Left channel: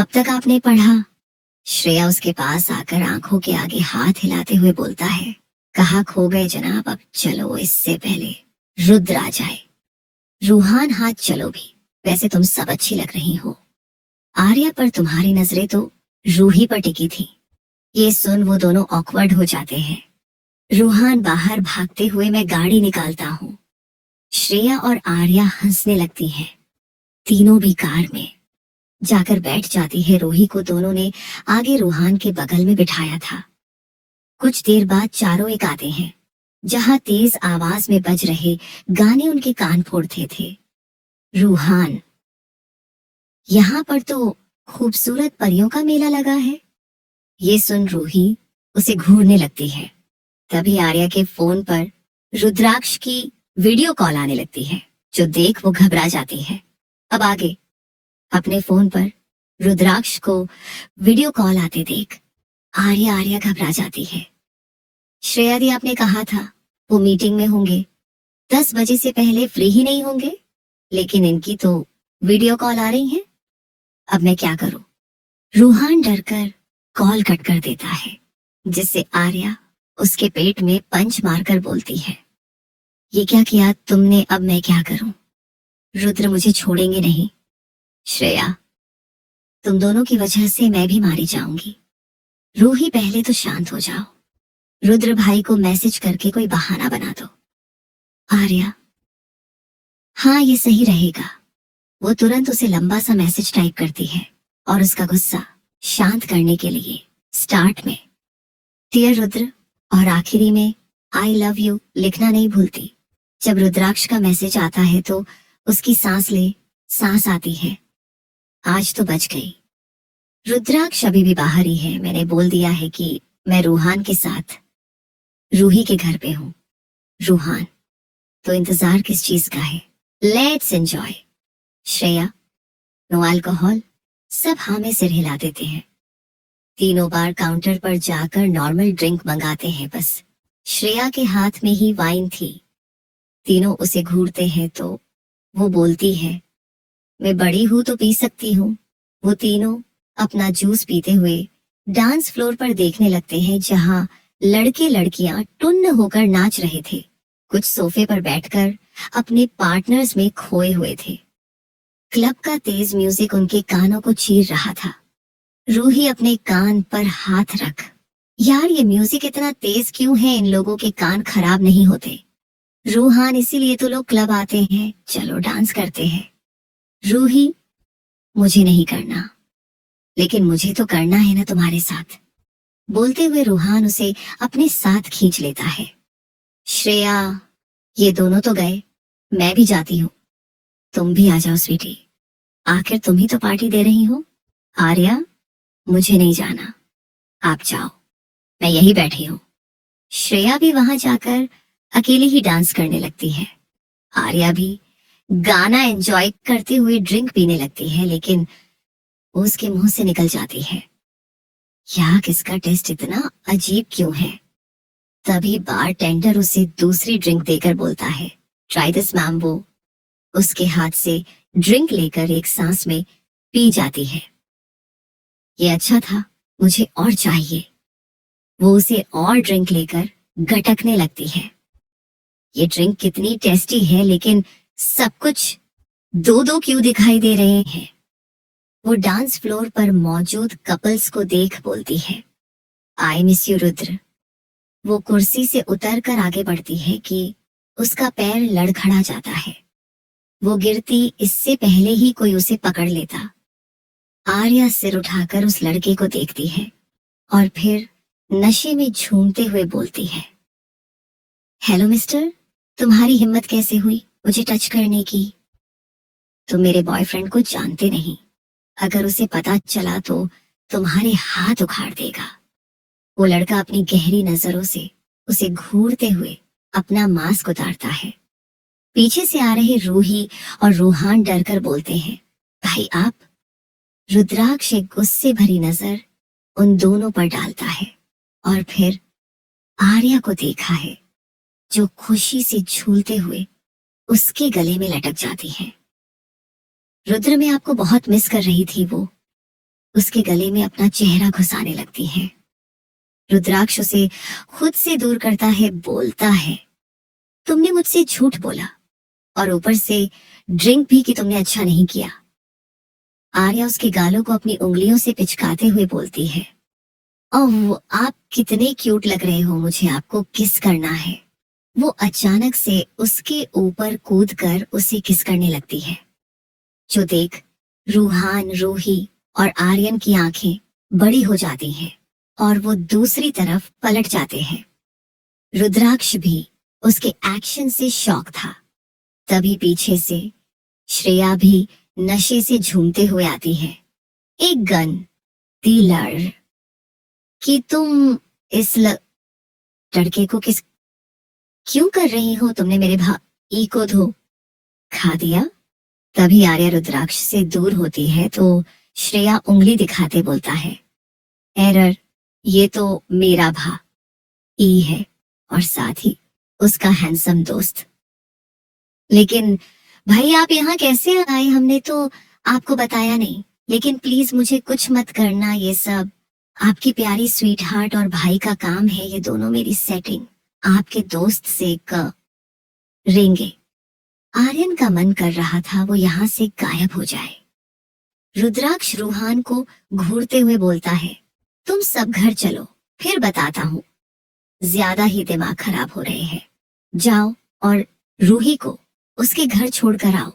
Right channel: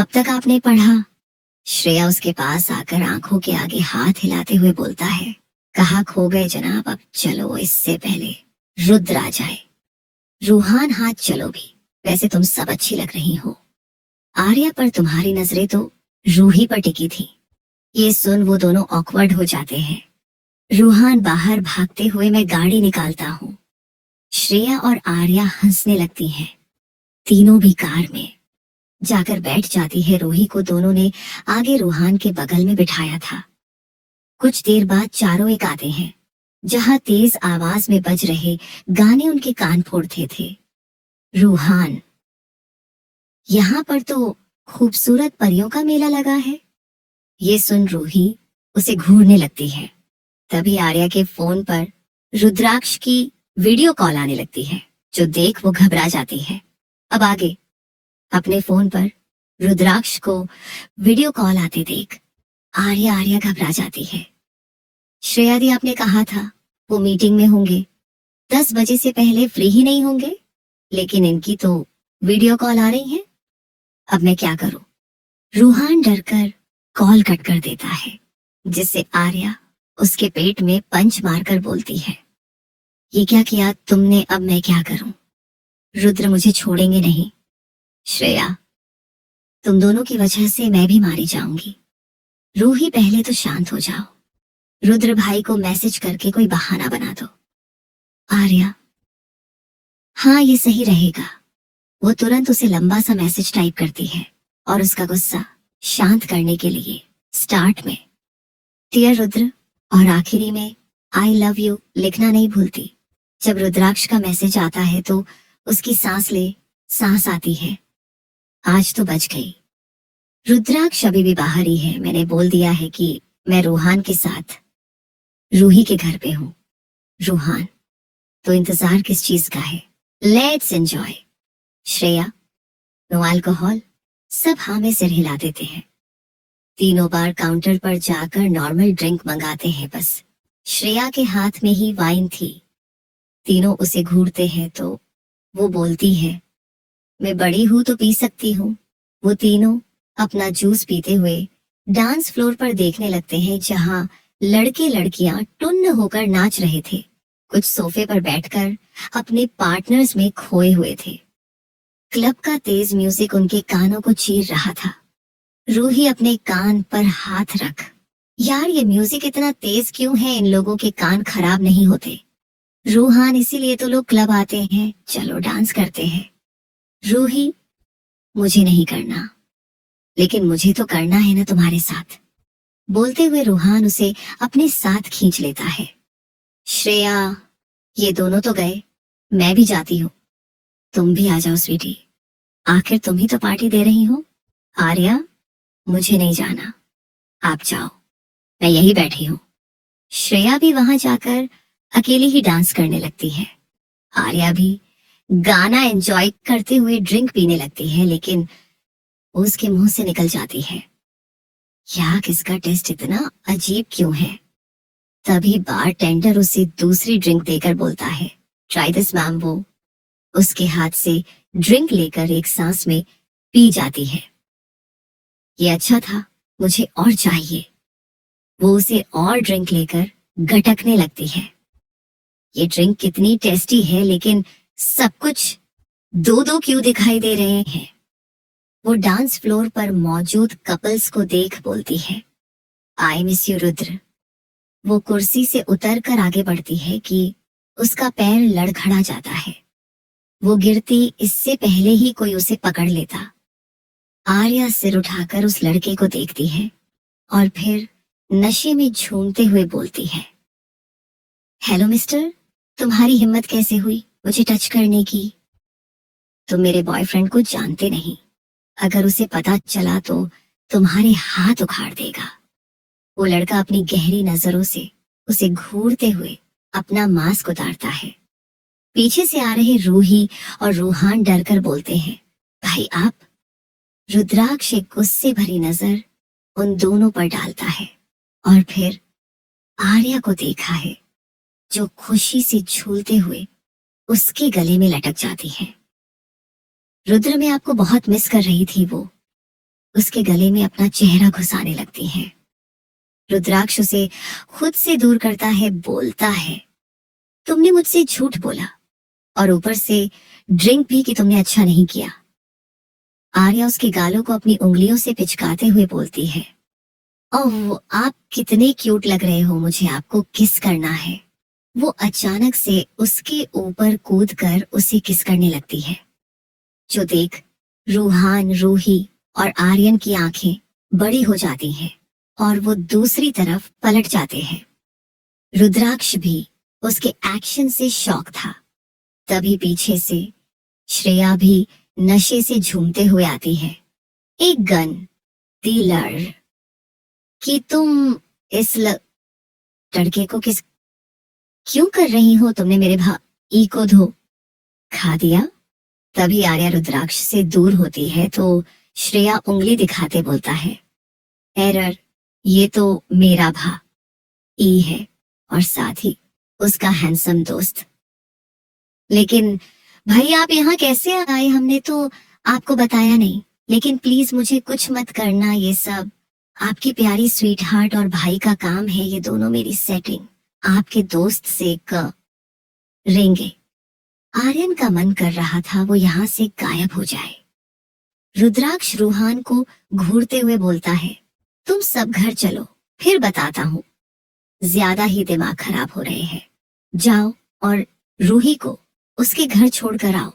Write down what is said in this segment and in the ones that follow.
अब तक आपने पढ़ा? श्रेया उसके पास आकर आंखों के आगे हाथ हिलाते हुए बोलता है। कहाँ खो गए जनाब, अब चलो इससे पहले रुद्र आ जाए। रूहान, हाथ चलो भी। वैसे तुम सब अच्छी लग रही हो। आर्या पर तुम्हारी नजरें तो रूही पर टिकी थी। ये सुन वो दोनों ऑकवर्ड हो जाते हैं। रूहान बाहर भागते हुए मैं गाड़ी निकालता हूँ। श्रेया और आर्या हंसने लगती हैं। तीनों भी कार में जाकर बैठ जाती है। रूही को दोनों ने आगे रूहान के बगल में बिठाया था। कुछ देर बाद चारों एक आते हैं, जहां तेज आवाज में बज रहे गाने उनके कान फोड़ते थे। रूहान, यहाँ पर तो खूबसूरत परियों का मेला लगा है। ये सुन रूही उसे घूरने लगती है। तभी आर्या के फोन पर रुद्राक्ष की वीडियो कॉल आने लगती है, जो देख वो घबरा जाती है। अब आगे अपने फोन पर रुद्राक्ष को वीडियो कॉल आते देख आर्या आर्या घबरा जाती है। श्रेया दी, आपने कहा था वो मीटिंग में होंगे, 10 बजे से पहले फ्री ही नहीं होंगे, लेकिन इनकी तो वीडियो कॉल आ रही है। अब मैं क्या करूं? रूहान डरकर कॉल कट कर देता है, जिससे आर्या उसके पेट में पंच मारकर बोलती है, ये क्या किया तुमने, अब मैं क्या करूं? रुद्र मुझे छोड़ेंगे नहीं। श्रेया, तुम दोनों की वजह से मैं भी मारी जाऊंगी। रूही, पहले तो शांत हो जाओ। रुद्र भाई को मैसेज करके कोई बहाना बना दो। आर्या, हाँ ये सही रहेगा। वो तुरंत उसे लंबा सा मैसेज टाइप करती है और उसका गुस्सा शांत करने के लिए स्टार्ट में डियर रुद्र और आखिरी में आई लव यू लिखना नहीं भूलती। जब रुद्राक्ष का मैसेज आता है तो उसकी सांस आती है। आज तो बच गई। रुद्राक्ष अभी भी बाहर ही है। मैंने बोल दिया है कि मैं रूहान के साथ रूही के घर पे हूँ। रूहान, तो इंतजार किस चीज का है? Let's enjoy. Shreya, no alcohol. सब हाँ में सिर हिला देते हैं। तीनों बार काउंटर पर जाकर नॉर्मल ड्रिंक मंगाते हैं। बस श्रेया के हाथ में ही वाइन थी। तीनों उसे घूरते हैं तो वो बोलती है, मैं बड़ी हूं तो पी सकती हूँ। वो तीनों अपना जूस पीते हुए डांस फ्लोर पर देखने लगते हैं, जहां लड़के लड़कियां टुन्न होकर नाच रहे थे। कुछ सोफे पर बैठकर अपने पार्टनर्स में खोए हुए थे। क्लब का तेज म्यूजिक उनके कानों को चीर रहा था। रूही अपने कान पर हाथ रख, यार ये म्यूजिक इतना तेज क्यों है? इन लोगों के कान खराब नहीं होते। रूहान, इसीलिए तो लोग क्लब आते हैं, चलो डांस करते हैं। रूही, मुझे नहीं करना, लेकिन मुझे तो करना है ना तुम्हारे साथ। बोलते हुए रूहान उसे अपने साथ खींच लेता है। श्रेया, ये दोनों तो गए, मैं भी जाती हूँ। तुम भी आ जाओ स्वीटी, आखिर तुम ही तो पार्टी दे रही हो। आर्या, मुझे नहीं जाना, आप जाओ, मैं यही बैठी हूँ। श्रेया भी वहां जाकर अकेली ही डांस करने लगती है। आर्या भी गाना एंजॉय करते हुए ड्रिंक पीने लगती है, लेकिन वो उसके मुंह से निकल जाती है, यार किसका टेस्ट इतना अजीब क्यों है? तभी बार टेंडर उसे दूसरी ड्रिंक देकर बोलता है, ट्राई दिस मैम। वो उसके हाथ से ड्रिंक लेकर एक सांस में पी जाती है। ये अच्छा था, मुझे और चाहिए। वो उसे और ड्रिंक लेकर गटकने लगती है। ये ड्रिंक कितनी टेस्टी है, लेकिन सब कुछ दो दो क्यों दिखाई दे रहे हैं? वो डांस फ्लोर पर मौजूद कपल्स को देख बोलती है, आई मिस यू रुद्र। वो कुर्सी से उतरकर आगे बढ़ती है कि उसका पैर लड़खड़ा जाता है। वो गिरती इससे पहले ही कोई उसे पकड़ लेता। आर्या सिर उठाकर उस लड़के को देखती है और फिर नशे में झूमते हुए बोलती है, हेलो मिस्टर, तुम्हारी हिम्मत कैसे हुई मुझे टच करने की? तुम मेरे बॉयफ्रेंड को जानते नहीं। अगर उसे पता चला तो तुम्हारे हाथ उखाड़ देगा। वो लड़का अपनी गहरी नजरों से उसे घूरते हुए अपना मास्क उतारता है। पीछे से आ रहे रूही और रूहान डरकर बोलते हैं, भाई आप? रुद्राक्ष एक गुस्से भरी नजर उन दोनों पर डालता है और फिर आर्या को देखा है, जो खुशी से झूलते हुए उसके गले में लटक जाती है। रुद्र, मैं आपको बहुत मिस कर रही थी। वो उसके गले में अपना चेहरा घुसाने लगती है। रुद्राक्ष उसे खुद से दूर करता है, बोलता है, तुमने मुझसे झूठ बोला और ऊपर से ड्रिंक भी कि तुमने अच्छा नहीं किया। आर्या उसके गालों को अपनी उंगलियों से पिचकाते हुए बोलती है, ओह आप कितने क्यूट लग रहे हो, मुझे आपको किस करना है। वो अचानक से उसके ऊपर कूदकर उसे किस करने लगती है, जो देख रूहान, रूही और आर्यन की आंखें बड़ी हो जाती हैं और वो दूसरी तरफ पलट जाते हैं। रुद्राक्ष भी उसके एक्शन से शॉक था। तभी पीछे से श्रेया भी नशे से झूमते हुए आती है। एक गन डीलर कि तुम इस लड़के को किस क्यों कर रही हो, तुमने मेरे भाई को खा दिया। तभी आर्या रुद्राक्ष से दूर होती है तो श्रेया उंगली दिखाते बोलता है, एरर, ये तो मेरा भाई है और साथ ही उसका हैंडसम दोस्त। लेकिन भाई आप यहाँ कैसे आए, हमने तो आपको बताया नहीं। लेकिन प्लीज मुझे कुछ मत करना, ये सब आपकी प्यारी स्वीट हार्ट और भाई का काम है, ये दोनों मेरी सेटिंग आपके दोस्त से करेंगे। आर्यन का मन कर रहा था वो यहाँ से गायब हो जाए। रुद्राक्ष रूहान को घूरते हुए बोलता है, तुम सब घर चलो, फिर बताता हूँ। ज्यादा ही दिमाग खराब हो रहे हैं, जाओ और रूही को उसके घर छोड़कर आओ।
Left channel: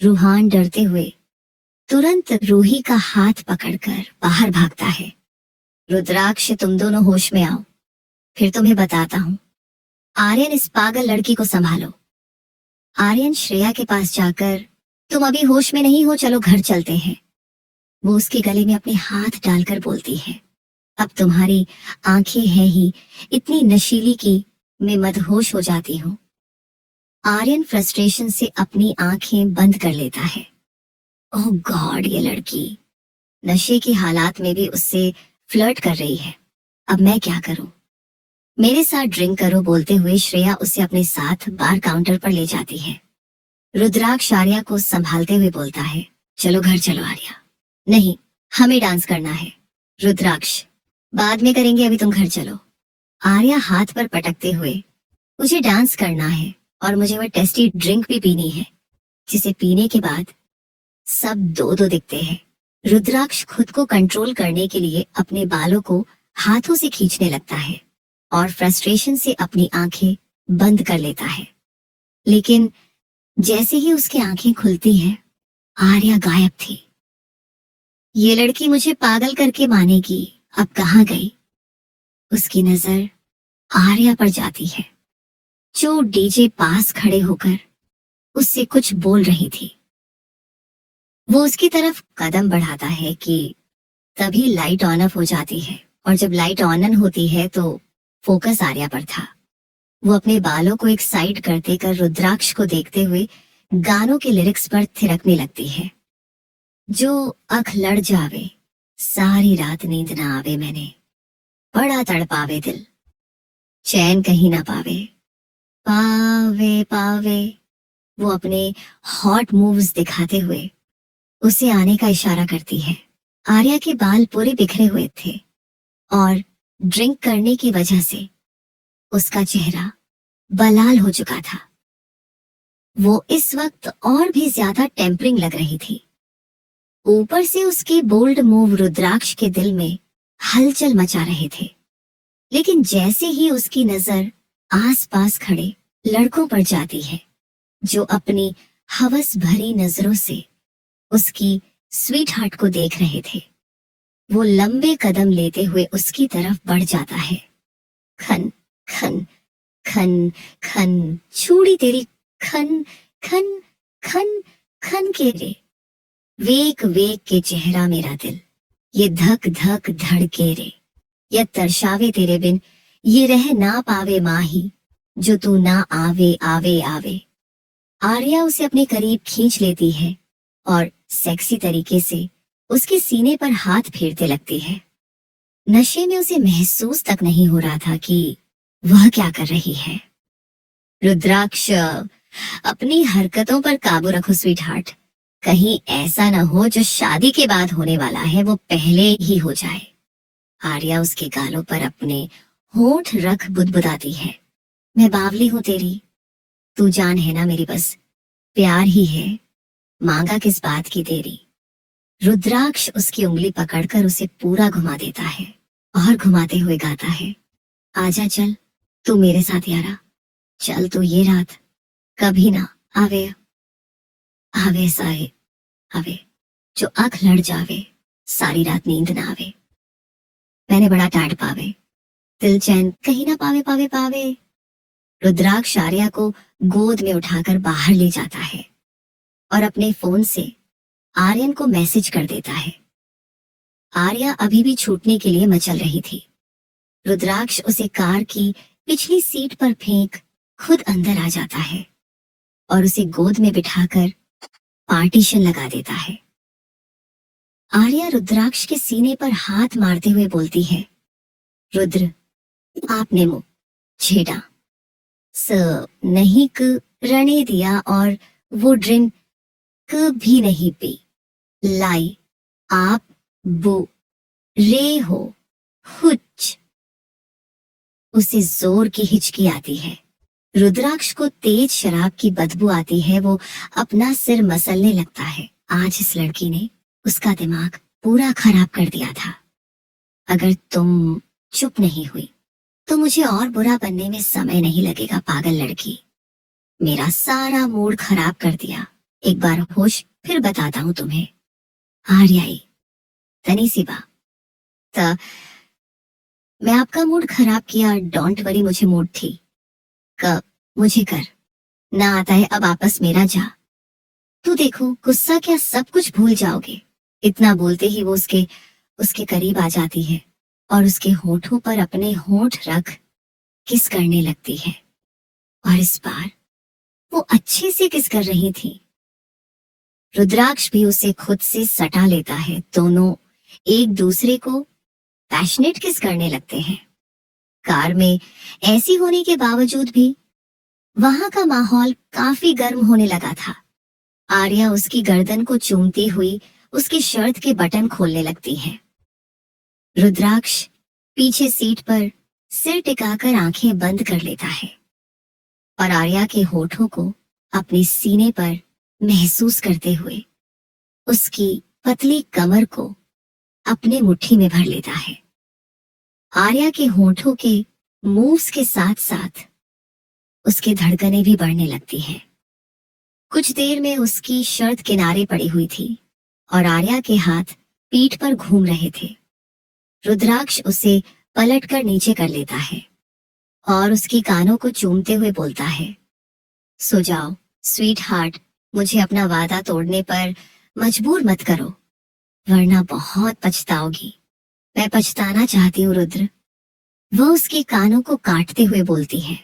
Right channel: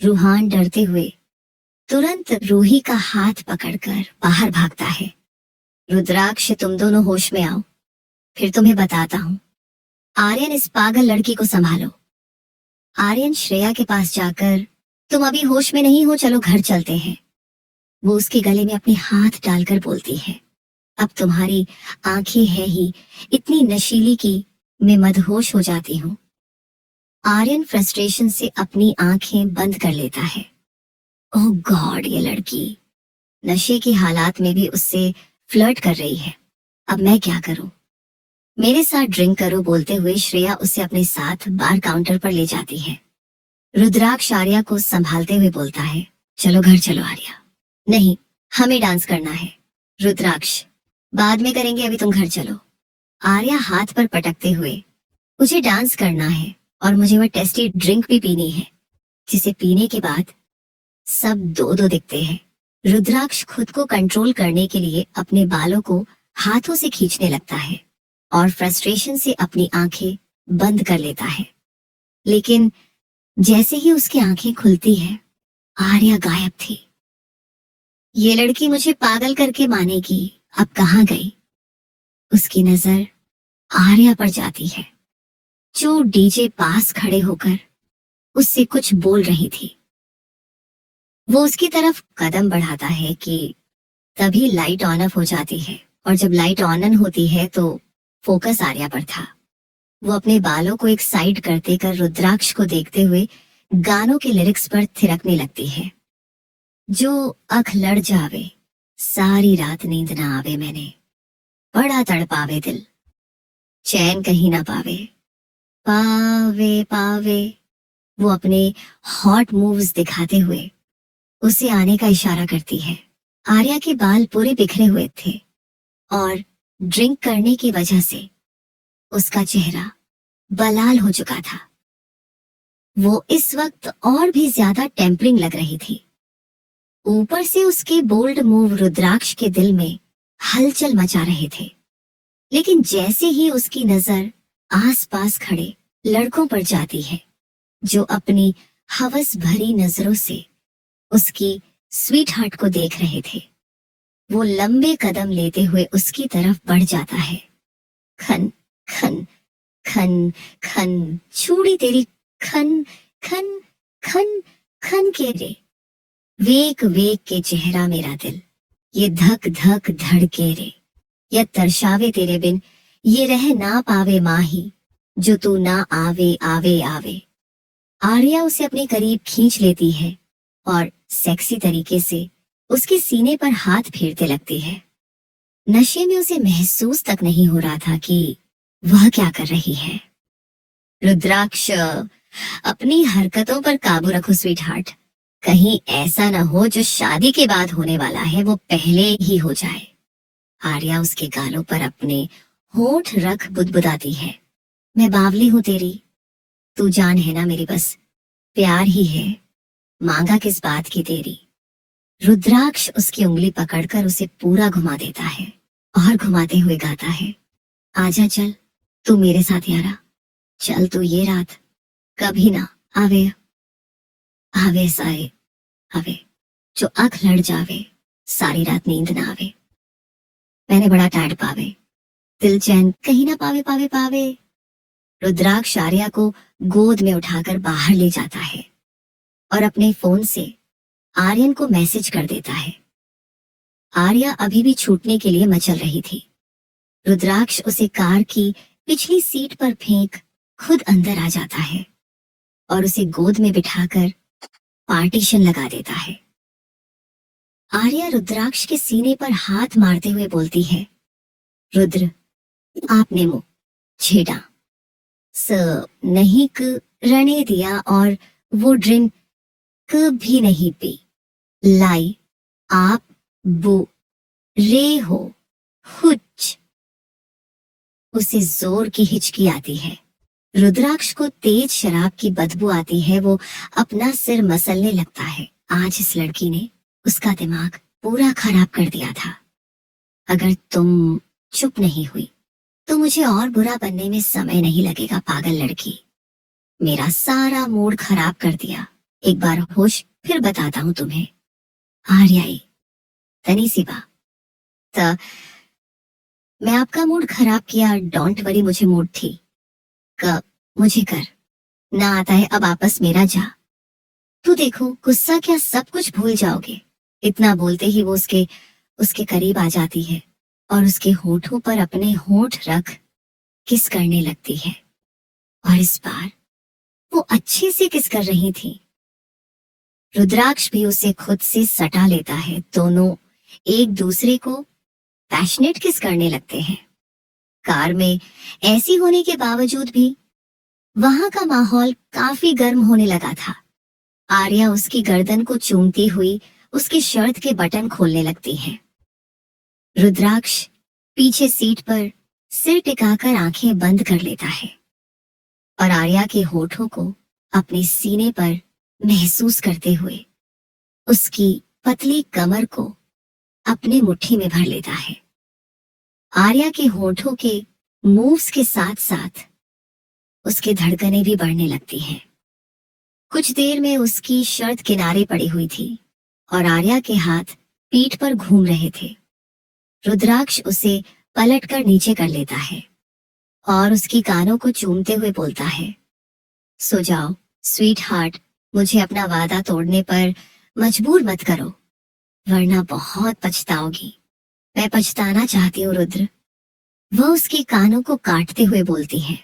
रूहान डरते हुए तुरंत रूही का हाथ पकड़कर बाहर भागता है। रुद्राक्ष तुम दोनों होश में आओ, फिर तुम्हें बताता हूँ। आर्यन इस पागल लड़की को संभालो। आर्यन श्रेया के पास जाकर, तुम अभी होश में नहीं हो, चलो घर चलते हैं। वो उसके गले में अपने हाथ डालकर बोलती है, अब तुम्हारी आंखें हैं ही इतनी नशीली कि मैं मदहोश हो जाती हूँ। आर्यन फ्रस्ट्रेशन से अपनी आंखें बंद कर लेता है। ओह गॉड, ये लड़की नशे की हालात में भी उससे फ्लर्ट कर रही है। अब मैं क्या करूं? मेरे साथ ड्रिंक करो, बोलते हुए श्रेया उसे अपने साथ बार काउंटर पर ले जाती है। रुद्राक्ष आर्या को संभालते हुए बोलता है, चलो घर चलो आर्या। नहीं, हमें डांस करना है। रुद्राक्ष, बाद में करेंगे, अभी तुम घर चलो। आर्या हाथ पर पटकते हुए, मुझे डांस करना है और मुझे वह टेस्टी ड्रिंक भी पीनी है, जिसे पीने के बाद सब दो दो दिखते हैं। रुद्राक्ष खुद को कंट्रोल करने के लिए अपने बालों को हाथों से खींचने लगता है और फ्रस्ट्रेशन से अपनी आंखें बंद कर लेता है। लेकिन जैसे ही उसकी आंखें खुलती हैं, आर्या गायब थी। ये लड़की मुझे पागल करके मानेगी, अब कहाँ गई? उसकी नजर आर्या पर जाती है, जो डीजे पास खड़े होकर उससे कुछ बोल रही थी। वो उसकी तरफ कदम बढ़ाता है कि तभी लाइट ऑन ऑफ हो जाती है और जब लाइट ऑन होती है तो फोकस आर्या पर था। वो अपने बालों को एक साइड करते कर रुद्राक्ष को देखते हुए गानों के लिरिक्स पर थिरकने लगती है, जो अख लड़ जावे, सारी रात नींद ना आवे, मैंने बड़ा तड़पावे दिल, चैन कहीं ना पावे, पावे पावे। वो अपने हॉट मूव्स दिखाते हुए उसे आने का इशारा करती है। आर्या के बाल पूरे बिखरे हुए थे और ड्रिंक करने की वजह से उसका चेहरा बलाल हो चुका था। वो इस वक्त और भी ज्यादा टेम्परिंग लग रही थी। ऊपर से उसके बोल्ड मूव रुद्राक्ष के दिल में हलचल मचा रहे थे। लेकिन जैसे ही उसकी नजर आसपास खड़े लड़कों पर जाती है, जो अपनी हवस भरी नजरों से उसकी स्वीट हार्ट को देख रहे थे, वो लंबे कदम लेते हुए उसकी तरफ बढ़ जाता है। खन खन खन खन, छूड़ी तेरी खन खन खन खन के रे, वेक वेक के चेहरा मेरा दिल, ये धक धक धड़के रे, या तरसावे तेरे बिन, ये रह ना पावे माही, जो तू ना आवे आवे आवे। आर्या उसे अपने करीब खींच लेती है और सेक्सी तरीके से उसके सीने पर हाथ फेरते लगती है। नशे में उसे महसूस तक नहीं हो रहा था कि वह क्या कर रही है। रुद्राक्ष, अपनी हरकतों पर काबू रखो स्वीट हार्ट, कहीं ऐसा न हो जो शादी के बाद होने वाला है वो पहले ही हो जाए। आर्या उसके गालों पर अपने होंठ रख बुदबुदाती है। मैं बावली हूं तेरी, तू जान है ना मेरी, बस प्यार ही है, मांगा किस बात की तेरी। रुद्राक्ष उसकी उंगली पकड़कर उसे पूरा घुमा देता है और घुमाते हुए गाता है, आजा चल तू मेरे साथ यारा, चल तू ये रात कभी ना आवे, आवे साए आवे, जो आंख लड़ जावे, सारी रात नींद ना आवे, मैंने बड़ा टाट पावे, दिल चैन कहीं ना पावे पावे पावे। रुद्राक्ष आर्या को गोद में उठाकर बाहर ले जाता है और अपने फोन से आर्यन को मैसेज कर देता है। आर्या अभी भी छूटने के लिए मचल रही थी। रुद्राक्ष उसे कार की पिछली सीट पर फेंक खुद अंदर आ जाता है और उसे गोद में बिठाकर पार्टीशन लगा देता है। आर्या रुद्राक्ष के सीने पर हाथ मारते हुए बोलती है, रुद्र आपने मुंह छेड़ा, स नहीं क रने दिया और वो ड्रिंक भी नहीं पी, लाई आप बो रे हो हुच। उसे जोर की हिचकी आती है। रुद्राक्ष को तेज शराब की बदबू आती है। वो अपना सिर मसलने लगता है। आज इस लड़की ने उसका दिमाग पूरा खराब कर दिया था। अगर तुम चुप नहीं हुई तो मुझे और बुरा बनने में समय नहीं लगेगा, पागल लड़की। मेरा सारा मूड खराब कर दिया। एक बार होश फिर बताता हूं तुम्हें। आर्याई तनी सी बात, मैं आपका मूड खराब किया, डोंट वरी, मुझे मूड थी क मुझे कर ना आता है अब आपस मेरा जा। तू देखो गुस्सा क्या सब कुछ भूल जाओगे। इतना बोलते ही वो उसके उसके करीब आ जाती है और उसके होठों पर अपने होठ रख किस करने लगती है। और इस बार वो अच्छे से किस कर रही थी। रुद्राक्ष भी उसे खुद से सटा लेता है। दोनों एक दूसरे को पैशनेट किस करने लगते हैं। कार में ऐसी होने के बावजूद भी वहां का माहौल काफी गर्म होने लगा था। आर्या उसकी गर्दन को चूमती हुई उसकी शर्ट के बटन खोलने लगती है। रुद्राक्ष पीछे सीट पर सिर टिकाकर आंखें बंद कर लेता है और आर्या के होठों को अपने सीने पर महसूस करते हुए उसकी पतली कमर को अपने मुट्ठी में भर लेता है। आर्या के होठों के मूव्स के साथ साथ उसकी धड़कनें भी बढ़ने लगती हैं। कुछ देर में उसकी शर्ट किनारे पड़ी हुई थी और आर्या के हाथ पीठ पर घूम रहे थे। रुद्राक्ष उसे पलटकर नीचे कर लेता है और उसकी कानों को चूमते हुए बोलता है, सो जाओ स्वीट हार्ट, मुझे अपना वादा तोड़ने पर मजबूर मत करो वरना बहुत पछताओगी। मैं पछताना चाहती हूँ रुद्र, वह उसके कानों को काटते हुए बोलती है।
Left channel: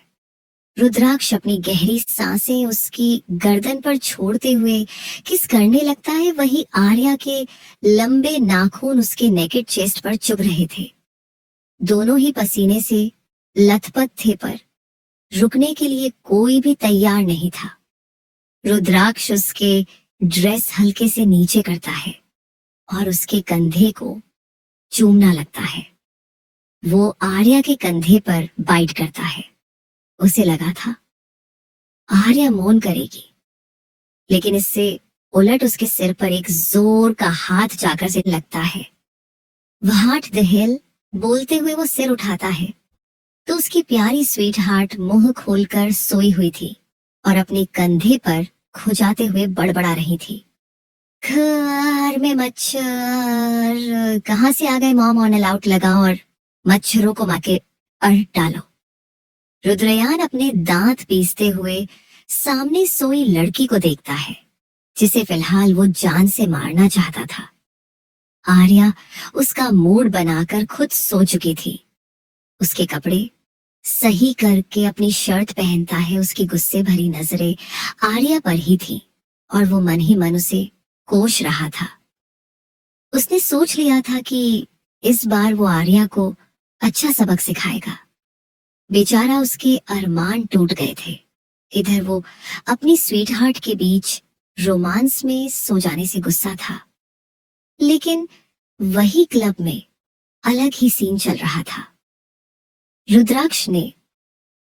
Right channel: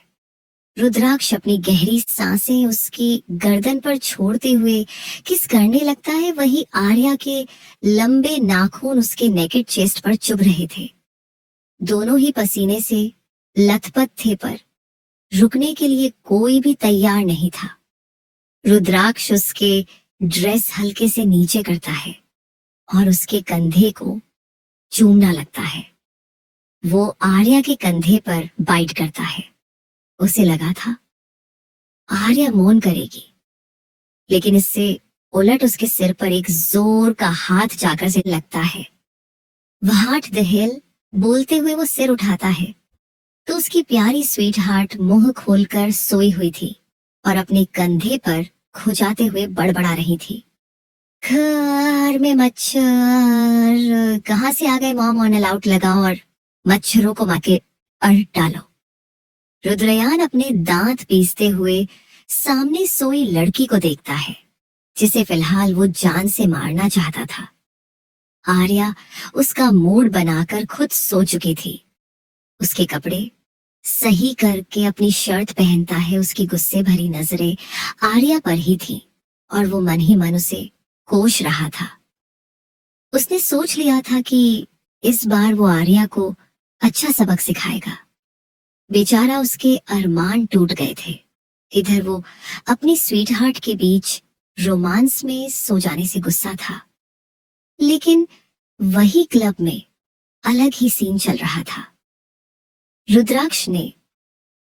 रुद्राक्ष अपनी गहरी सांसें उसकी गर्दन पर छोड़ते हुए किस करने लगता है। वही आर्या के लंबे नाखून उसके नेकेड चेस्ट पर चुभ रहे थे। दोनों ही पसीने से लथपथ थे पर रुकने के लिए कोई भी तैयार नहीं था। रुद्राक्ष उसके ड्रेस हल्के से नीचे करता है और उसके कंधे को चूमना लगता है। वो आर्या के कंधे पर बाइट करता है। उसे लगा था आर्या मौन करेगी, लेकिन इससे उलट उसके सिर पर एक जोर का हाथ जाकर से लगता है। व्हाट द हेल बोलते हुए वो सिर उठाता है तो उसकी प्यारी स्वीट हार्ट मुंह खोलकर सोई हुई थी और अपने कंधे पर खुजाते हुए बड़बड़ा रही थी, घर में मच्छर कहाँ से आ गए, मॉम ऑन अलाउट लगाओ और मच्छरों को माके अड़ डालो। रुद्रयान अपने दांत पीसते हुए सामने सोई लड़की को देखता है जिसे फिलहाल वो जान से मारना चाहता था। आर्या उसका मूड बनाकर खुद सो चुकी थी। उसके कपड़े सही करके अपनी शर्ट पहनता है। उसकी गुस्से भरी नजरें आर्या पर ही थी और वो मन ही मन उसे कोश रहा था। उसने सोच लिया था कि इस बार वो आर्या को अच्छा सबक सिखाएगा। बेचारा उसके अरमान टूट गए थे। इधर वो अपनी स्वीटहार्ट के बीच रोमांस में सो जाने से गुस्सा था, लेकिन वही क्लब में अलग ही सीन चल रहा था। रुद्राक्ष ने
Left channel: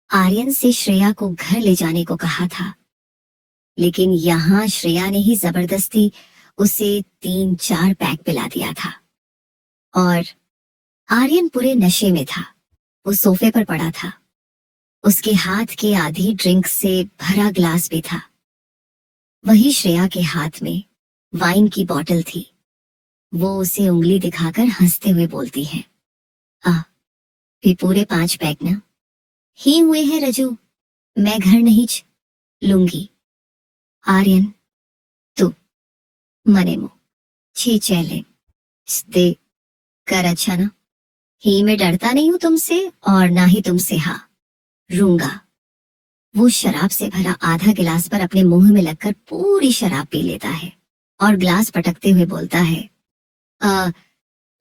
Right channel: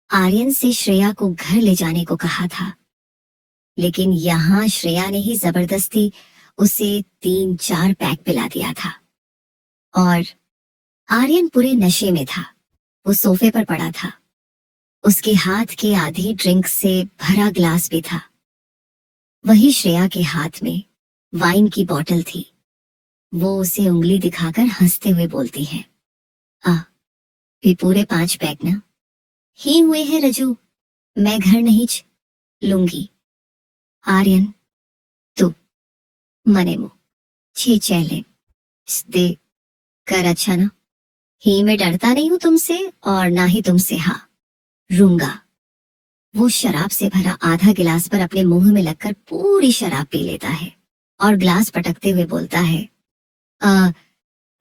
आर्यन से श्रेया को घर ले जाने को कहा था, लेकिन यहाँ श्रेया ने ही जबरदस्ती उसे 3-4 पैक पिला दिया था। और आर्यन पूरे नशे में था। वो सोफे पर पड़ा था। उसके हाथ के आधी ड्रिंक से भरा ग्लास भी था। वही श्रेया के हाथ में वाइन की बोतल थी। वो उसे उंगली दिखाकर हंसते हुए बोलती है, भी पूरे 5 पैक ना ही हुए हैं रजू, मैं घर नहीं लूंगी। आर्यन, तू मने मुंह छी चैले दे कर, अच्छा ना ही मैं डरता नहीं हूं तुमसे और ना ही तुमसे रूंगा। वो शराब से भरा आधा गिलास पर अपने मुंह में लगकर पूरी शराब पी लेता है और ग्लास पटकते हुए बोलता है,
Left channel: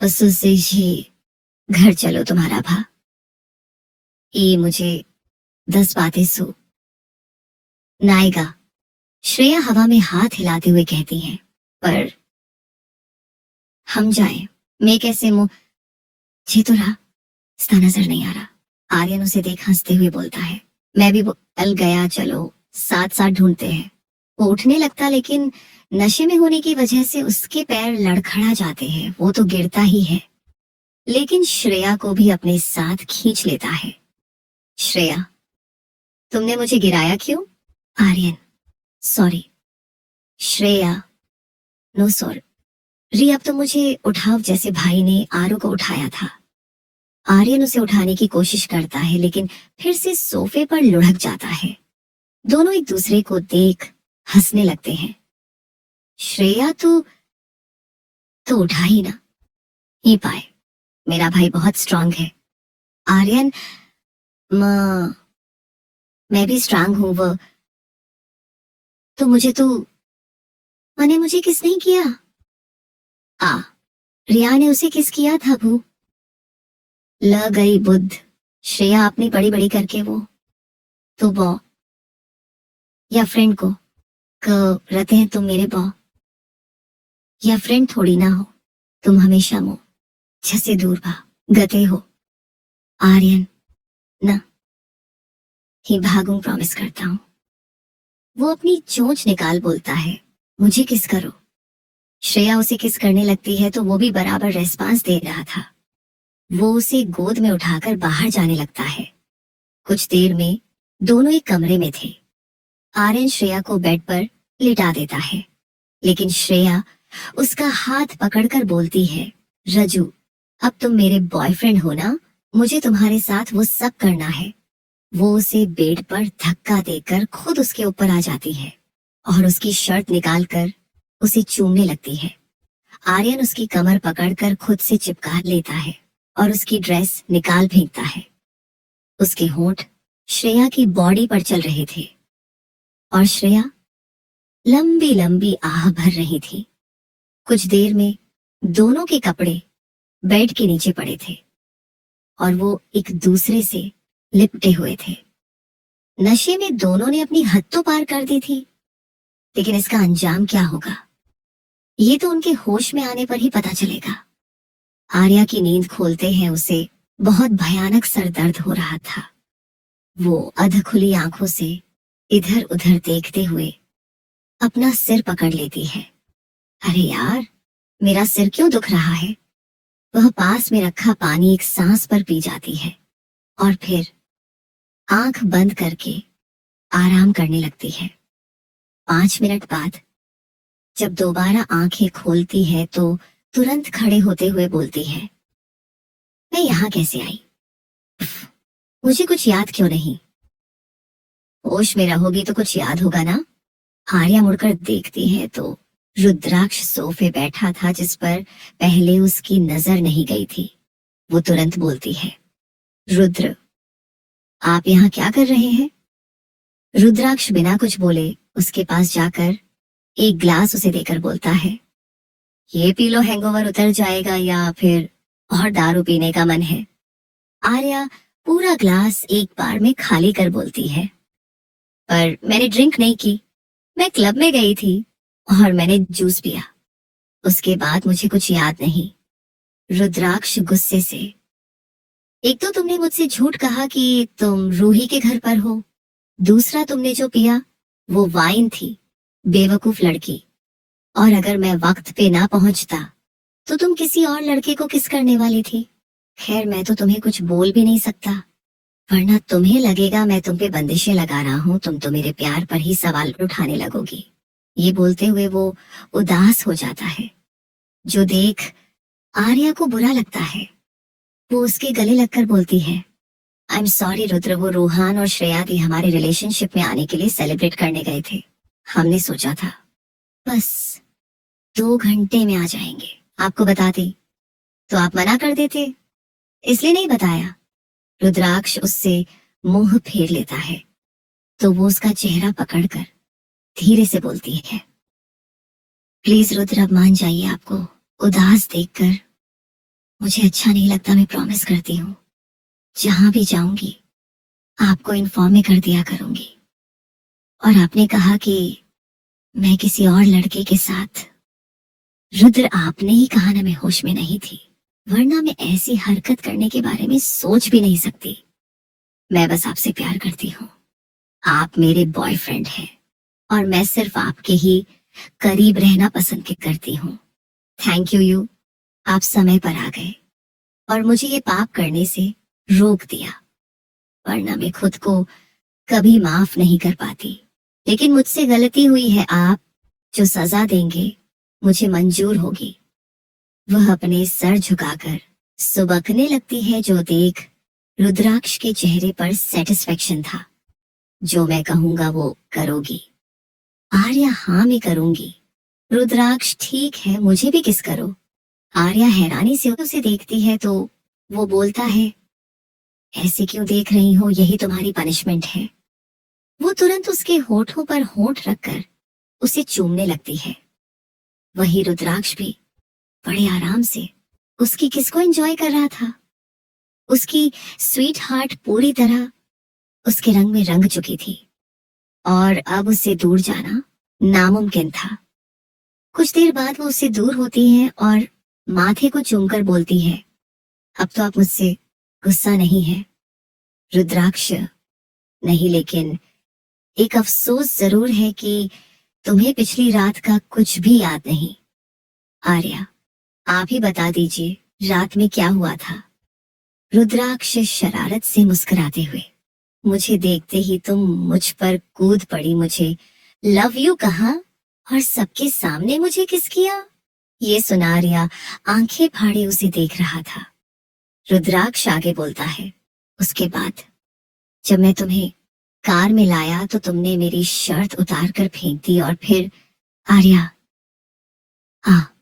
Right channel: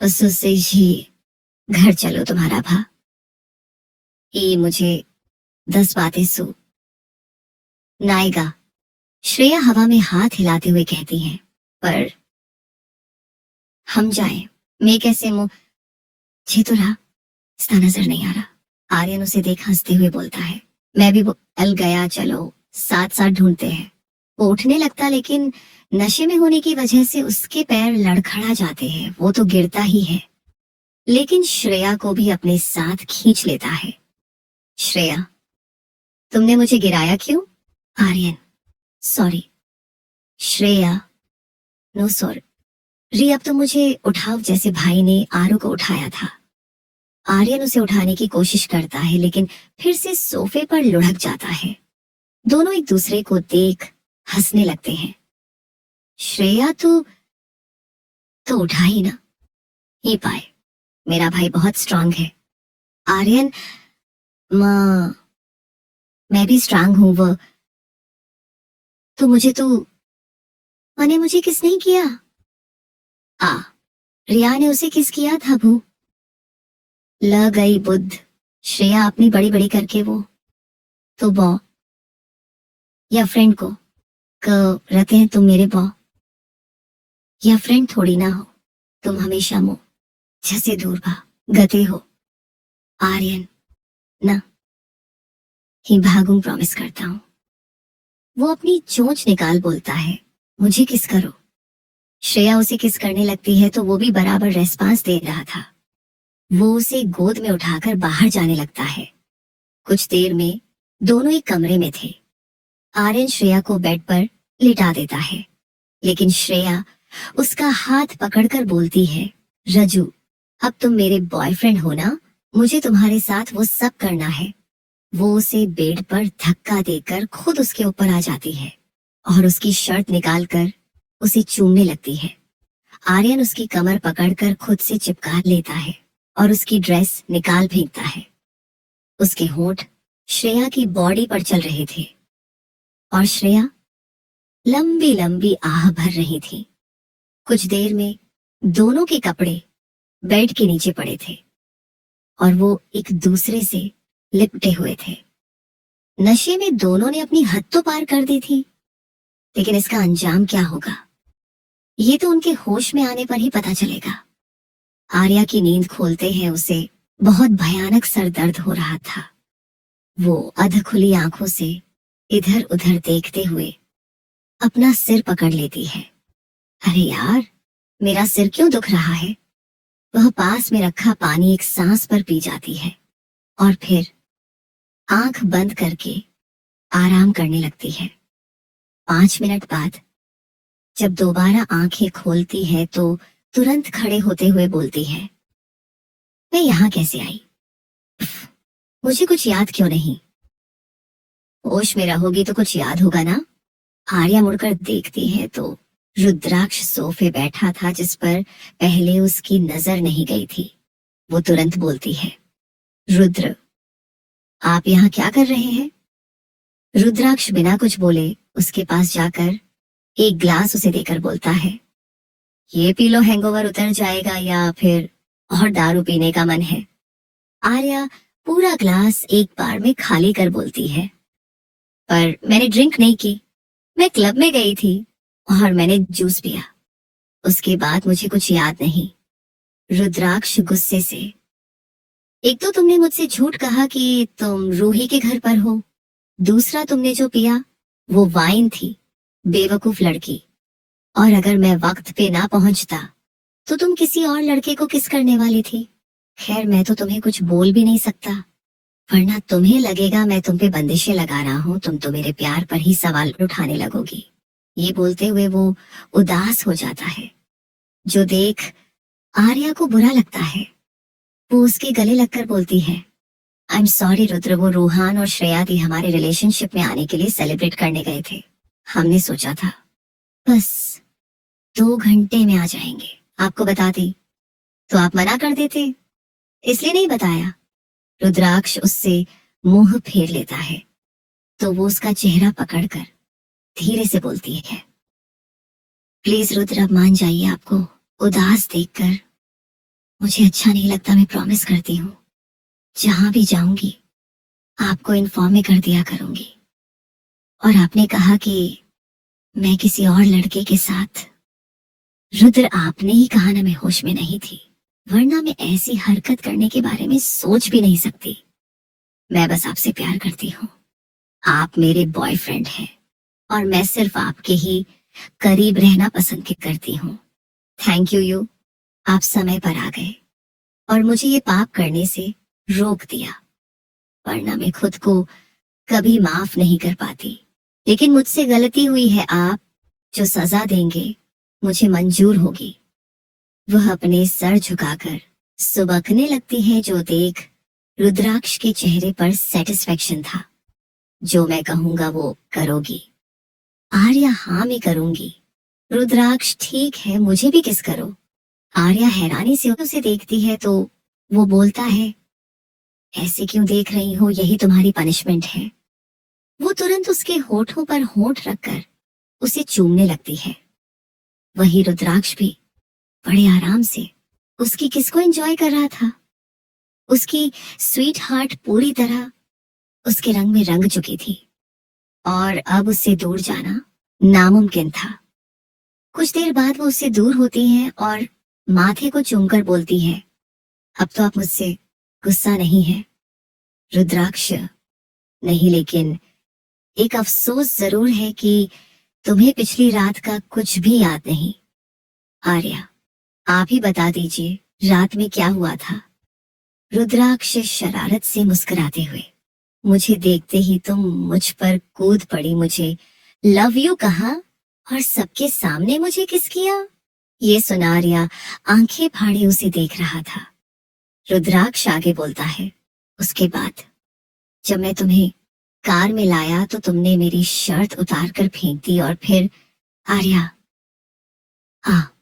से ही घर चलो तुम्हारा भा, ये मुझे 10 बातें सो नाएगा। श्रेया हवा में हाथ हिलाते हुए कहती है, पर हम जाए मैं कैसे मुंह जी तो रहा, इसका नजर नहीं आ रहा। आर्यन उसे देख हंसते हुए बोलता है, मैं भी बोल गया, चलो साथ साथ ढूंढते हैं। वो उठने लगता, लेकिन नशे में होने की वजह से उसके पैर लड़खड़ा जाते हैं। वो तो गिरता ही है, लेकिन श्रेया को भी अपने साथ खींच लेता है। श्रेया, तुमने मुझे गिराया क्यों? Aryan, sorry. Shreya, no sorry, अब तो मुझे उठाओ जैसे भाई ने आरू को उठाया था। आर्यन उसे उठाने की कोशिश करता है, लेकिन फिर से सोफे पर लुढ़क जाता है। दोनों एक दूसरे को देख हंसने लगते हैं। श्रेया तो उठा ही ना ही पाए, मेरा भाई बहुत स्ट्रांग है। आर्यन, मैं भी स्ट्रांग हूं। वो तो मुझे किस नहीं किया? रिया ने उसे किस किया था? भू ल गई बुद्ध। श्रेया अपनी बड़ी बड़ी करके वो तो बॉ या फ्रेंड को रहते हैं, तुम मेरे बॉ या फ्रेंड थोड़ी ना हो, तुम हमेशा मुझसे दूर गते हो। आर्यन, ना ही भागूं, प्रॉमिस करता हूं। वो अपनी चोंच निकाल बोलता है, मुझे किस करो। श्रेया उसे किस करने लगती है तो वो भी बराबर रेस्पॉन्स दे रहा था। वो उसे गोद में उठाकर बाहर जाने लगता है। कुछ देर में दोनों एक कमरे में थे। आर्यन श्रेया को बेड पर लिटा देता है, लेकिन श्रेया उसका हाथ पकड़कर बोलती है, रजू, अब तुम मेरे बॉयफ्रेंड हो ना, मुझे तुम्हारे साथ वो सब करना है। वो उसे बेड पर धक्का देकर खुद उसके ऊपर आ जाती है और उसकी शर्ट निकालकर उसे चूमने लगती है। आर्यन उसकी कमर पकड़कर खुद से चिपका लेता है और उसकी ड्रेस निकाल फेंकता है। उसके होंठ श्रेया की बॉडी पर चल रहे थे और श्रेया लंबी लंबी आह भर रही थी। कुछ देर में दोनों के कपड़े बेड के नीचे पड़े थे और वो एक दूसरे से लिपटे हुए थे। नशे में दोनों ने अपनी हद तो पार कर दी थी, लेकिन इसका अंजाम क्या होगा, ये तो उनके होश में आने पर ही पता चलेगा। आर्या की नींद खोलते हैं उसे बहुत भयानक सर दर्द हो रहा था। वो अध खुली आंखों से इधर उधर देखते हुए अपना सिर पकड़ लेती है। अरे यार, मेरा सिर क्यों दुख रहा है? वह पास में रखा पानी एक सांस पर पी जाती है और फिर आंख बंद करके आराम करने लगती है। 5 मिनट बाद जब दोबारा आंखें खोलती है तो तुरंत खड़े होते हुए बोलती है, मैं यहाँ कैसे आई? मुझे कुछ याद क्यों नहीं? होश में रहोगी तो कुछ याद होगा ना? आर्या मुड़कर देखती है तो रुद्राक्ष सोफे बैठा था, जिस पर पहले उसकी नजर नहीं गई थी। वो तुरंत बोलती है, रुद्र, आप यहाँ क्या कर रहे हैं? रुद्राक्ष बिना कुछ बोले उसके पास जाकर एक ग्लास उसे देकर बोलता है, ये पी लो, हैंगओवर उतर जाएगा, या फिर और दारू पीने का मन है? आर्या पूरा ग्लास एक बार में खाली कर बोलती है, पर मैंने ड्रिंक नहीं की, मैं क्लब में गई थी, और मैंने जूस पिया। उसके बाद मुझे कुछ याद नहीं। रुद्राक्ष गुस्से से, एक तो तुमने मुझसे झूठ कहा कि तुम रूही के घर पर हो, दूसरा तुमने जो पिया वो वाइन थी, बेवकूफ लड़की। और अगर मैं वक्त पे ना पहुंचता तो तुम किसी और लड़के को किस करने वाली थी। खैर मैं तो तुम्हें कुछ बोल भी नहीं सकता, वरना तुम्हें लगेगा मैं तुम पे बंदिशें लगा रहा हूं, तुम तो मेरे प्यार पर ही सवाल उठाने लगोगी। ये बोलते हुए वो उदास हो जाता है, जो देख आर्या को बुरा लगता है। वो उसके गले लगकर बोलती है, आई एम सॉरी रुद्र, वो रोहान और श्रेया दी हमारे रिलेशनशिप में आने के लिए सेलिब्रेट करने गए थे। हमने सोचा था बस 2 घंटे में आ जाएंगे, आपको बताती तो आप मना कर देते, इसलिए नहीं बताया। रुद्राक्ष उससे मुंह फेर लेता है तो वो उसका चेहरा पकड़कर धीरे से बोलती है, प्लीज रुद्र अब मान जाइए, आपको उदास देखकर मुझे अच्छा नहीं लगता। मैं प्रॉमिस करती हूँ जहां भी जाऊंगी आपको इन्फॉर्म में कर दिया करूंगी। और आपने कहा कि मैं किसी और लड़के के साथ, रुद्र आपने ही कहा ना मैं होश में नहीं थी, वरना मैं ऐसी हरकत करने के बारे में सोच भी नहीं सकती। मैं बस आपसे प्यार करती हूँ, आप मेरे बॉयफ्रेंड हैं और मैं सिर्फ आपके ही करीब रहना पसंद करती हूँ। थैंक यू, आप समय पर आ गए और मुझे ये पाप करने से रोक दिया, वरना मैं खुद को कभी माफ नहीं कर पाती। लेकिन मुझसे गलती हुई है, आप जो सजा देंगे मुझे मंजूर होगी। वह अपने सर झुकाकर सुबकने लगती है, जो देख रुद्राक्ष के चेहरे पर सेटिस्फेक्शन था। जो मैं कहूंगा वो करोगी? आर्या, हाँ मैं करूंगी। रुद्राक्ष, ठीक है मुझे भी किस करो। आर्या हैरानी से उसे देखती है तो वो बोलता है, ऐसे क्यों देख रही हो, यही तुम्हारी पनिशमेंट है। वो तुरंत उसके होठों पर होठ रखकर उसे चूमने लगती है। वही रुद्राक्ष भी बड़े आराम से उसकी किस को एंजॉय कर रहा था। उसकी स्वीट हार्ट पूरी तरह उसके रंग में रंग चुकी थी और अब उससे दूर जाना नामुमकिन था। कुछ देर बाद वो उससे दूर होती है और माथे को चूमकर बोलती है, अब तो आप मुझसे गुस्सा नहीं है रुद्राक्ष? नहीं, लेकिन एक अफसोस जरूर है कि तुम्हें पिछली रात का कुछ भी याद नहीं। आर्या, आप ही बता दीजिए रात में क्या हुआ था। रुद्राक्ष शरारत से मुस्कुराते हुए, मुझे देखते ही तुम मुझ पर कूद पड़ी, मुझे लव यू कहा और सबके सामने मुझे किस किया। ये सुना आर्या आंखें फाड़े उसे देख रहा था। रुद्राक्ष आगे बोलता है, उसके बाद जब मैं तुम्हें कार में लाया तो तुमने मेरी शर्ट उतार कर फेंक दी और फिर आर्या, हाँ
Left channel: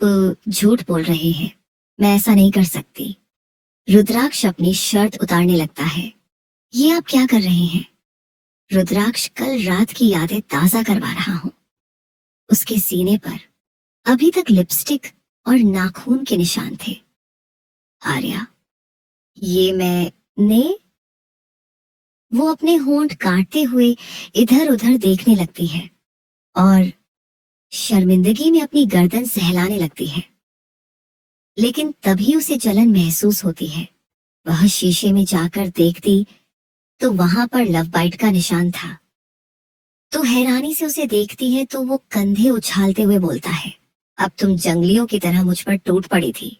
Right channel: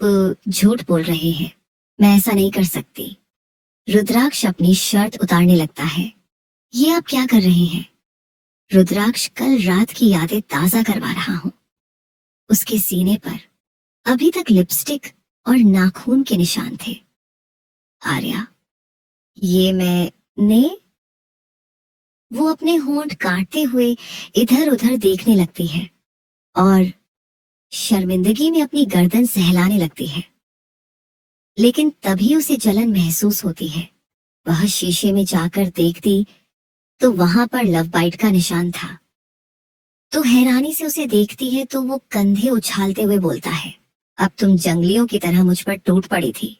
तो झूठ बोल रहे हैं, मैं ऐसा नहीं कर सकती। रुद्राक्ष अपनी शर्ट उतारने लगता है। ये आप क्या कर रहे हैं? रुद्राक्ष, कल रात की यादें ताजा करवा रहा हूं। उसके सीने पर अभी तक लिपस्टिक और नाखून के निशान थे। आर्या, ये मैंने, वो अपने होंठ काटते हुए इधर उधर देखने लगती है और शर्मिंदगी में अपनी गर्दन सहलाने लगती है। लेकिन तभी उसे जलन महसूस होती है। वह शीशे में जाकर देखती तो वहां पर लव बाइट का निशान था। तो हैरानी से उसे देखती है तो वो कंधे उछालते हुए बोलता है, अब तुम जंगलियों की तरह मुझ पर टूट पड़ी थी।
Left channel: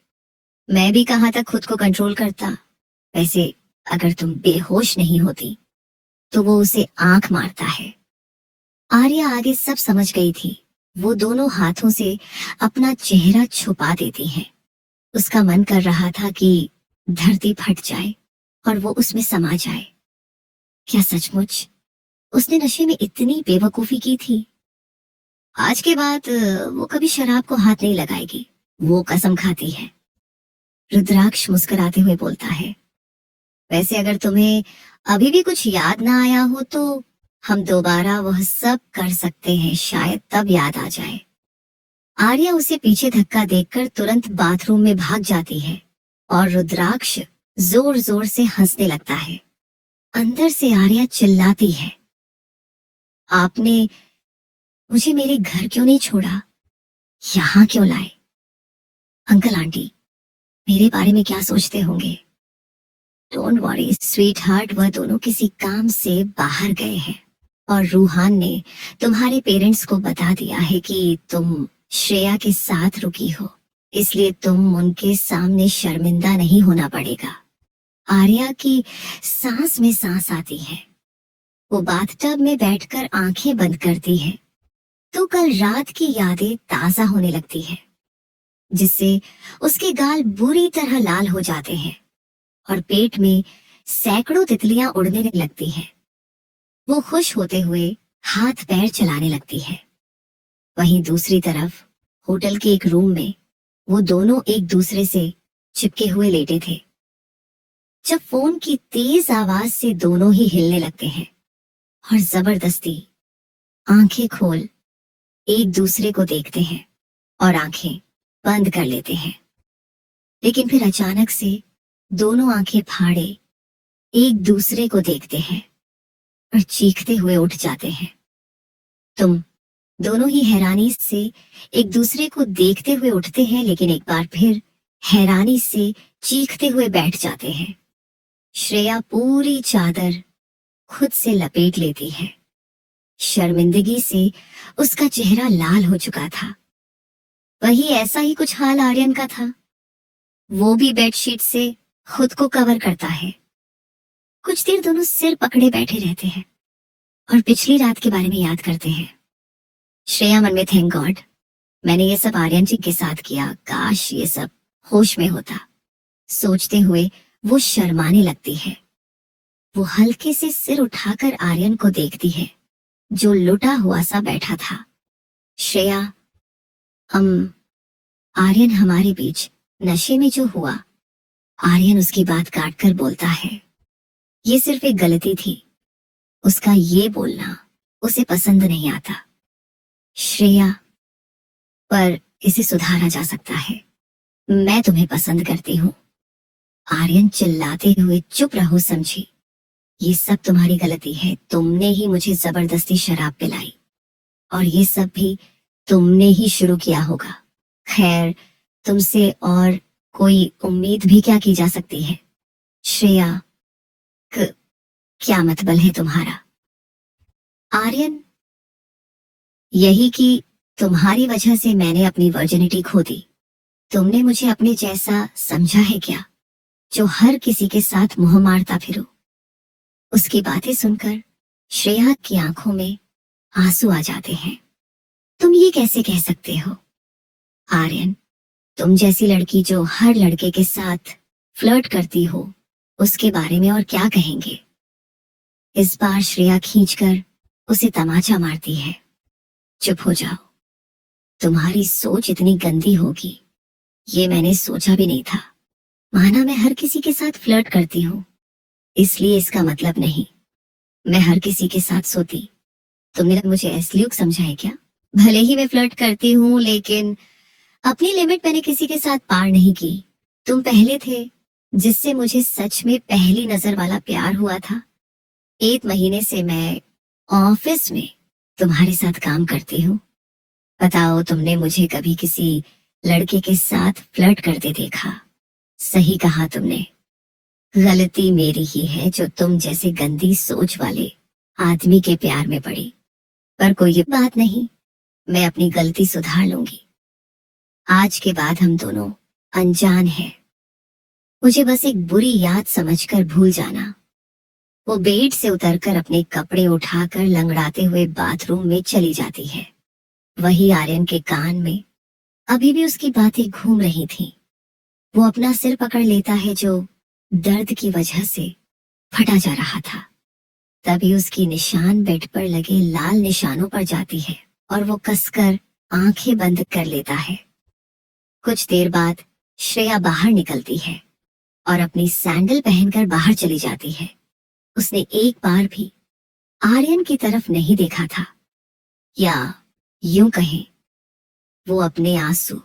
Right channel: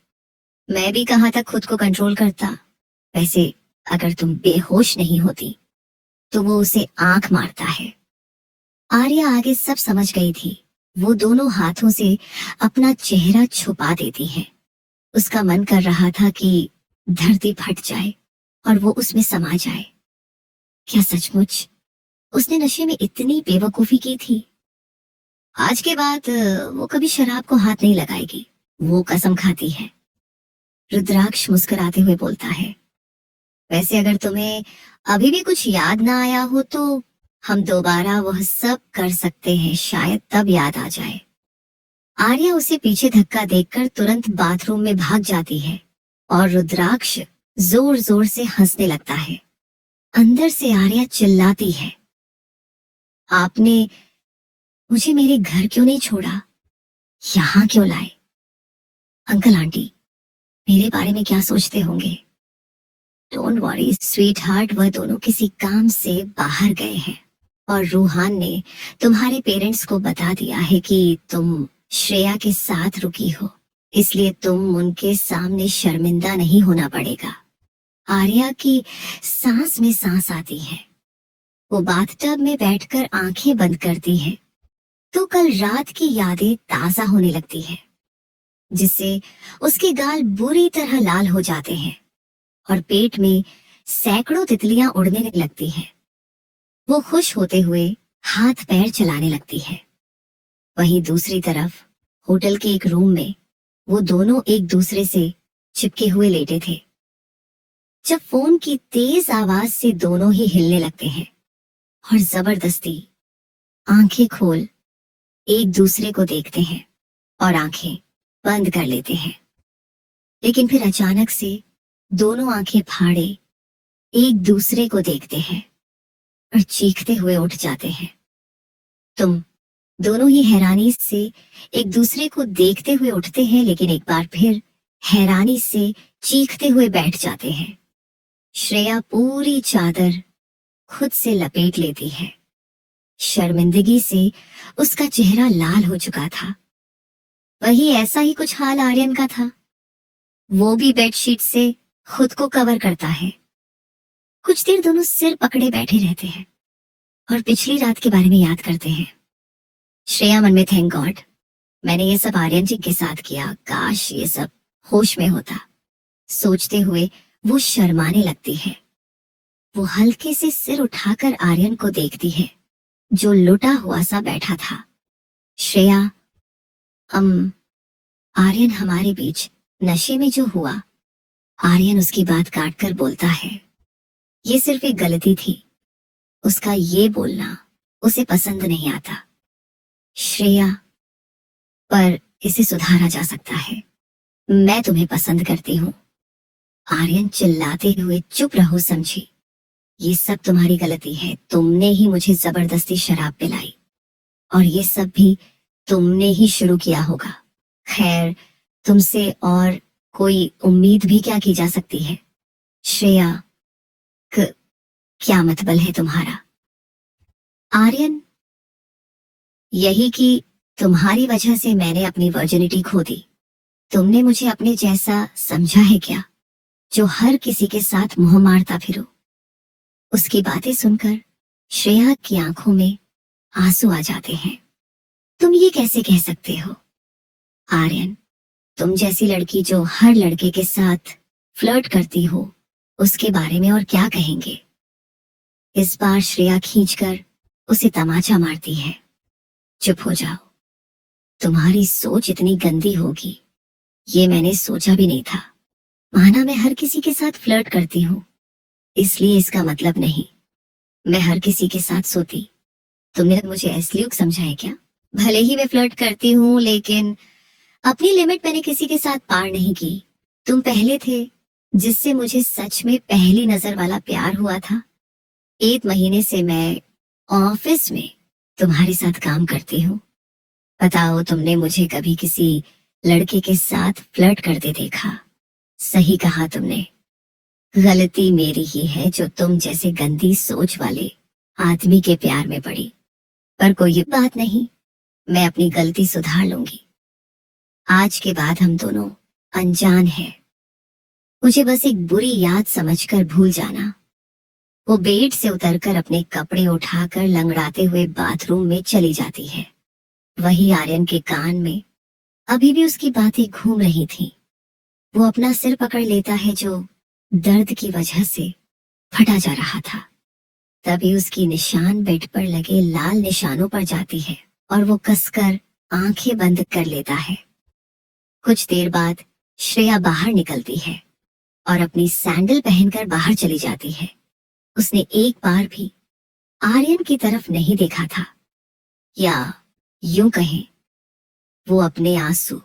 मैं भी कहां तक खुद को कंट्रोल करता। वैसे अगर तुम बेहोश नहीं होती। तो वो उसे आंख मारता है। आर्या आगे सब समझ गई थी। वो दोनों हाथों से अपना चेहरा छुपा देती है। उसका मन कर रहा था कि धरती फट जाए और वो उसमें समा जाए। क्या सचमुच उसने नशे में इतनी बेवकूफी की थी? आज के बाद वो कभी शराब को हाथ नहीं लगाएगी, वो कसम खाती है। रुद्राक्ष मुस्कुराते हुए बोलता है, वैसे अगर तुम्हें अभी भी कुछ याद ना आया हो तो हम दोबारा वह सब कर सकते हैं, शायद तब याद आ जाए। आर्या उसे पीछे धक्का देकर तुरंत बाथरूम में भाग जाती है और रुद्राक्ष जोर जोर से हंसने लगता है। अंदर से आर्या चिल्लाती है, आपने मुझे मेरे घर क्यों नहीं छोड़ा, यहाँ क्यों लाए? अंकल आंटी मेरे बारे में क्या सोचते होंगे? डोंट वरी स्वीट हार्ट, वह दोनों किसी काम से बाहर गए हैं और रूहान ने तुम्हारे पेरेंट्स को बता दिया है कि तुम श्रेया के साथ रुकी हो, इसलिए तुम उनके सामने शर्मिंदा नहीं होना पड़ेगा। आर्या की सांस में सांस आती है। वो बाथटब में बैठकर आंखें बंद करती है तो कल रात की यादें ताजा होने लगती है, जिससे उसके गाल बुरी तरह लाल हो जाते हैं और पेट में सैकड़ों तितलियां उड़ने लगती हैं। वो खुश होते हुए हाथ पैर चलाने लगती है। वहीं दूसरी तरफ होटल के एक रूम में वो दोनों एक दूसरे से चिपके हुए लेटे थे जब फोन की तेज आवाज से दोनों ही हिलने लगते हैं और जबरदस्ती आंखें खोल एक दूसरे को देखते हैं और आंखें बंद कर लेते हैं। लेकिन फिर अचानक से दोनों आंखें फाड़े एक दूसरे को देखते हैं और चीखते हुए उठ जाते हैं। तुम दोनों ही हैरानी से एक दूसरे को देखते हुए उठते हैं, लेकिन एक बार फिर हैरानी से चीखते हुए बैठ जाते हैं। श्रेया पूरी चादर खुद से लपेट लेती है। शर्मिंदगी से उसका चेहरा लाल हो चुका था। वही ऐसा ही कुछ हाल आर्यन का था। वो भी बेडशीट से खुद को कवर करता है। कुछ देर दोनों सिर पकड़े बैठे रहते हैं और पिछली रात के बारे में याद करते हैं। श्रेया मन में थैंक गॉड मैंने ये सब आर्यन जी के साथ किया, काश ये सब होश में होता, सोचते हुए वो शर्माने लगती है। वो हल्के से सिर उठाकर आर्यन को देखती है जो लुटा हुआ सा बैठा था। श्रेया, आर्यन हमारे बीच नशे में जो हुआ, आर्यन उसकी बात काटकर बोलता है, ये सिर्फ एक गलती थी, उसका ये बोलना उसे पसंद नहीं आता। श्रेया, पर इसे सुधारा जा सकता है, मैं तुम्हें पसंद करती हूँ। आर्यन चिल्लाते हुए, चुप रहो समझी, ये सब तुम्हारी गलती है, तुमने ही मुझे जबरदस्ती शराब पिलाई और ये सब भी तुमने ही शुरू किया होगा। खैर, तुमसे और कोई उम्मीद भी क्या की जा सकती है? श्रेया, क्या मतलब है तुम्हारा? आर्यन, यही कि तुम्हारी वजह से मैंने अपनी वर्जिनिटी खो दी। तुमने मुझे अपने जैसा समझा है क्या, जो हर किसी के साथ मुंह मारता फिरो? उसकी बातें सुनकर श्रेया की आंखों में आंसू आ जाते हैं। तुम ये कैसे कह सकते हो? आर्यन, तुम जैसी लड़की जो हर लड़के के साथ फ्लर्ट करती हो, उसके बारे में और क्या कहेंगे? इस बार श्रेया खींचकर उसे तमाचा मारती है। चुप हो जाओ, तुम्हारी सोच इतनी गंदी होगी ये मैंने सोचा भी नहीं था। माना मैं हर किसी के साथ फ्लर्ट करती हूँ, इसलिए इसका मतलब नहीं मैं हर किसी के साथ सोती। तुमने मुझे ऐसलियूक समझा है क्या? भले ही मैं फ्लर्ट करती हूँ, लेकिन अपनी लिमिट मैंने किसी के साथ पार नहीं की। तुम पहले थे जिससे मुझे सच में पहली नजर वाला प्यार हुआ था। 1 महीने से मैं ऑफिस में तुम्हारे साथ काम करती हूँ। बताओ, तुमने मुझे कभी किसी लड़के के साथ फ्लर्ट करते देखा? सही कहा तुमने, गलती मेरी ही है जो तुम जैसे गंदी सोच वाले आदमी के प्यार में पड़ी। पर कोई बात नहीं, मैं अपनी गलती सुधार लूंगी। आज के बाद हम दोनों अनजान हैं। मुझे बस एक बुरी याद समझकर भूल जाना। वो बेड से उतरकर अपने कपड़े उठाकर लंगड़ाते हुए बाथरूम में चली जाती है। वही आर्यन के कान में अभी भी उसकी बातें घूम रही थीं। वो अपना सिर पकड़ लेता है जो दर्द की वजह से फटा जा रहा था। तभी उसकी निशान बेड पर लगे लाल निशानों पर जाती है और वो कसकर आंखें बंद कर लेता है। कुछ देर बाद श्रेया बाहर निकलती है और अपनी सैंडल पहनकर बाहर चली जाती है। उसने एक बार भी आर्यन की तरफ नहीं देखा था, या यूं कहें वो अपने आंसू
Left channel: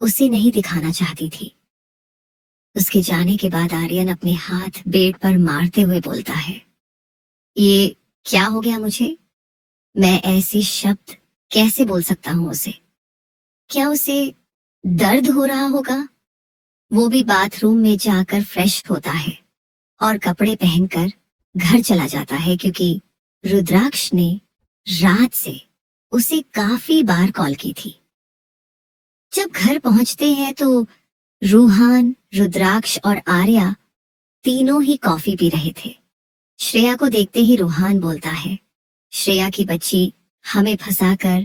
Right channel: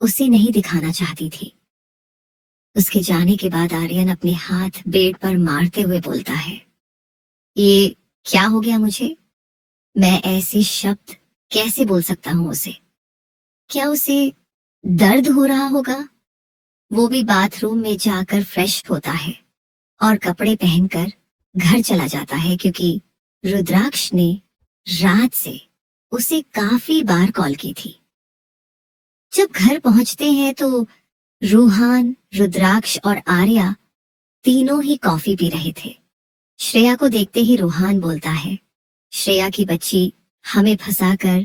उसे नहीं दिखाना चाहती थी। उसके जाने के बाद आर्यन अपने हाथ बेड पर मारते हुए बोलता है, ये क्या हो गया मुझे? मैं ऐसे शब्द कैसे बोल सकता हूँ उसे? क्या उसे दर्द हो रहा होगा? वो भी बाथरूम में जाकर फ्रेश होता है और कपड़े पहनकर घर चला जाता है, क्योंकि रुद्राक्ष ने रात से उसे काफी बार कॉल की थी। जब घर पहुंचते हैं तो रूहान, रुद्राक्ष और आर्या तीनों ही कॉफी पी रहे थे। श्रेया को देखते ही रूहान बोलता है, श्रेया की बच्ची हमें फंसाकर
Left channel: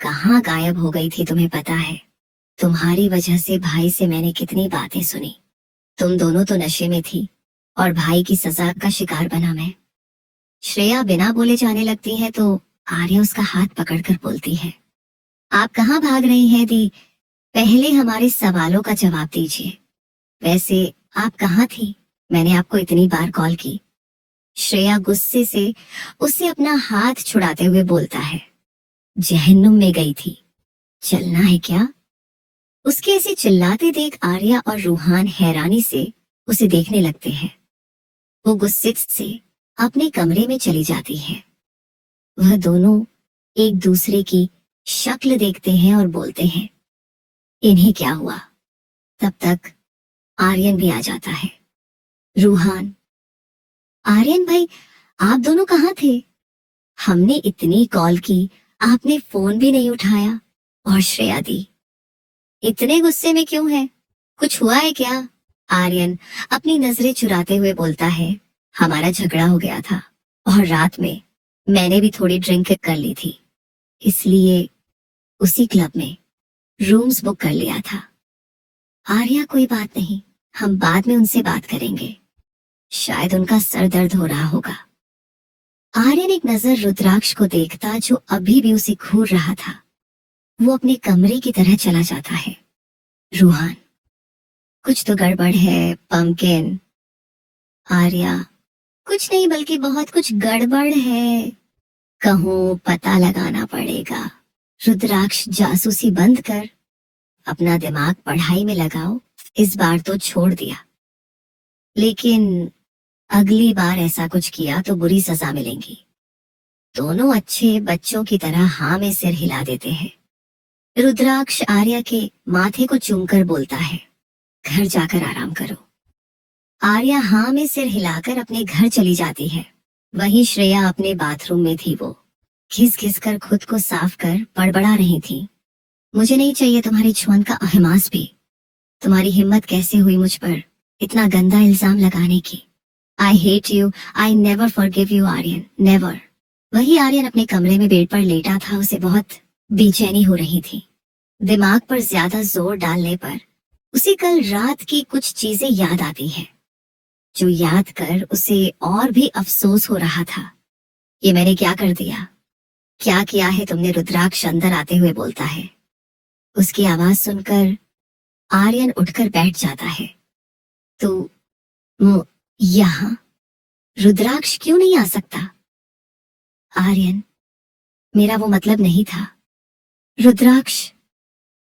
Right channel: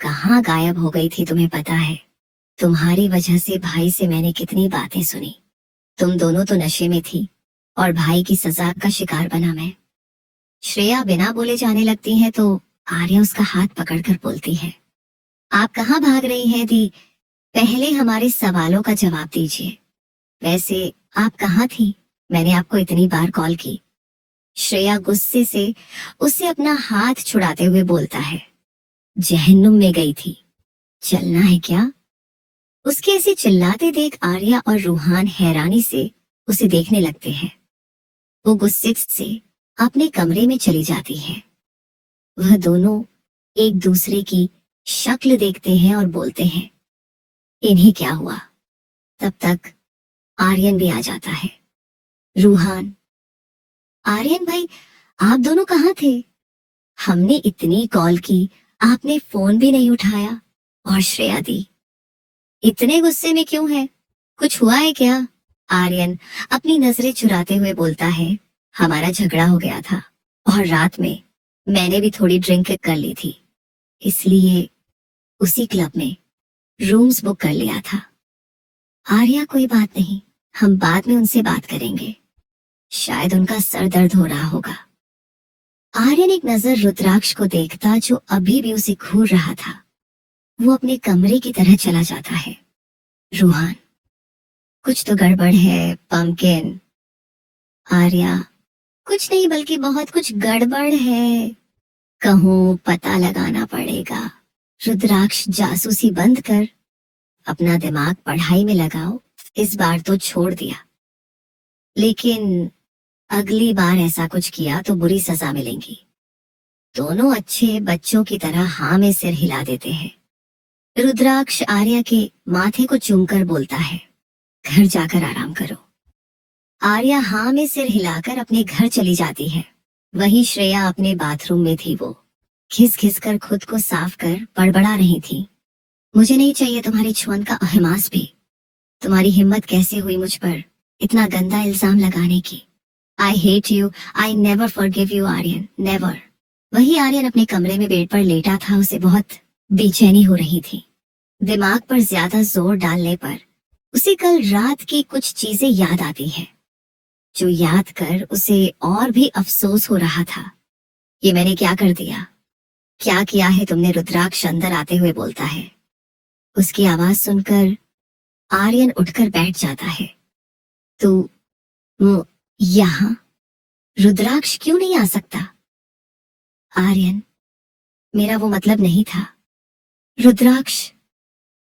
कहाँ गायब हो गई थी, तुम्हें पता है? तुम्हारी वजह से भाई से मैंने कितनी बातें सुनी। तुम दोनों तो नशे में थी और भाई की सजा का शिकार बना मैं। श्रेया बिना बोले जाने लगती है तो आर्या उसका हाथ पकड़कर बोलती है, आप कहाँ भाग रही हैं दी? पहले हमारे सवालों का जवाब दीजिए। वैसे आप कहाँ थी? मैंने आपको इतनी बार कॉल की। श्रेया गुस्से से उससे अपना हाथ छुड़ाते हुए बोलता है, जहन्नुम में गई थी। चलना है क्या? उसके ऐसे चिल्लाते देख आर्या और रूहान हैरानी से उसे देखने लगते हैं। वो गुस्से से अपने कमरे में चली जाती है। वह दोनों एक दूसरे की शक्ल देखते हैं और बोलते हैं, इन्हें क्या हुआ? तब तक आर्यन भी आ जाता है। रूहान, आर्यन भाई, आप दोनों कहाँ थे? हमने इतनी कॉल की, आपने फोन भी नहीं उठाया। और श्रेया दी, इतने गुस्से में क्यों है? कुछ हुआ है क्या? आर्यन अपनी नजरें चुराते हुए बोलता है, हमारा झगड़ा हो गया था और रात में मैंने भी थोड़ी ड्रिंक कर ली थी, इसलिए उसी क्लब में रूम्स बुक कर लिया था। आर्या, कोई बात नहीं, हम बाद में उनसे बात करेंगे, शायद उनका सर दर्द हो रहा होगा। आर्यन एक नजर रुद्राक्ष को देखता जो अभी भी उसे घूर रहा था। वो अपने कमरे की तरह चला जाता है। रूहान, कुछ तो गड़बड़ है पंकिन। आर्या, कुछ नहीं बल्कि बहुत कुछ गड़बड़ है। कहूँ पता लगाना पड़ेगा। रुद्राक्ष, जासूसी बंद कर, अपना दिमाग पढ़ाई में लगाओ। इस बार तो छोड़ दिया, लेकिन अगली बार ऐसा कुछ किया तो बुरी सजा मिलेगी। दोनों अच्छे बच्चों की तरह हाँ में सिर हिला देते हैं। रुद्राक्ष आर्या के माथे को चूमकर बोलता है, घर जाकर आराम करो। आर्या हाँ में सिर हिलाकर अपने घर चली जाती है। वहीं श्रेया अपने बाथरूम में थी। वो घिस घिस कर खुद को साफ कर बड़बड़ा रही थी, मुझे नहीं चाहिए तुम्हारी छुअन का अहमास भी। तुम्हारी हिम्मत कैसे हुई मुझ पर इतना गंदा इल्जाम लगाने की? I hate you, I never forgive you Aryan, never. वही आर्यन अपने कमरे में बेड पर लेटा था। उसे बहुत बेचैनी हो रही थी। दिमाग पर ज्यादा जोर डालने पर उसे कल रात की कुछ चीजें याद आती है, जो याद कर उसे और भी अफसोस हो रहा था। ये मैंने क्या कर दिया? क्या किया है तुमने? रुद्राक्ष अंदर आते हुए बोलता है। उसकी आवाज सुनकर आर्यन उठकर बैठ जाता है। तू यहाँ? रुद्राक्ष क्यों नहीं आ सकता? आर्यन, मेरा वो मतलब नहीं था। रुद्राक्ष,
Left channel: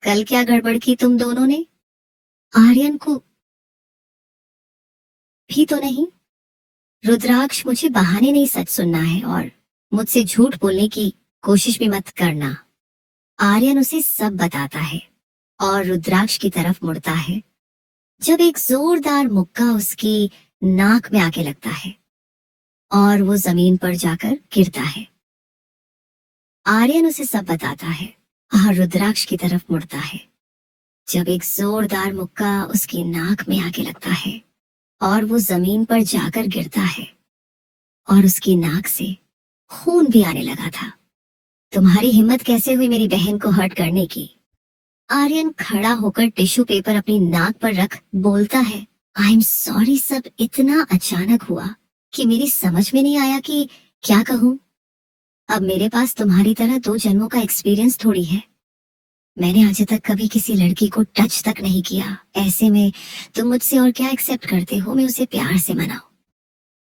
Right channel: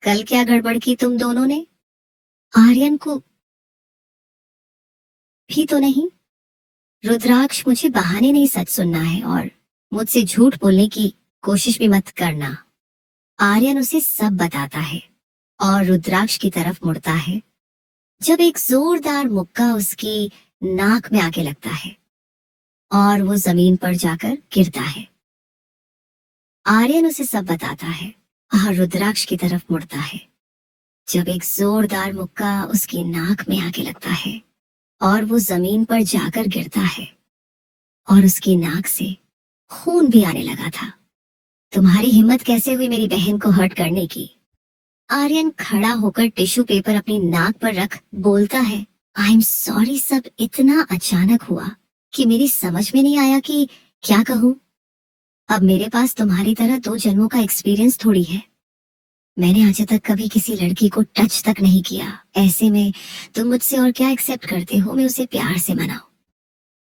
कल क्या गड़बड़ की तुम दोनों ने? आर्यन को भी तो नहीं। रुद्राक्ष, मुझे बहाने नहीं, सच सुनना है और मुझसे झूठ बोलने की कोशिश भी मत करना। आर्यन उसे सब बताता है और रुद्राक्ष की तरफ मुड़ता है जब एक जोरदार मुक्का उसकी नाक में आके लगता है और वो जमीन पर जाकर गिरता है। आर्यन उसे सब बताता है और रुद्राक्ष की तरफ मुड़ता है जब एक जोरदार मुक्का उसकी नाक में आके लगता है और वो जमीन पर जाकर गिरता है और उसकी नाक से खून भी आने लगा था। तुम्हारी हिम्मत कैसे हुई मेरी बहन को हर्ट करने की? आर्यन खड़ा होकर टिश्यू पेपर अपनी नाक पर रख बोलता है, आई एम सॉरी, सब इतना अचानक हुआ कि मेरी समझ में नहीं आया कि क्या कहूँ। अब मेरे पास तुम्हारी तरह 2 जन्मों का एक्सपीरियंस थोड़ी है। मैंने आज तक कभी किसी लड़की को टच तक नहीं किया। ऐसे में तुम मुझसे और क्या एक्सेप्ट करते हो? मैं उसे प्यार से मनाऊं।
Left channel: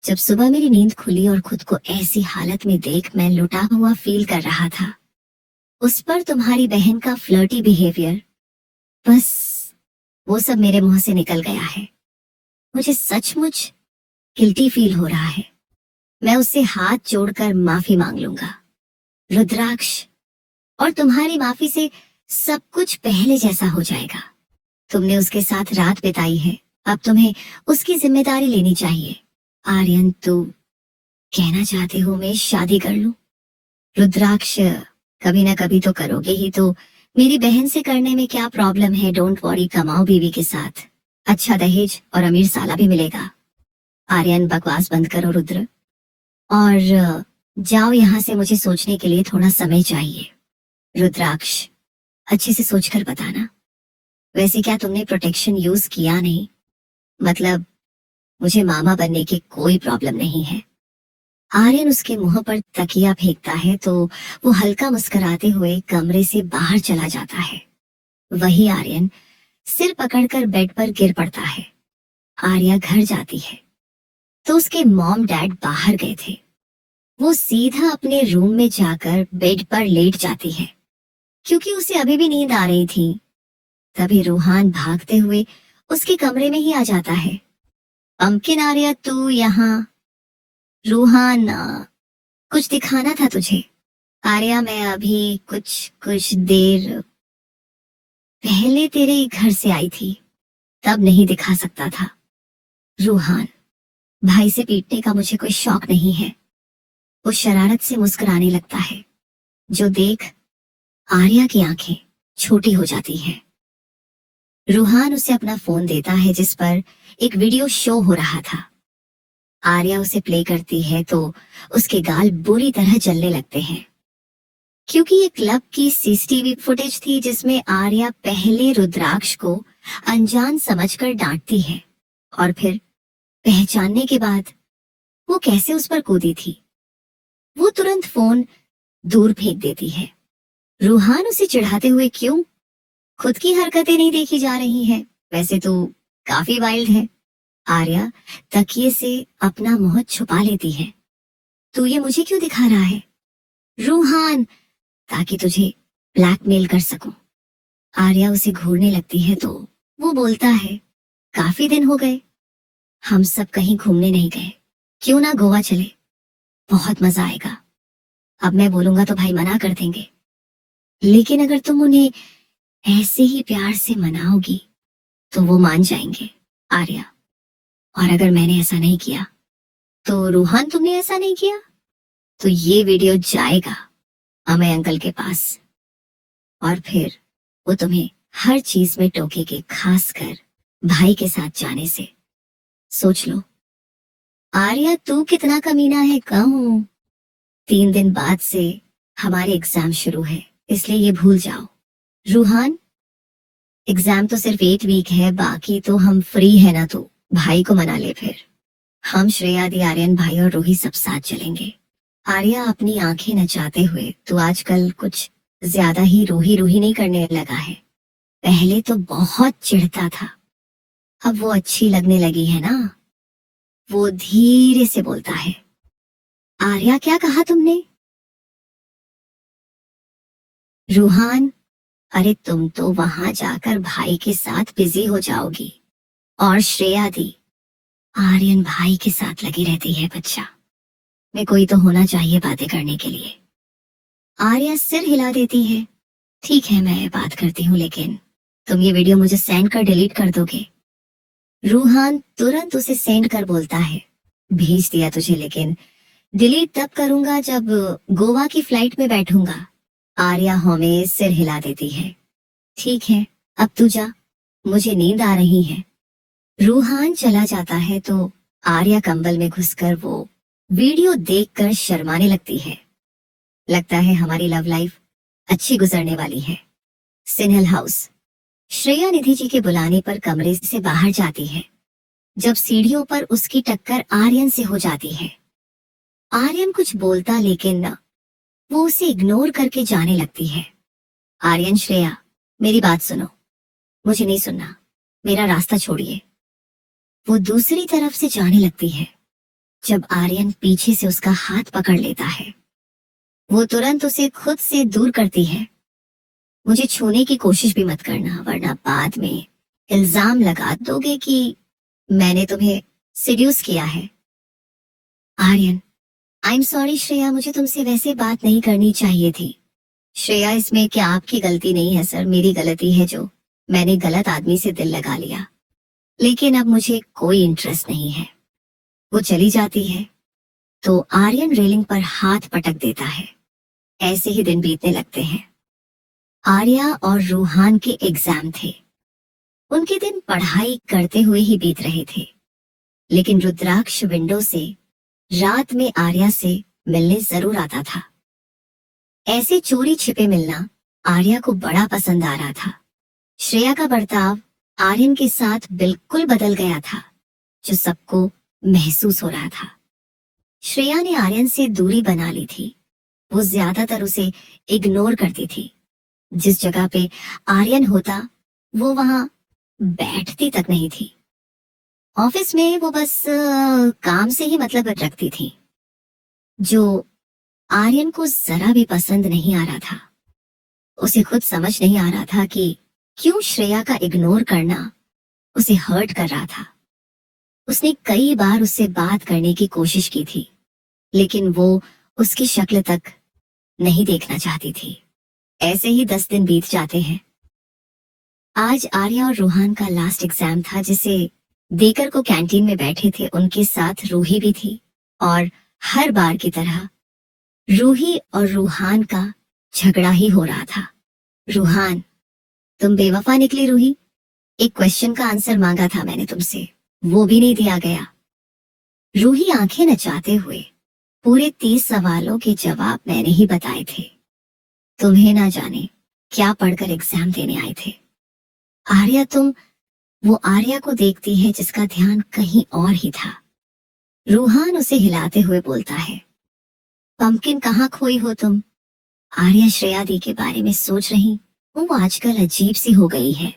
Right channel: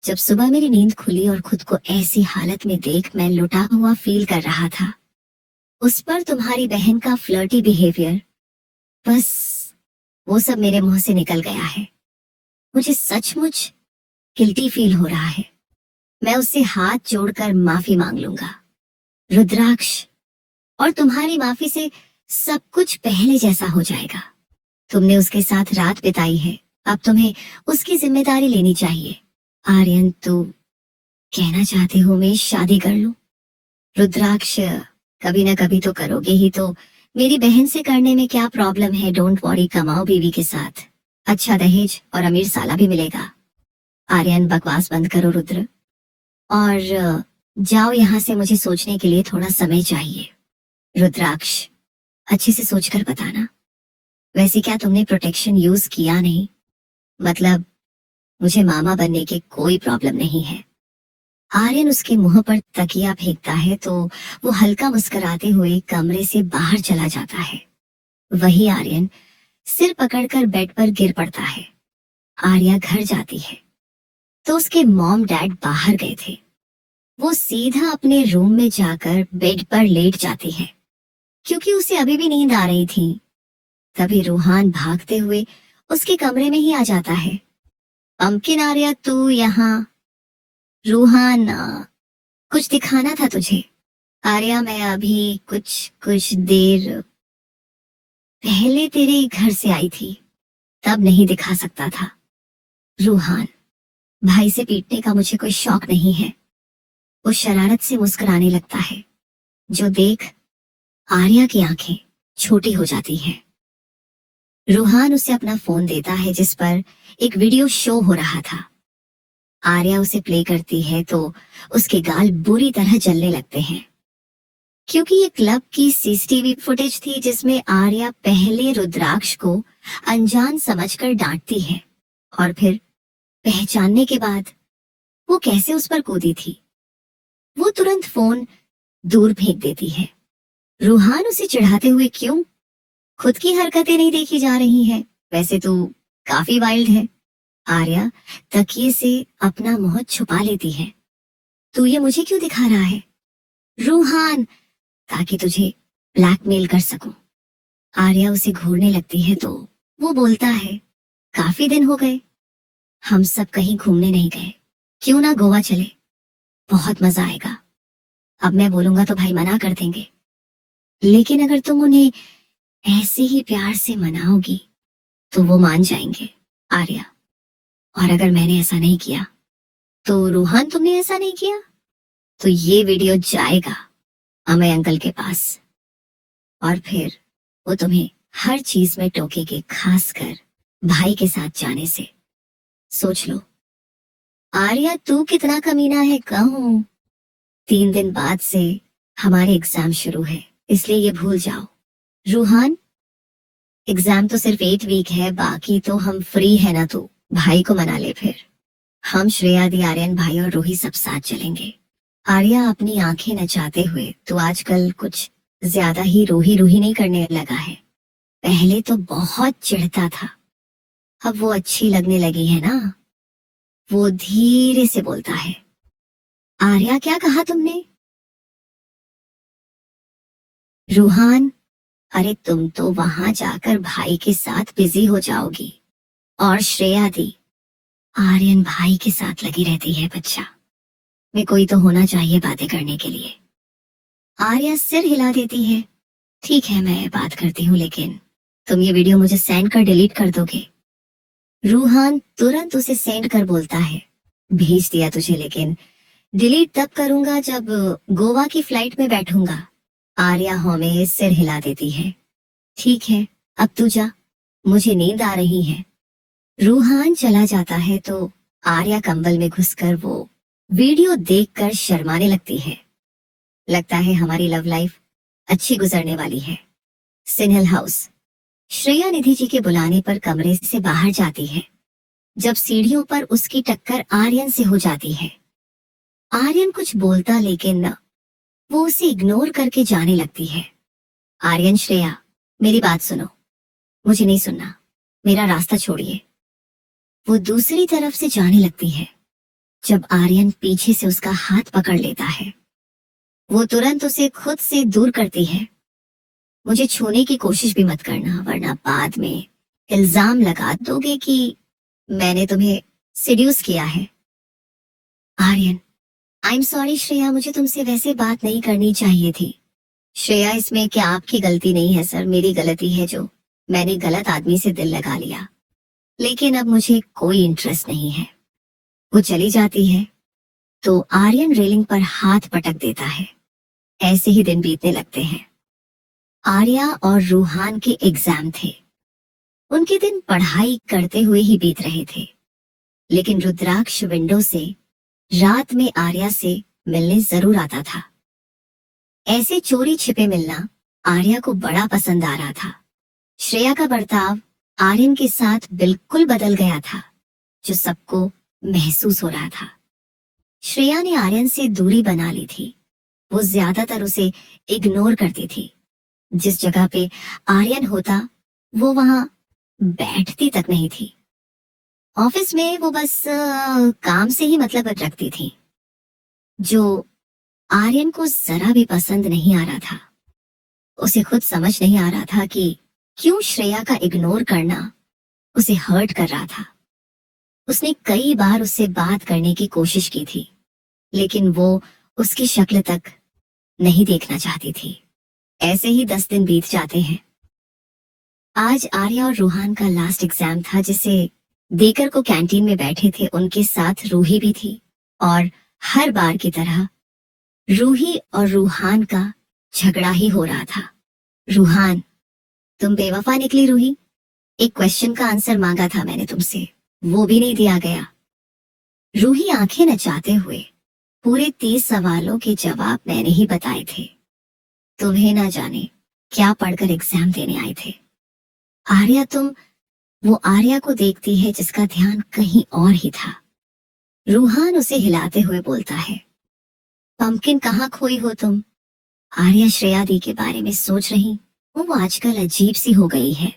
जब सुबह मेरी नींद खुली और खुद को ऐसी हालत में देख मैं लुटा हुआ फील कर रहा था, उस पर तुम्हारी बहन का फ्लर्टी बिहेवियर, बस वो सब मेरे मुंह से निकल गया है। मुझे सचमुच गिल्टी फील हो रहा है। मैं उससे हाथ जोड़कर माफी मांग लूंगा। रुद्राक्ष, और तुम्हारी माफी से सब कुछ पहले जैसा हो जाएगा। तुमने उसके साथ रात बिताई है, अब तुम्हें उसकी जिम्मेदारी लेनी चाहिए। आर्यन, तुम कहना चाहते हो मैं शादी कर लूं? रुद्राक्ष, कभी ना कभी तो करोगे ही, तो मेरी बहन से करने में क्या प्रॉब्लम है? डोंट वरी, कमाओ बीवी के साथ, अच्छा दहेज और अमीर साला भी मिलेगा। आर्यन, बकवास बंद करो रुद्र, और जाओ यहाँ से, मुझे सोचने के लिए थोड़ा समय चाहिए। रुद्राक्ष, अच्छे से सोचकर बताना। वैसे क्या तुमने प्रोटेक्शन यूज किया नहीं? मतलब मुझे मामा बनने की कोई प्रॉब्लम नहीं है। आर्यन उसके मुंह पर तकिया फेंकता है तो वो हल्का मुस्कुराते हुए कमरे से बाहर चला जाता है। वही आर्यन सिर पकड़कर बेड पर गिर पड़ता है। आर्या घर जाती है तो उसके मॉम डैड बाहर गए थे। वो सीधा अपने रूम में जाकर बेड पर लेट जाती है क्योंकि उसे अभी भी नींद आ रही थी। तभी रूहान भागते हुए उसके कमरे में ही आ जाता है। पंकिन, आर्या तू यहाँ? रूहान, कुछ दिखाना था तुझे। आर्या, मैं अभी कुछ कुछ देर पहले तेरे घर से आई थी, तब नहीं दिखा सकता था। रूहान, भाई से पीटने का मुझे कोई शौक नहीं है। वो शरारत से मुस्कुराने लगता है, जो देख आर्या की आंखें छोटी हो जाती हैं। रूहान उसे अपना फोन देता है जिस पर एक वीडियो शो हो रहा था। आर्या उसे प्ले करती है तो उसके गाल बुरी तरह जलने लगते हैं क्योंकि ये क्लब की सीसीटीवी फुटेज थी जिसमें आर्या पहले रुद्राक्ष को अनजान समझकर डांटती है और फिर पहचानने के बाद वो कैसे उस पर कूदी थी। वो तुरंत फोन दूर फेंक देती है। रूहान उसे चिढ़ाते हुए, क्यों? खुद की हरकतें नहीं देखी जा रही हैं? वैसे तो काफी वाइल्ड है। आर्या तकिए से अपना मुंह छुपा लेती है। तू ये मुझे क्यों दिखा रहा है? रूहान, ताकि तुझे ब्लैकमेल कर सकूं। आर्या उसे घूरने लगती है तो वो बोलता है, काफी दिन हो गए, हम सब कहीं घूमने नहीं गए, क्यों ना गोवा चले, बहुत मजा आएगा। अब मैं बोलूंगा तो भाई मना कर देंगे, लेकिन अगर तुम उन्हें ऐसे ही प्यार से मनाओगी तो वो मान जाएंगे। आर्या, और अगर मैंने ऐसा नहीं किया तो? रूहान, तुमने ऐसा नहीं किया तो ये वीडियो जाएगा अमय अंकल के पास और फिर वो तुम्हें हर चीज में टोकेगे, खासकर भाई के साथ जाने से। सोच लो। आर्या, तू कितना कमीना है कहूं। 3 दिन बाद से हमारे एग्जाम शुरू है, इसलिए ये भूल जाओ। रूहान, एग्जाम तो सिर्फ 8 वीक है, बाकी तो हम फ्री है ना, तू भाई को मना ले। फिर हम श्रेया दी, आर्यन भाई और रूही सब साथ चलेंगे। आर्या अपनी आंखें नचाते हुए, तो आजकल कुछ ज्यादा ही रूही रूही नहीं करने लगा है। पहले तो बहुत चिढ़ता था, अब वो अच्छी लगने लगी है ना। वो धीरे से बोलता है, आर्या क्या कहा तुमने? रूहान, अरे तुम तो वहां जाकर भाई के साथ बिजी हो जाओगी, और श्रेया दी आर्यन भाई के साथ लगी रहती है। बच्चा में कोई तो होना चाहिए बातें करने के लिए। आर्या सिर हिला देती है, ठीक है मैं बात करती हूँ, लेकिन तुम ये वीडियो मुझे सेंड कर डिलीट कर दोगे? रूहान तुरंत उसे सेंड कर बोलता है, भेज दिया तुझे, लेकिन डिलीट तब करूंगा जब गोवा की फ्लाइट में बैठूंगा। आर्या हमें सिर हिला देती है, ठीक है अब तू जा, मुझे नींद आ रही है। रूहान चला जाता है तो आर्या कंबल में घुसकर वो वीडियो देखकर शर्माने लगती है। लगता है हमारी लव लाइफ अच्छी गुजरने वाली है। सिन्हल हाउस। श्रेया निधि जी के बुलाने पर कमरे से बाहर जाती है। जब सीढ़ियों पर उसकी टक्कर आर्यन से हो जाती है। आर्यन कुछ बोलता लेकिन वो उसे इग्नोर करके जाने लगती है। आर्यन, श्रेया मेरी बात सुनो। मुझे नहीं सुनना, मेरा रास्ता छोड़िए। वो दूसरी तरफ से जाने लगती है। जब आर्यन पीछे से उसका हाथ पकड़ लेता है, वो तुरंत उसे खुद से दूर करती है। मुझे छूने की कोशिश भी मत करना, वरना बाद में इल्जाम लगा दोगे कि मैंने तुम्हें सेड्यूस किया है। Aryan, I am sorry Shreya, मुझे तुमसे वैसे बात नहीं करनी चाहिए थी। श्रेया, इसमें क्या आपकी गलती नहीं है सर, मेरी गलती है जो मैंने गलत आदमी से दिल लगा लिया। लेकिन अब मुझे कोई इंटरेस्ट नहीं है। वो चली जाती है तो आर्यन रेलिंग पर हाथ पटक देता है। ऐसे ही दिन बीतने लगते हैं। आर्या और रूहान के एग्जाम थे। उनके दिन पढ़ाई करते हुए ही बीत रहे थे, लेकिन रुद्राक्ष विंडो से रात में आर्या से मिलने जरूर आता था। ऐसे चोरी छिपे मिलना आर्या को बड़ा पसंद आ रहा था। श्रेया का बर्ताव आर्यन के साथ बिल्कुल बदल गया था, जो सबको महसूस हो रहा था। श्रेया ने आर्यन से दूरी बना ली थी। वो ज्यादातर उसे इग्नोर करती थी। जिस जगह पे आर्यन होता वो वहां बैठती तक नहीं थी। ऑफिस में वो बस काम से ही मतलब रखती थी, जो आर्यन को जरा भी पसंद नहीं आ रहा था। उसे खुद समझ नहीं आ रहा था कि क्यों श्रेया का इग्नोर करना उसे हर्ट कर रहा था। उसने कई बार उससे बात करने की कोशिश की थी, लेकिन वो उसकी शक्ल तक नहीं देखना चाहती थी। ऐसे ही 10 दिन बीत जाते हैं। आज आर्या और रूहान का लास्ट एग्जाम था, जिसे देकर को कैंटीन में बैठे थे उनके साथ रूही भी थी। और हर बार की तरह रूही और रूहान का झगड़ा ही हो रहा था। रूहान, तुम बेवफा निकली रूही। एक क्वेश्चन का आंसर मांगा था मैंने तुमसे, वो भी नहीं दिया गया। रूही आंखें नचाते हुए, पूरे 30 सवालों के जवाब मैंने ही बताए थे। तुम्हें ना जाने क्या पढ़कर एग्जाम देने आए थे। आर्या, वो आर्या को देखती है जिसका ध्यान कहीं और ही था। रूहान उसे हिलाते हुए बोलता है, पंपकिन कहाँ खोई हो तुम? आर्या श्रेया दी के बारे में सोच रही, वो आजकल अजीब सी हो गई है।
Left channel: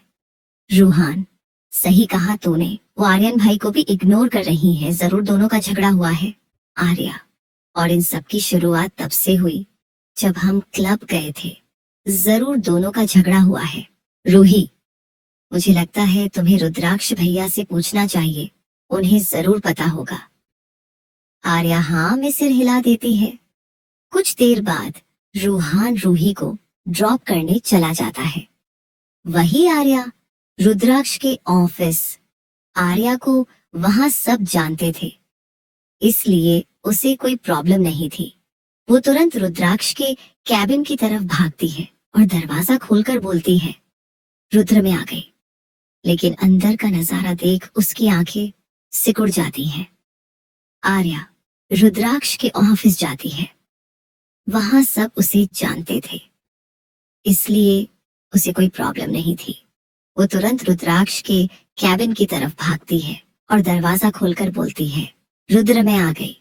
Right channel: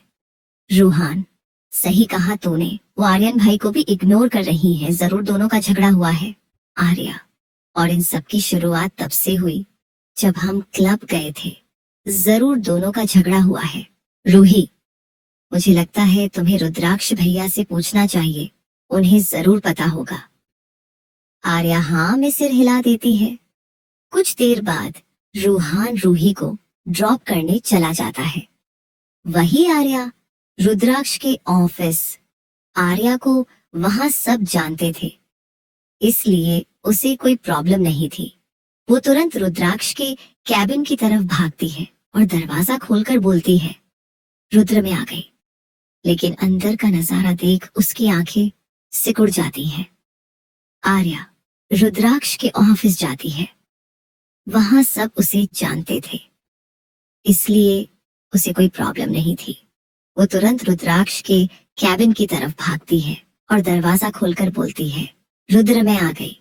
रूहान, सही कहा तूने, वो आर्यन भाई को भी इग्नोर कर रही है। जरूर दोनों का झगड़ा हुआ है। आर्या, और इन सब की शुरुआत तब से हुई जब हम क्लब गए थे। जरूर दोनों का झगड़ा हुआ है। रूही, मुझे लगता है तुम्हें रुद्राक्ष भैया से पूछना चाहिए, उन्हें जरूर पता होगा। आर्या हाँ में सिर हिला देती है। कुछ देर बाद रूहान रूही को ड्रॉप करने चला जाता है। वही आर्या रुद्राक्ष के ऑफिस। आर्या को वहां सब जानते थे, इसलिए उसे कोई प्रॉब्लम नहीं थी। वो तुरंत रुद्राक्ष के कैबिन की तरफ भागती है और दरवाजा खोलकर बोलती है, रुद्र में आ गई। लेकिन अंदर का नजारा देख उसकी आंखें सिकुड़ जाती हैं। आर्या रुद्राक्ष के ऑफिस जाती है। वहां सब उसे जानते थे, इसलिए उसे कोई प्रॉब्लम नहीं थी। वो तुरंत रुद्राक्ष के कैबिन की तरफ भागती है और दरवाजा खोलकर बोलती है, रुद्र मैं आ गई।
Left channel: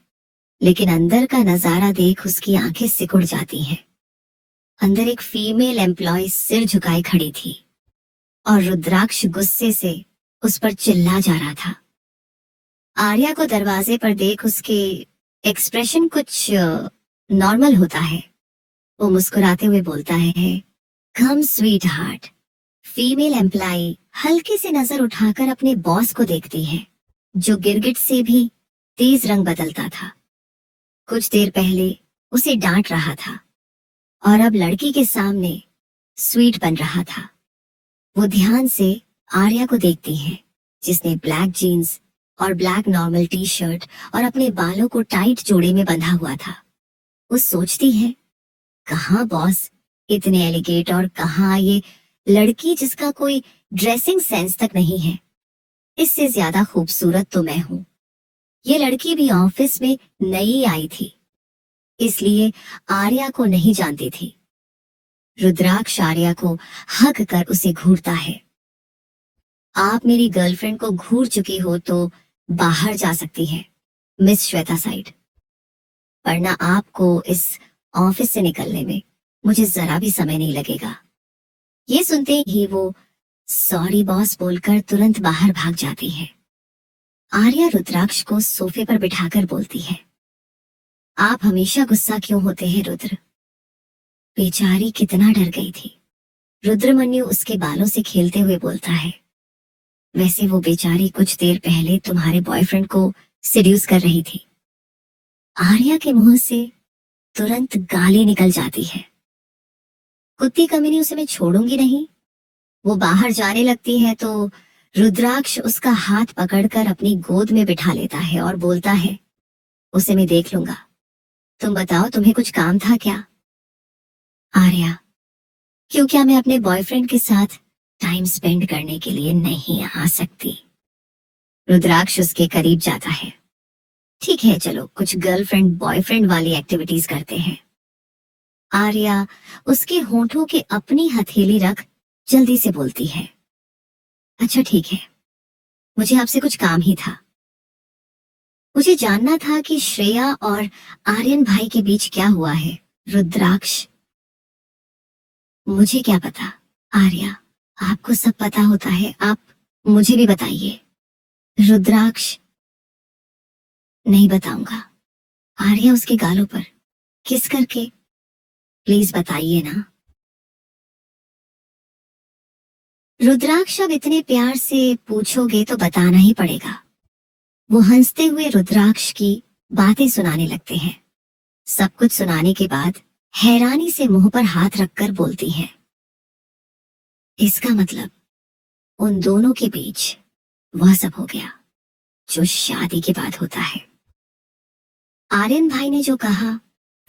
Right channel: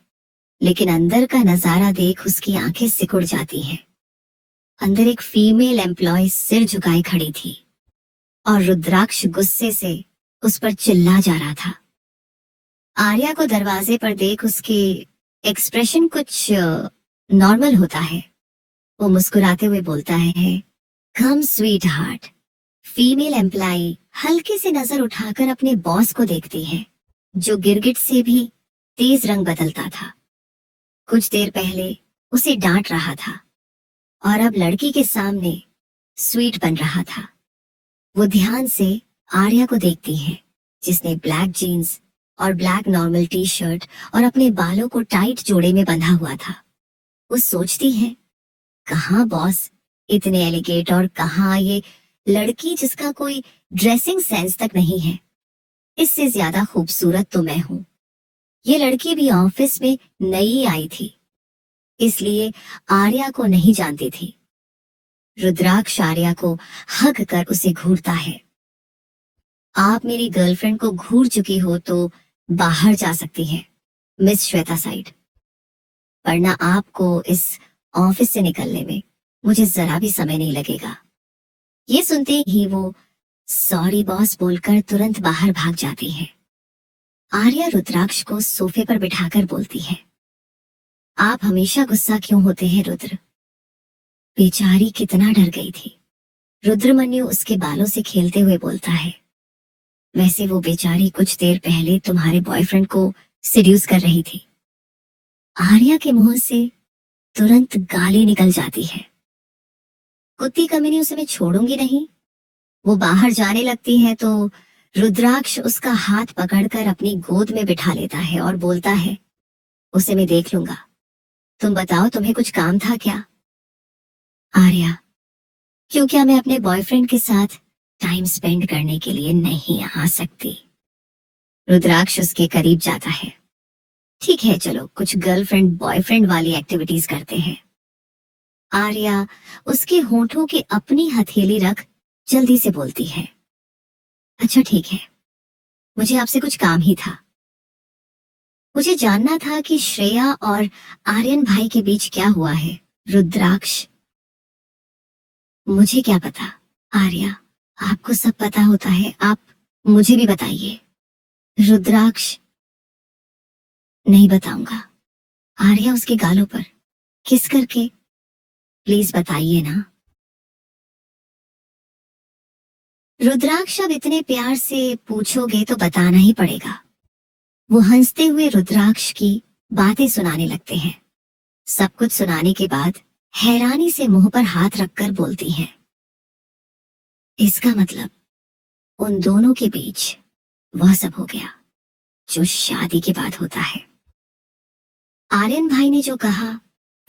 लेकिन अंदर का नजारा देख उसकी आंखें सिकुड़ जाती हैं। अंदर एक फीमेल एम्प्लॉय सिर झुकाए खड़ी थी और रुद्राक्ष गुस्से से उस पर चिल्ला जा रहा था। आर्या को दरवाजे पर देख उसके एक्सप्रेशन कुछ नॉर्मल होता है। वो मुस्कुराते हुए बोलता है, कम स्वीट हार्ट। फीमेल एम्प्लॉय हल्के से नजर उठाकर अपने बॉस को देखती है, जो गिरगिट से भी तेज रंग बदलता था। कुछ देर पहले उसे डांट रहा था और अब लड़की के सामने स्वीट बन रहा था। वो ध्यान से आर्या को देखती है, जिसने ब्लैक जीन्स और ब्लैक नॉर्मल टी शर्ट और अपने बालों को टाइट जोड़े में बंधा हुआ था। वो सोचती है, कहाँ बॉस इतने एलिगेट और कहाँ ये लड़की जिसका कोई ड्रेसिंग सेंस तक नहीं है। इससे ज्यादा खूबसूरत तो मैं हूँ। ये लड़की भी ऑफिस में नई आई थी, इसलिए आर्या को नहीं जानती थी। रुद्राक्ष आर्या को हग कर उसे घूरता है। आप मेरी गर्लफ्रेंड को घूर चुकी हो तो बाहर जा सकती है मिस श्वेता साइड, वरना आपको इस ऑफिस से निकलने में मुझे जरा भी समय नहीं लगेगा। ये सुनते ही वो सॉरी बॉस बोलकर तुरंत बाहर भाग जाती है। आर्या रुद्राक्ष को सोफे पर बिठाकर बोलती है, आप हमेशा गुस्सा क्यों होते हैं रुद्र? बेचारी कितना डर गई थी। रुद्रमन्यु उसके बालों से खेलते हुए बोलता है, वैसे वो बेचारी कुछ देर पहले तुम्हारे बॉयफ्रेंड को सेड्यूस कर रही थी। आर्या के मुंह से तुरंत गाली निकल जाती है। कुत्ती कमीनी, उसे मैं छोड़ूंगी नहीं। वो बाहर जाने लगती है तो रुद्राक्ष उसका हाथ पकड़कर अपनी गोद में बिठा लेता है और बोलता है, उसे मैं देख लूंगा। तुम बताओ, तुम्हें कुछ काम था क्या? आर्या, क्यों, क्या मैं अपने बॉयफ्रेंड के साथ टाइम स्पेंड करने के लिए नहीं आ सकती? रुद्राक्ष उसके करीब जाता है। ठीक है, चलो कुछ गर्लफ्रेंड बॉयफ्रेंड वाली एक्टिविटीज करते हैं। आर्या उसके होठों के अपनी हथेली रख जल्दी से बोलती है, अच्छा ठीक है, मुझे आपसे कुछ काम ही था। मुझे जानना था कि श्रेया और आर्यन भाई के बीच क्या हुआ है। रुद्राक्ष, मुझे क्या पता? आर्या, आपको सब पता होता है, आप मुझे भी बताइए। रुद्राक्ष, नहीं बताऊंगा। आर्या उसके गालों पर किस करके, प्लीज बताइए ना। रुद्राक्ष, अब इतने प्यार से पूछोगे तो बताना ही पड़ेगा। वो हंसते हुए रुद्राक्ष की बातें सुनाने लगते हैं। सब कुछ सुनाने के बाद हैरानी से मुंह पर हाथ रखकर बोलती है, इसका मतलब उन दोनों के बीच वह सब हो गया जो शादी के बाद होता है। आर्यन भाई ने जो कहा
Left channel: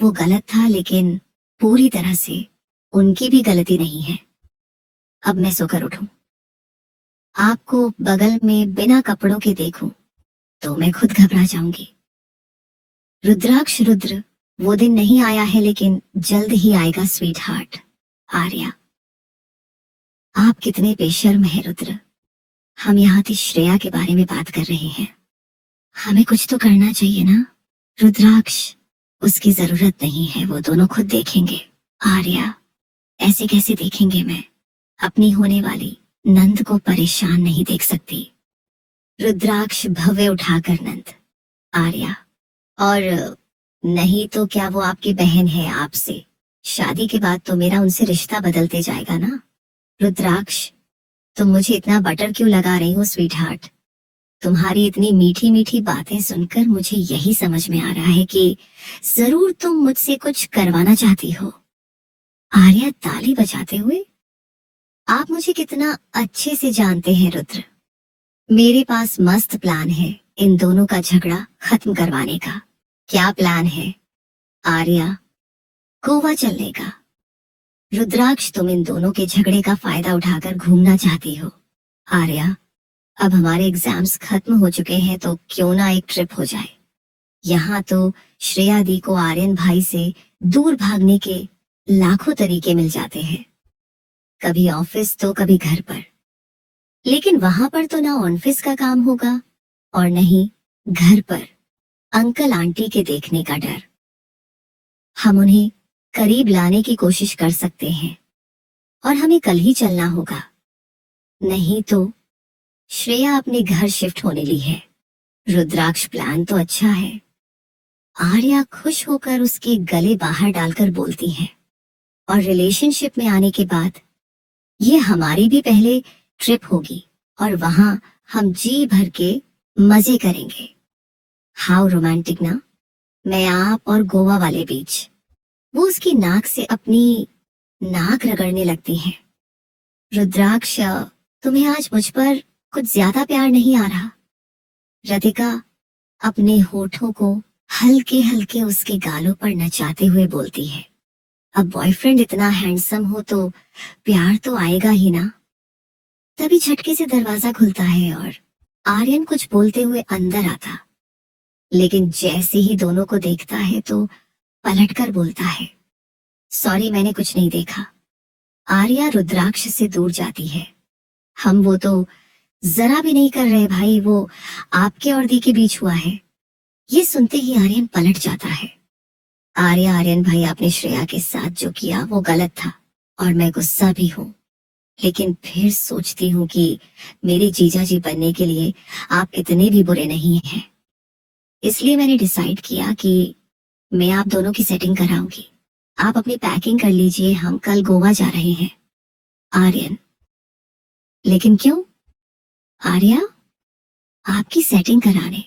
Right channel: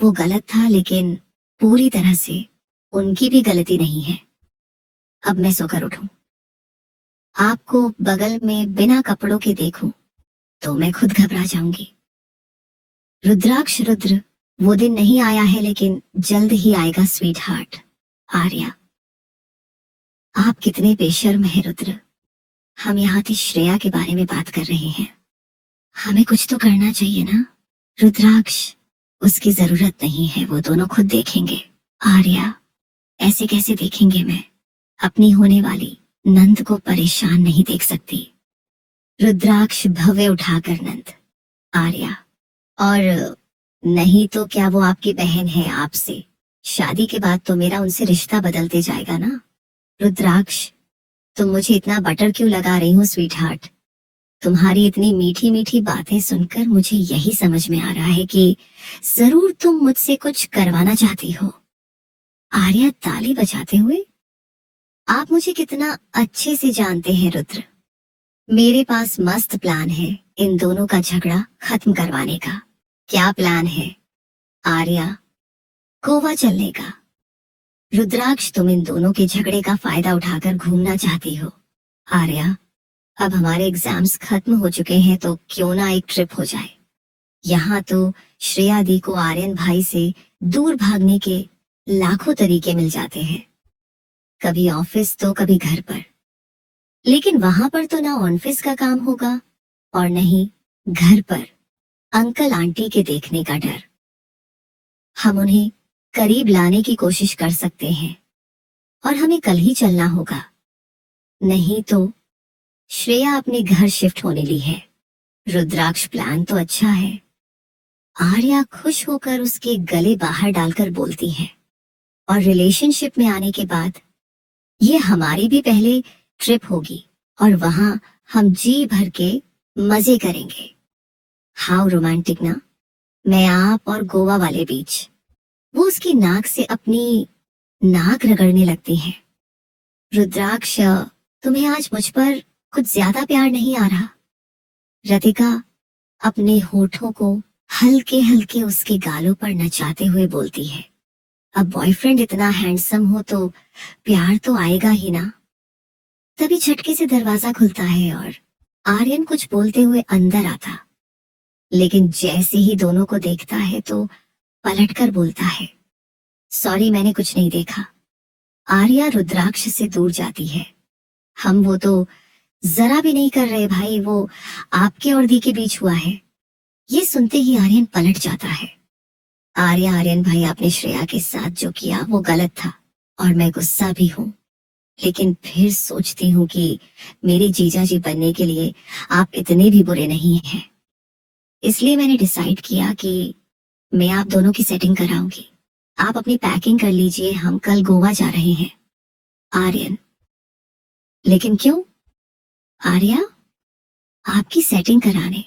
वो गलत था, लेकिन पूरी तरह से उनकी भी गलती नहीं है। अब मैं सोकर उठूं, आपको बगल में बिना कपड़ों के देखूं तो मैं खुद घबरा जाऊंगी। रुद्राक्ष, रुद्र, वो दिन नहीं आया है लेकिन जल्द ही आएगा स्वीट हार्ट। आर्या, आप कितने बेशर्म हैं रुद्र। हम यहाँ की श्रेया के बारे में बात कर रहे हैं, हमें कुछ तो करना चाहिए ना। रुद्राक्ष, उसकी जरूरत नहीं है, वो दोनों खुद देखेंगे। आर्या, ऐसे कैसे देखेंगे? मैं अपनी होने वाली नंद को परेशान नहीं देख सकती। रुद्राक्ष भव्य उठाकर नंद। आर्या, और नहीं तो क्या वो आपकी बहन है? आपसे शादी के बाद तो मेरा उनसे रिश्ता बदलते जाएगा ना। रुद्राक्ष, तुम मुझे इतना बटर क्यों लगा रही हो स्वीट हार्ट? तुम्हारी इतनी मीठी मीठी बातें सुनकर मुझे यही समझ में आ रहा है कि जरूर तुम मुझसे कुछ करवाना चाहती हो। आर्या ताली बजाते हुए, आप मुझे कितना अच्छे से जानते हैं रुद्र। मेरे पास मस्त प्लान है इन दोनों का झगड़ा खत्म करवाने का। क्या प्लान है? आर्या, गोवा चलने का। रुद्राक्ष, तुम इन दोनों के झगड़े का फायदा उठाकर घूमना चाहती हो। आर्या, अब हमारे एग्जाम्स खत्म हो चुके हैं तो क्यों ना एक ट्रिप हो जाए। यहाँ तो श्रेया दी को आर्यन भाई से दूर भागने के लाखों तरीके मिल जाते हैं, कभी ऑफिस तो कभी घर पर। लेकिन वहां पर तो ना ऑफिस का काम होगा और नहीं घर पर अंकल आंटी के देखने का डर। हम उन्हें करीब लाने की कोशिश कर सकते हैं और हमें कल ही चलना होगा, नहीं तो श्रेया अपने घर शिफ्ट होने ली है। रुद्राक्ष, प्लान तो अच्छा है। आर्या खुश होकर उसके गले बाहर डालकर बोलती है, और रिलेशनशिप में आने के बाद ये हमारी भी पहले ट्रिप होगी और वहां हम जी भर के मजे करेंगे। हाउ रोमांटिक ना, मैं, आप और गोवा वाले बीच। वो उसकी नाक से अपनी नाक रगड़ने लगती है। रुद्राक्ष, तुम्हें आज मुझ पर कुछ ज्यादा प्यार नहीं आ रहा? रतिका अपने होठों को हल्के हल्के उसके गालों पर नचाते हुए बोलती है, अब बॉयफ्रेंड इतना हैंडसम हो तो प्यार तो आएगा ही ना। तभी झटके से दरवाजा खुलता है और आर्यन कुछ बोलते हुए अंदर आता, लेकिन जैसे ही दोनों को देखता है तो पलटकर बोलता है, सॉरी, मैंने कुछ नहीं देखा। आर्या रुद्राक्ष से दूर जाती है। हम वो तो जरा भी नहीं कर रहे भाई, वो आपके और दी के बीच हुआ है। ये सुनते ही आर्यन पलट जाता है। आर्या, आर्यन भाई, आपने श्रेया के साथ जो किया वो गलत था और मैं गुस्सा भी हूँ, लेकिन फिर सोचती हूँ कि मेरी जीजा जी बनने के लिए आप इतने भी बुरे नहीं हैं। इसलिए मैंने डिसाइड किया कि मैं आप दोनों की सेटिंग कराऊंगी। आप अपनी पैकिंग कर लीजिए, हम कल गोवा जा रहे हैं। आर्यन, लेकिन क्यों? आर्या, आपकी सेटिंग कराने।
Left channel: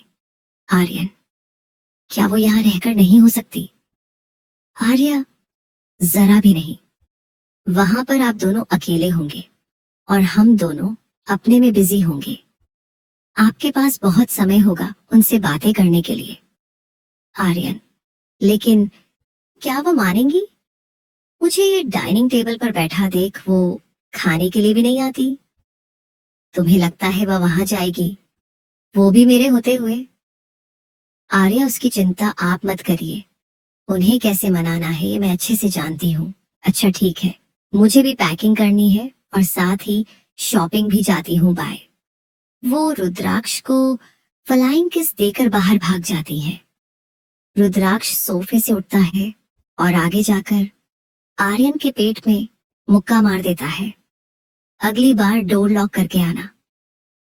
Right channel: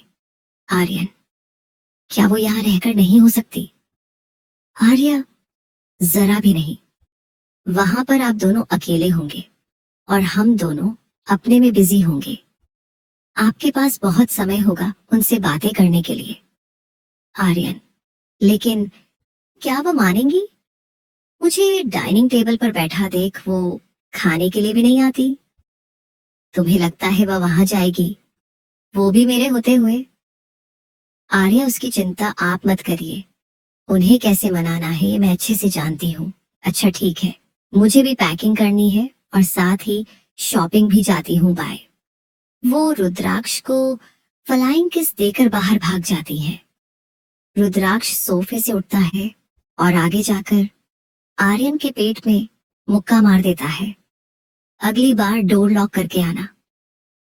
आर्यन, क्या वो यहाँ रहकर नहीं हो सकती? आर्या, जरा भी नहीं। वहां पर आप दोनों अकेले होंगे और हम दोनों अपने में बिजी होंगे। आपके पास बहुत समय होगा उनसे बातें करने के लिए। आर्यन, लेकिन क्या वो मानेंगी? मुझे डाइनिंग टेबल पर बैठा देख वो खाने के लिए भी नहीं आती। तुम्हें लगता है वह वहां जाएगी, वो भी मेरे होते हुए? आर्या, उसकी चिंता आप मत करिए। उन्हें कैसे मनाना है ये मैं अच्छे से जानती हूँ। अच्छा ठीक है, मुझे भी पैकिंग करनी है और साथ ही शॉपिंग भी जाती हूँ। बाय। वो रुद्राक्ष को फ्लाइंग किस देकर बाहर भाग जाती है। रुद्राक्ष सोफे से उठता है और आगे जाकर आर्यन के पेट में मुक्का मार देता है। अगली बार डोर लॉक करके आना।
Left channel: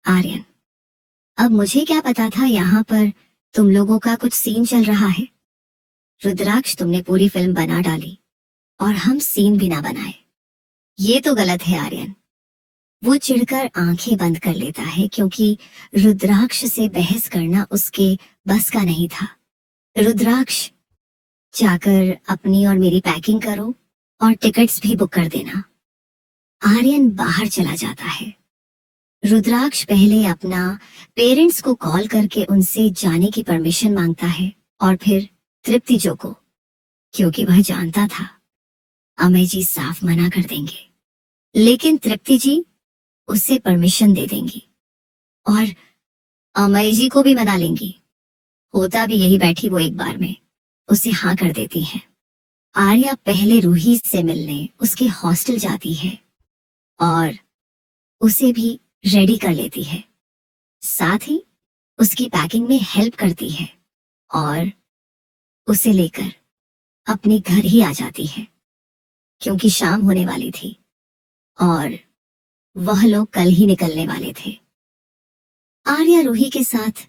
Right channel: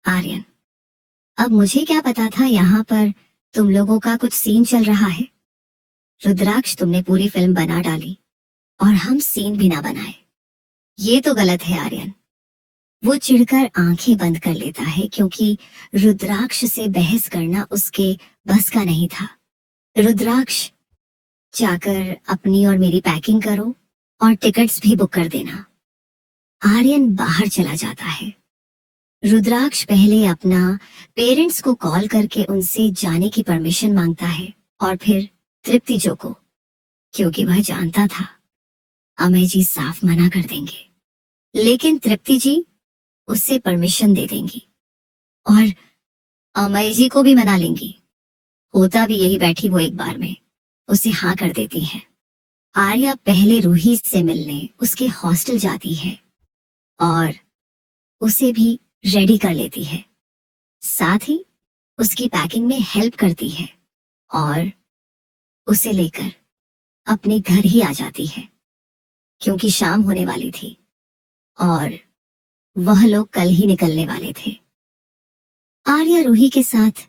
आर्यन, अब मुझे क्या पता था यहाँ पर तुम लोगों का कुछ सीन चल रहा है। रुद्राक्ष, तुमने पूरी फिल्म बना डाली और हम सीन भी ना बनाए। ये तो गलत है आर्यन। वो चिढ़कर आंखें बंद कर लेता है क्योंकि रुद्राक्ष से बहस करना उसके बस का नहीं था। रुद्राक्ष, जाकर अपनी और मेरी पैकिंग करो और टिकट्स भी बुक कर देना। आर्यन बाहर चला जाता है। रुद्राक्ष पहले अपना पेरेंट्स को कॉल करके उनसे जाने की परमिशन मांगता है और फिर तृप्ति जो को, क्योंकि वह जानता था अमय जी साफ मना कर देंगे। लेकिन तृप्ति जी उससे परमिशन दे देंगी और अमय जी को भी मना लेंगी। होता भी यही, बैठी वो एक बार में उसे हाँ कर देती है। आर्या पहले रूही से मिलने उसके हॉस्टल जाती है और उसे भी रेडी कर लेती है। साथ ही उसकी पैकिंग में हेल्प करती है और उसे लेकर अपने घर ही आ जाती है क्योंकि शाम होने वाली थी और वह लोग कल ही निकलने वाले थे। आर्या रूही के साथ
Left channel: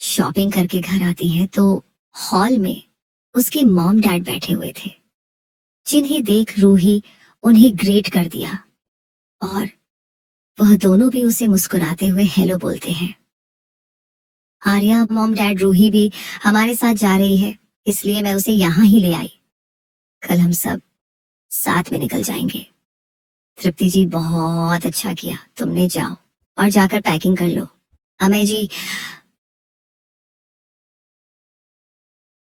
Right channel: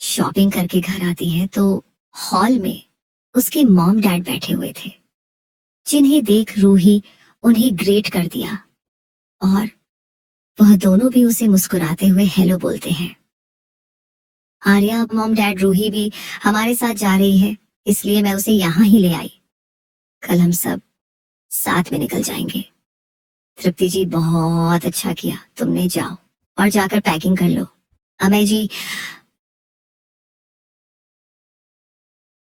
शॉपिंग करके घर आती है तो हॉल में उसके मॉम डैड बैठे हुए थे, जिन्हें देख रूही उन्हें ग्रेट कर दिया और वह दोनों भी उसे मुस्कुराते हुए हेलो बोलते हैं। आर्या, मॉम डैड रूही भी हमारे साथ जा रही है, इसलिए मैं उसे यहाँ ही ले आई। कल हम सब साथ में निकल जाएंगे। तृप्ति जी, बहुत अच्छा किया, तुमने जाओ और जाकर पैकिंग कर लो। अमय जी,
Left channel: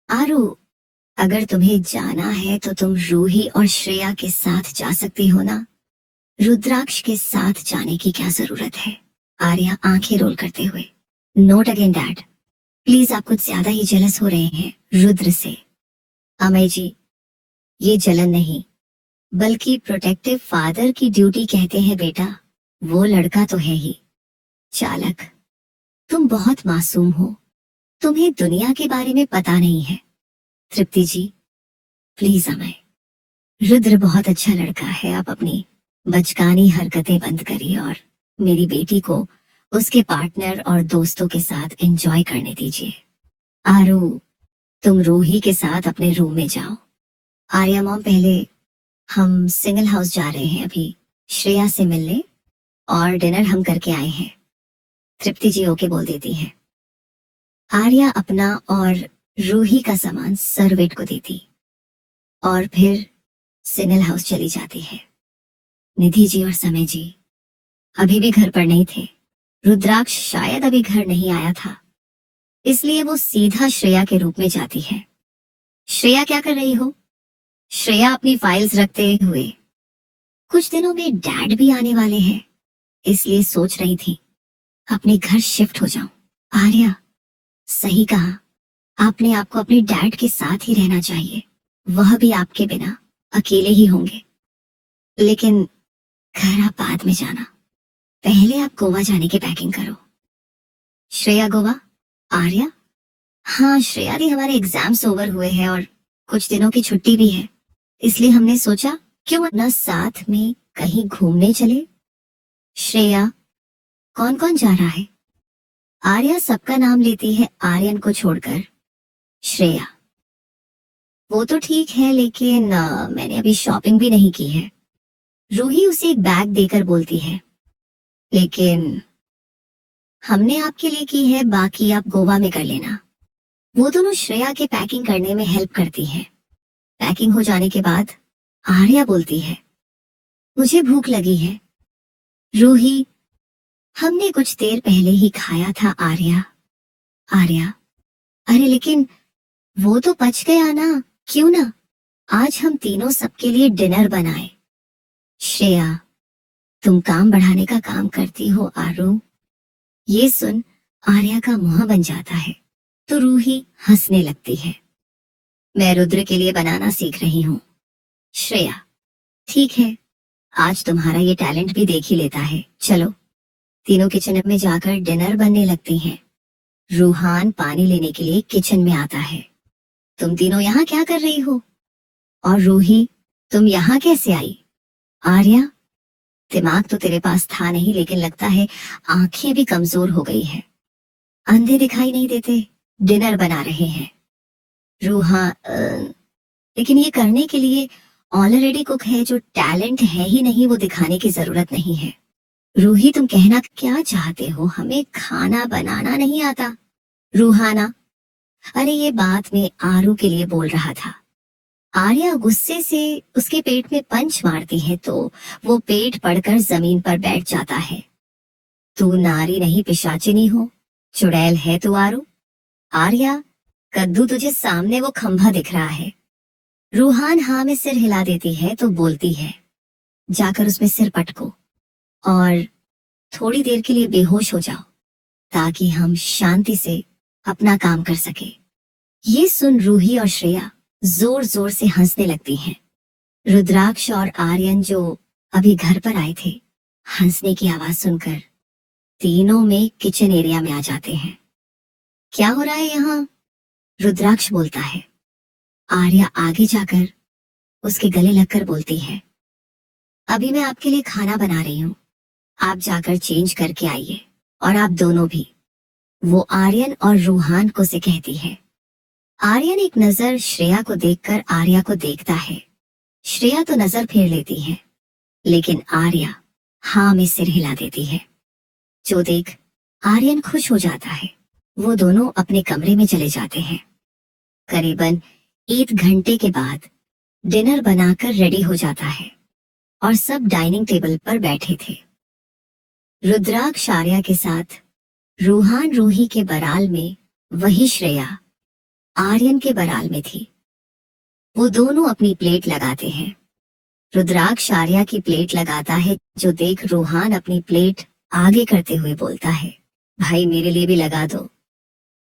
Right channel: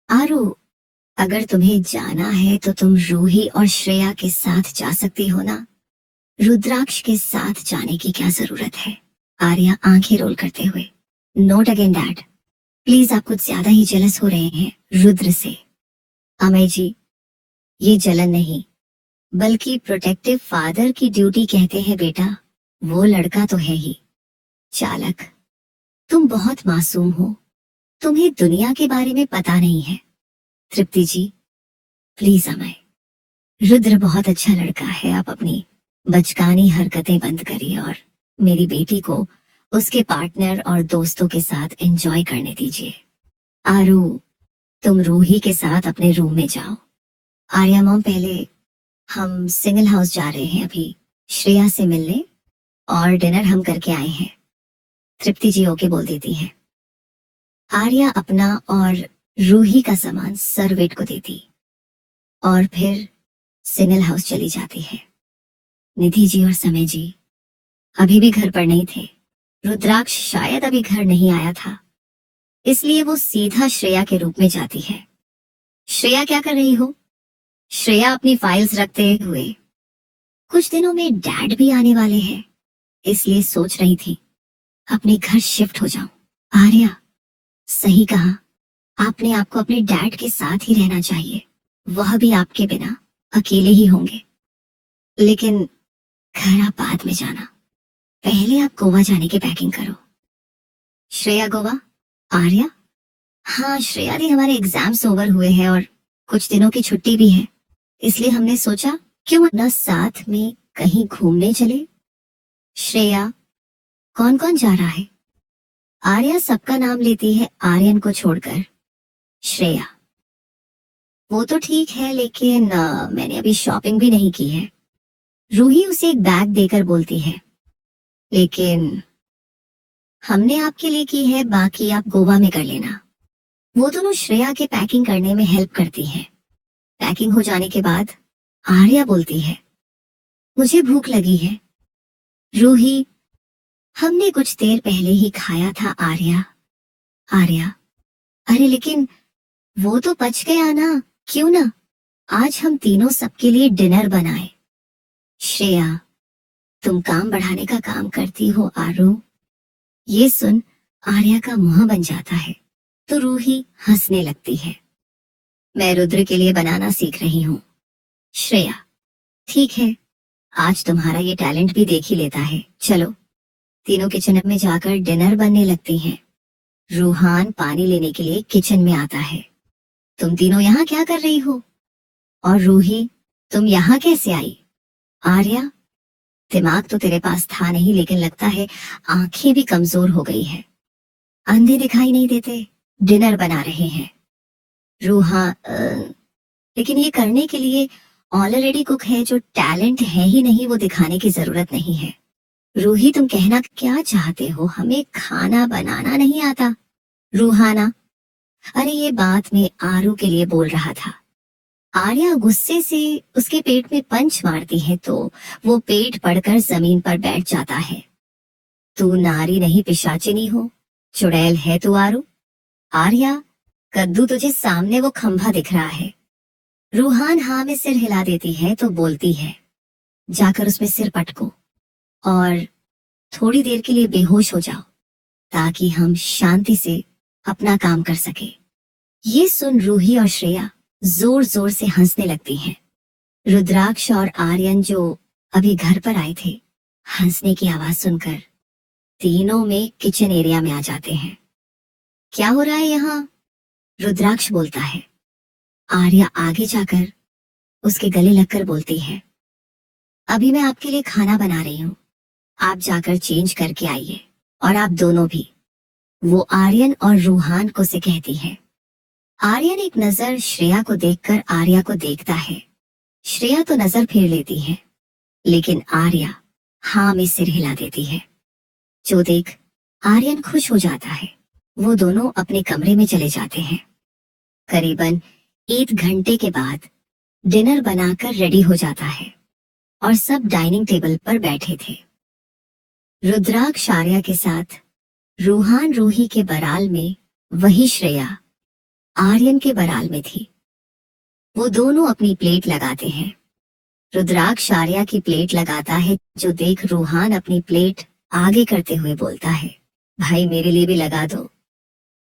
आरू, अगर तुम्हें जाना है तो तुम रूही और श्रेया के साथ जा सकती हो ना। रुद्राक्ष के साथ जाने की क्या जरूरत है? आर्या आंखें रोल करते हुए, नोट अगेन डैड, प्लीज आप कुछ ज्यादा ही जेलस हो रहे हैं रुद्र से। अमय जी, ये जलन नहीं बल्कि प्रोटेक्टिव फादर की ड्यूटी कहते हैं बेटा। वो लड़का तो है ही चालक। तुम बहुत मासूम हो, तुम्हें दुनिया के बारे में पता नहीं है। तृप्ति जी, प्लीज अमय, रुद्र बहुत अच्छा लड़का है, आप अपनी बचकानी हरकतें बंद करिए और मेरी बेटी को उसके पार्टनर और दोस्तों के साथ एंजॉय करने दीजिए। आरू, तुम रूही के साथ अपने रूम में जाओ। आर्या मॉम, पहले हम सिंगल हाउस जा रहे हैं अभी श्रेया से मिलने और डिनर हम करके आए हैं। तृप्ति जी ओके बोल देती है। आर्या अपना और रूही का सामान सर्वेंट को देती और फिर सिंगल हाउस चली जाती है। निधि जी और समय जी अभी भी घर पर नहीं थे। रुद्राक्ष शायद अभी घर नहीं आया था, इसलिए वो सीधा श्रेया के रूप में जाती है। श्रेया, क्या कर रही हो? श्रेया अपनी फाइल्स रखते हुए, कुछ दिनों में डैड भी आने वाले हैं, इसलिए सोच रही थी अपने घर शिफ्ट हो जाऊं। आर्या, सही कहा, आपने आपको अपने डैड के साथ ही रहना चाहिए, वह भी आपके बिना अकेले ही होंगे। लेकिन घर आप बाद में जाना, पहले आप गोवा जाने की पैकिंग करो। श्रेया गोवा? आर्या, हाँ श्रेया दी, हमारे एग्जाम्स ओवर हुए हैं और कुछ दिनों की छुट्टी भी है, इसलिए हमने सोचा क्यों ना साथ में कहीं घूमने चले। श्रेया, कौन कौन जा रहा है? आर्या सबका नाम लेती है आर्यन को छोड़कर। श्रेया, वो तो ठीक है लेकिन मैंने अभी शॉपिंग भी नहीं की है। रूही उसे एक बैग देकर बोलती है, लेकिन हमने आपके लिए की है, बाकी आप गोवा में कर लेना। वो दोनों श्रेया के पैकिंग करने में हेल्प करती है। पैकिंग हो जाने के बाद आर्या बोलती है, मुझे भूख लगी है। रूही, हमने कुछ देर पहले ही खाया था। आर्या, आर्या, अरे लेकिन वो तो पच गया ना। क्यों ना आज हम तीनों सबके लिए डिनर बनाए। श्रेया, तुम काम बढ़ाने का काम करती हो आरू। ये सुन आर्या का मुंह बन जाता है तो रूही हंसने लगती है। मैं रुद्र के लिए बनाना सीख रही हूँ। श्रेया, ठीक है, आज तुम्हारा ये टैलेंट भी देख ही लेता है। चलो तीनों किचन में जाकर डिनर बनने लगती हैं। रूहान पानी लेने के लिए किचन में आता है। तुम तीनों यहाँ क्या कर रही हो? और रूही, तुम यहाँ कैसे आई? आर्या, दिमाग तो तेरे पास था नहीं, लेकिन लगता है आंखें भी कमजोर हो गई है। अंधे दिखाई नहीं देते, डिनर बना रहे हैं। रूहा, लेकिन ये करने के लिए ऑलरेडी कुक है। जो टैलेंट है ही नहीं वो दिखाने की जरूरत नहीं है। रूही, तुम कहना क्या चाहते हो? हमें खाना बनाना नहीं आता। रूहाना, अरे ये बात मैं आरू के लिए बोल रहा था। आर्या गुस्से से उसके पेट में पंच मारती है तो वो पेट पड़कर जमीन पर बैठ जाता है। तू नारी नहीं पिशाचिनी हो, चुड़ैल है तू आरू। आर्या, कद्दू तुझे सामने वो खंभा दिख रहा है। रूहान हाँ में सिर हिला देती है तो बोलती है, जाकर उसमें सिर पटको और थोड़ी देर के लिए बेहोश हो जाओ ताकि हम शांति से अपना काम कर सके। ये सुन रूही और श्रेया जोर जोर से हंसने लगती हैं। रुद्राक्ष और आर्यन जो अभी घर पर आए थे, हंसने की आवाज सुनकर तीनों में किचन एरिया में आ जाते हैं। क्या हो रहा है यहाँ? रुद्राक्ष बोलता है। आर्या आगे जाकर उसके गले लगकर बोलती है, अभी मैं आपके लिए खाना बना रही हूँ, आप जाकर चेंज करके आइए। और आप दोनों भी। वो आर्यन और रूहान को से कहती है। आर्यन एक नजर श्रेया को देखकर आर्या को देखता है। श्रेया तो नजर फेर लेती है, लेकिन आर्या हाँ में सिर हिला देती है। जो देख आर्यन खुश हो जाता है। वो दोनों अपने कमरे में चले जाते हैं। करीबन 1 घंटे के बाद डिनर बनाकर रेडी हो जाता है और सब डाइनिंग टेबल पर बैठे थे। रुद्राक्ष आर्या के साथ, रूहान रूही के बराल में, वही श्रेया आर्यन के बराल में थी। वो दोनों अपनी प्लेट लगाते हैं। रुद्राक्ष आर्या की प्लेट लगाता है, जो देख रूहान अपनी प्लेट आगे करते हुए बोलता है, भाई मेरे लिए भी लगा दो।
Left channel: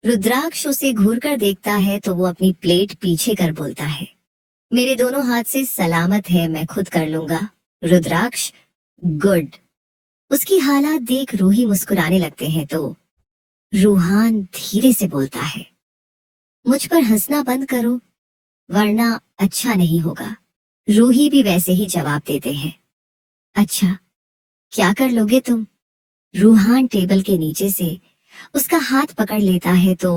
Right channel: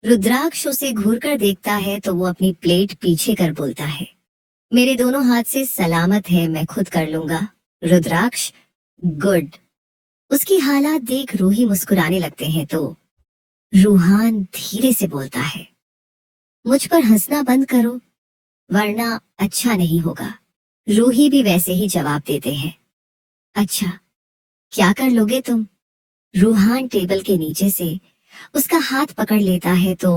रुद्राक्ष उसे घूर कर देखता है तो वो अपनी प्लेट पीछे कर बोलता है, मेरे दोनों हाथ से सलामत है, मैं खुद कर लूंगा। रुद्राक्ष, गुड। उसकी हालात देख रूही मुस्कुराने लगते हैं तो रूहान धीरे से बोलता है, मुझ पर हंसना बंद करो वरना अच्छा नहीं होगा। रूही भी वैसे ही जवाब देते हैं, अच्छा क्या कर लोगे तुम? रूहान टेबल के नीचे से उसका हाथ पकड़ लेता है तो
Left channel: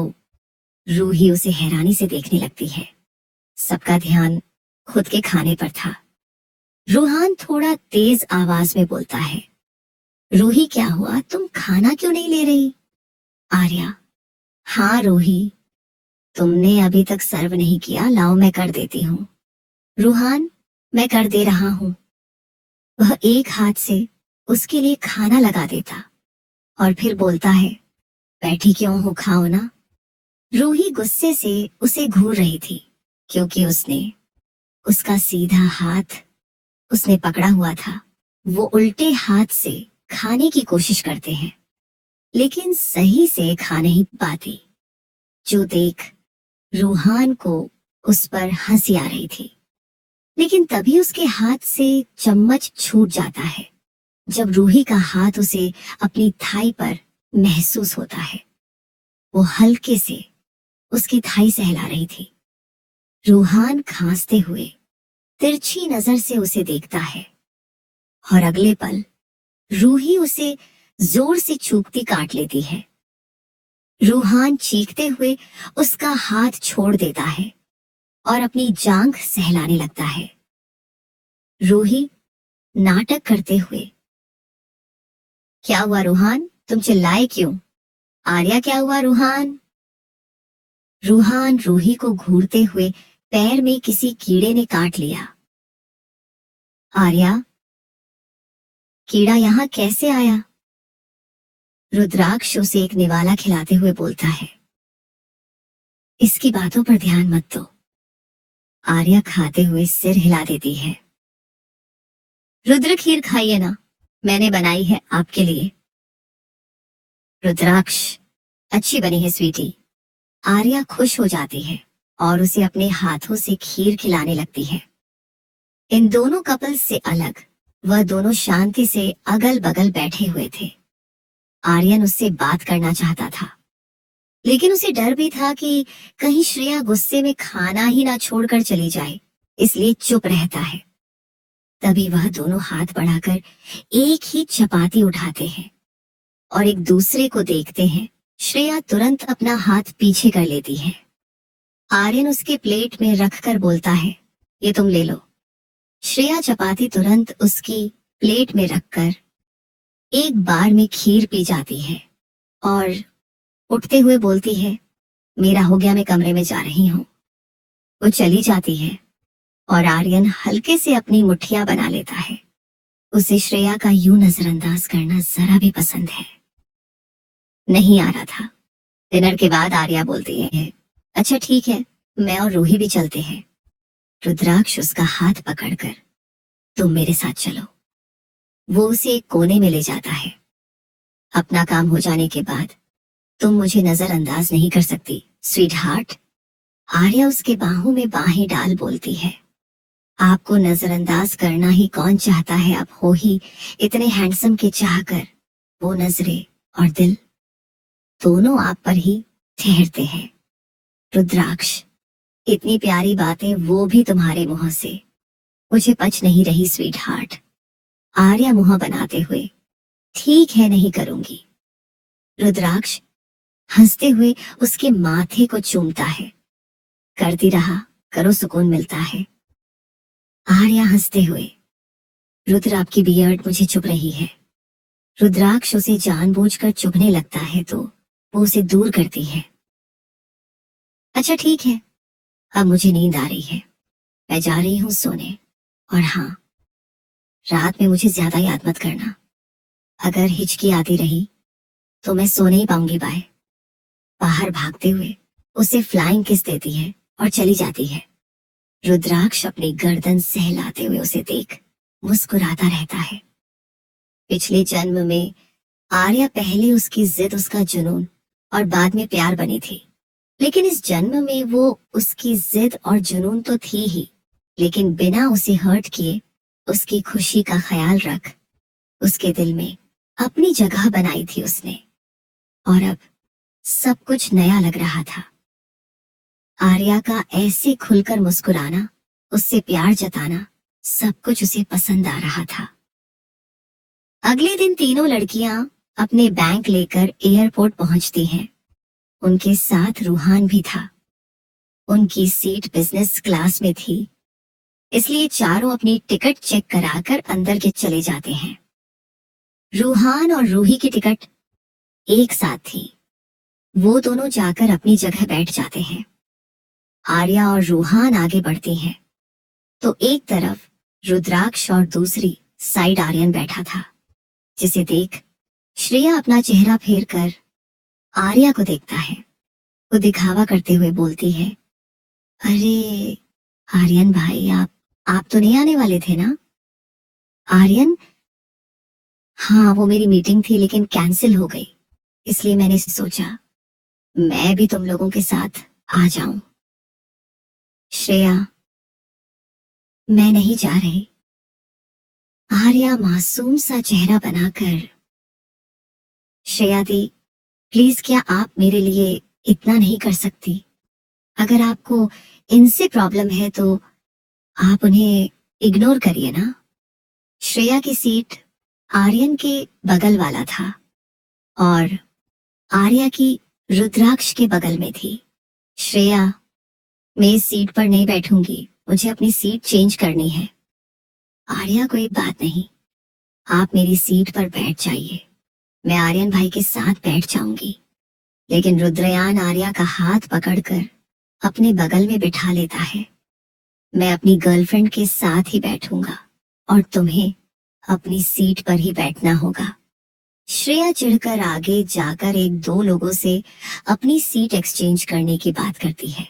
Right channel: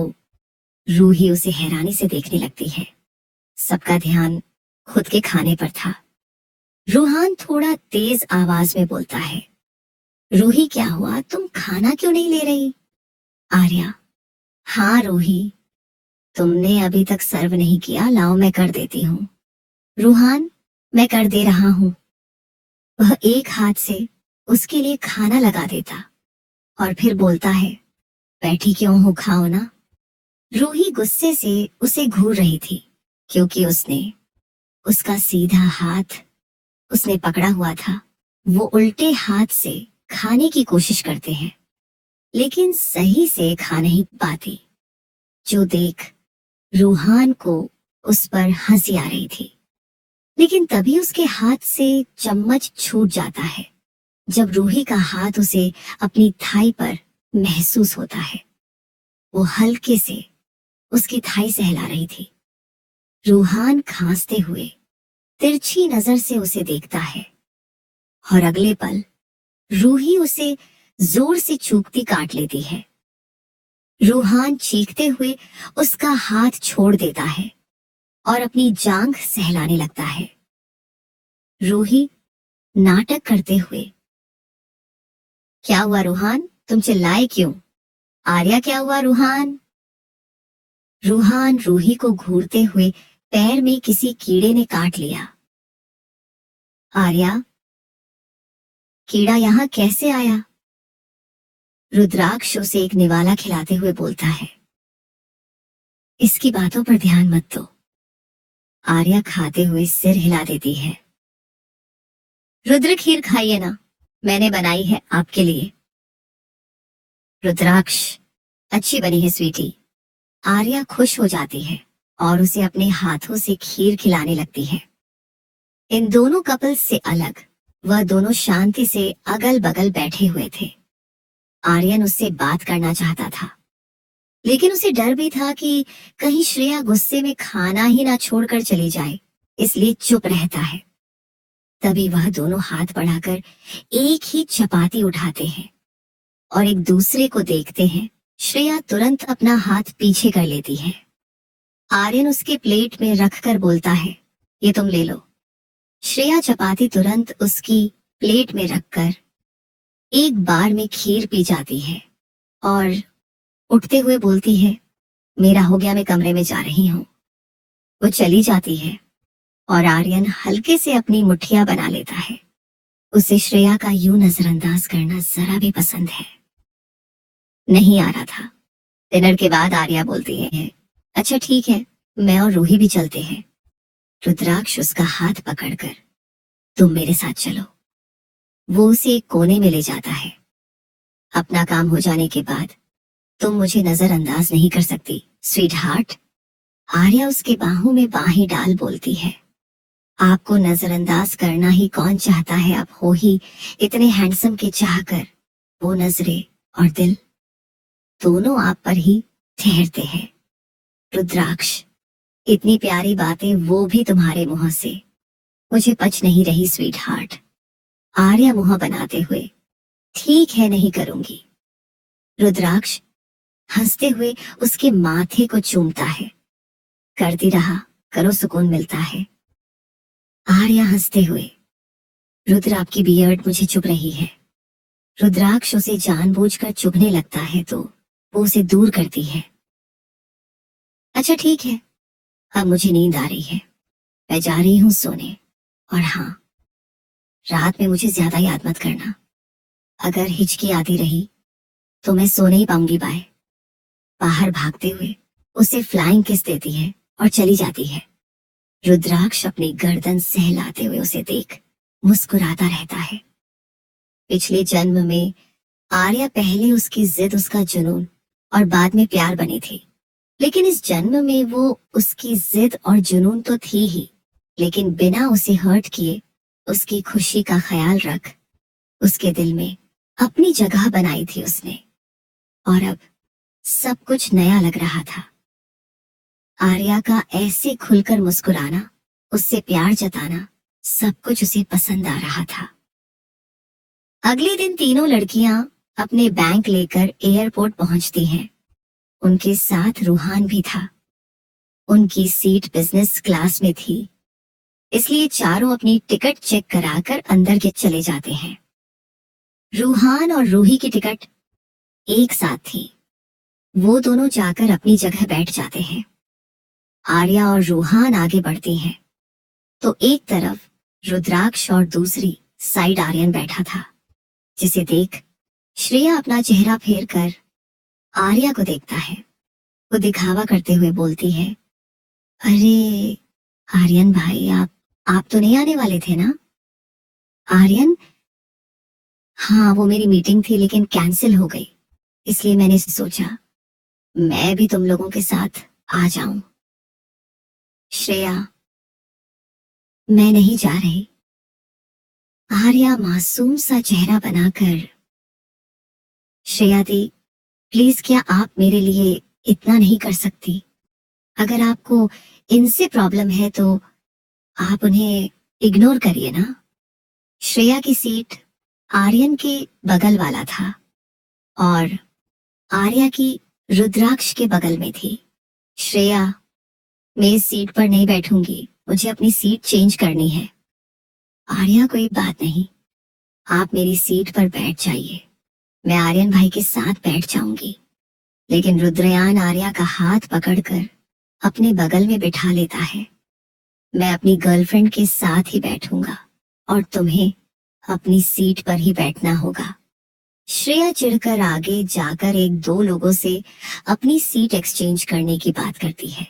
रूही उसे हैरानी से देखने लगती है। सबका ध्यान खुद के खाने पर था। रूहान थोड़ा तेज आवाज में बोलता है, रूही क्या हुआ, तुम खाना क्यों नहीं ले रही? आर्या, हाँ रूही, तुमने अभी तक सर्व नहीं किया, लाओ मैं कर देती हूँ। रूहान, मैं कर दे रहा हूँ। वह एक हाथ से उसके लिए खाना लगा देता और फिर बोलता है, बैठी क्यों हो, खाओ ना। रूही गुस्से से उसे घूर रही थी क्योंकि उसका सीधा हाथ उसने पकड़ा हुआ था। वो उल्टे हाथ से खाने की कोशिश करते हैं लेकिन सही से खा नहीं पाती। जो देख रूहान को उस पर हंसी आ रही थी, लेकिन तभी उसके हाथ से चम्मच छूट जाता है। जब रूही का हाथ उसे अपनी थाई पर महसूस होता है, वो हल्के से उसकी थाई सहला रही थी। रूहान खांसते हुए तिरछी नजर से उसे देखता है और अगले पल रूही उसे जोर से चूकती काट लेती है। रूहान चीखते हुए उसका हाथ छोड़ देता है और अपनी जांघ सहलाने लगता है। रूही नाटक करते हुए, क्या हुआ रूहान, तुम चिल्लाए क्यों? आर्या, क्या हुआ रूहान? रूहान रूही को घूरते हुए, पैर में किसी कीड़े ने काट लिया। आर्या, कीड़ा यहाँ कैसे आया? रुद्राक्ष उसे एक निवाला खिलाते हुए बोलता है। इसकी बातों पर ध्यान मत दो। आर्या खाते हुए सिर हिला देती है। रुद्र खीर खाइए ना, मैंने बनाई है आपके लिए। रुद्राक्ष, अच्छी बनी है स्वीटी। आर्या खुश हो जाती है और उसे अपने हाथों से खीर खिलाने लगती है। इन दोनों कपल से अलग वह दोनों शांति से अगल बगल बैठे हुए थे। आर्यन उससे बात करना चाहता था, लेकिन उसे डर भी था कि कहीं श्रेया गुस्से में खाना ही ना छोड़कर चली जाए, इसलिए चुप रहता है। तभी वह दोनों हाथ बढ़ाकर एक ही चपाती उठाते हैं और एक दूसरे को देखते हैं। श्रेया तुरंत अपना हाथ पीछे कर लेती है। आर्यन उसके प्लेट में रखकर बोलता है, ये तुम ले लो। श्रेया चपाती तुरंत उसकी प्लेट में रखकर एक बार में खीर पी जाती है और उठते हुए बोलती है, मेरा हो गया, मैं कमरे में जा रही हूँ। वो चली जाती है और आर्यन हल्के से अपनी मुट्ठियां बना लेता है। उसे श्रेया का यूं नजरअंदाज करना जरा भी पसंद है नहीं आ रहा था। डिनर के बाद आर्या बोलती है, अच्छा ठीक है, मैं और रूही भी चलते हैं। रुद्राक्ष उसका हाथ पकड़कर, तुम मेरे साथ चलो। वो उसे एक कोने में ले जाता है। अपना काम हो जाने के बाद तुम मुझे नजरअंदाज नहीं कर सकती स्वीट हार्ट। आर्या उसके बाहों में बाहें डाल बोलती है, आपको नजरअंदाज करना ही कौन चाहता है, आप हो ही इतने हैंडसम के चाहकर वो नजरें और दिल दोनों आप पर ही ठहरते हैं। रुद्राक्ष, इतनी प्यारी बातें वो भी तुम्हारे मुंह से, मुझे पच नहीं रही स्वीट हार्ट। आर्या मुंह बनाते हुए, ठीक है नहीं करूंगी। रुद्राक्ष हंसते हुए उसके माथे को चूमता है, करती रहा करो, सुकून मिलता है। आर्या हंसते हुए, रुद्र आपकी बियर्ड मुझे चुभ रही है। रुद्राक्ष उसे जानबूझकर चुभने लगता है तो वो उसे दूर करती है। अच्छा ठीक है, अब मुझे नींद आ रही है, मैं जा रही हूँ सोने। और हाँ, रात में मुझे ज्यादा याद मत करना, अगर हिचकी आती रही तो मैं सो नहीं पाऊंगी। बाय। बाहर भागते हुए उसे फ्लाइंग किस देती है और चली जाती है। रुद्राक्ष अपनी गर्दन सहलाते हुए उसे देख मुस्कुराता रहता है। पिछले जन्म में आर्या पहले उसकी जिद, उसका जुनून और बाद में प्यार बनी थी, लेकिन इस जन्म में वो उसकी जिद और जुनून तो थी ही, लेकिन बिना उसे हर्ट किए उसकी खुशी का ख्याल रख उसके दिल में अपनी जगह बनाई थी उसने। और अब सब कुछ नया लग रहा था। आर्या का ऐसे खुलकर मुस्कुराना, उससे प्यार जताना, सब कुछ उसे पसंद आ रहा था। अगले दिन तीनों लड़कियां अपने बैंक लेकर एयरपोर्ट पहुंचती हैं। उनके साथ रूहान भी था। उनकी सीट बिजनेस क्लास में थी, इसलिए चारों अपनी टिकट चेक कराकर अंदर के चले जाते हैं। रूहान और रूही की टिकट एक साथ थी। वो दोनों जाकर अपनी जगह बैठ जाते हैं। आर्या और रूहान आगे बढ़ती हैं, तो एक तरफ रुद्राक्ष और दूसरी साइड आर्यन बैठा था, जिसे देख श्रेया अपना चेहरा फेर कर आर्या को देखता है। वो दिखावा करते हुए बोलती है, अरे आर्यन भाई, आप तो नहीं आने वाले थे ना? आर्यन, हाँ वो मेरी मीटिंग थी लेकिन कैंसिल हो गई, इसलिए मैंने सोचा मैं भी तुम लोगों के साथ आ जाऊं। श्रेया, मैं नहीं जा रही। आर्या मासूम सा चेहरा बनाकर, श्रेया दी प्लीज, क्या आप मेरे लिए इतना नहीं कर सकती? अगर आपको इनसे प्रॉब्लम है तो आप उन्हें इग्नोर करिए ना। श्रेया की सीट आर्यन के बगल वाला था और आर्या की रुद्राक्ष के बगल में थी। श्रेया, मैं इस सीट पर नहीं बैठूंगी, मुझे अपनी सीट चेंज करनी है। आर्या, कोई बात नहीं, आप मेरी सीट पर बैठ जाइए, मैं आर्यन भाई के साथ बैठ जाऊंगी। लेकिन रुद्रयान आर्या का हाथ पकड़कर अपने बगल में बिठा लेता है। मैं अपनी गर्लफ्रेंड के साथ ही बैठूंगा और तुम्हें अपनी सीट पर ही बैठना होगा। श्रेया चिढ़कर आगे जाकर एक दो लोगों से अपनी सीट एक्सचेंज करने की बात करती है,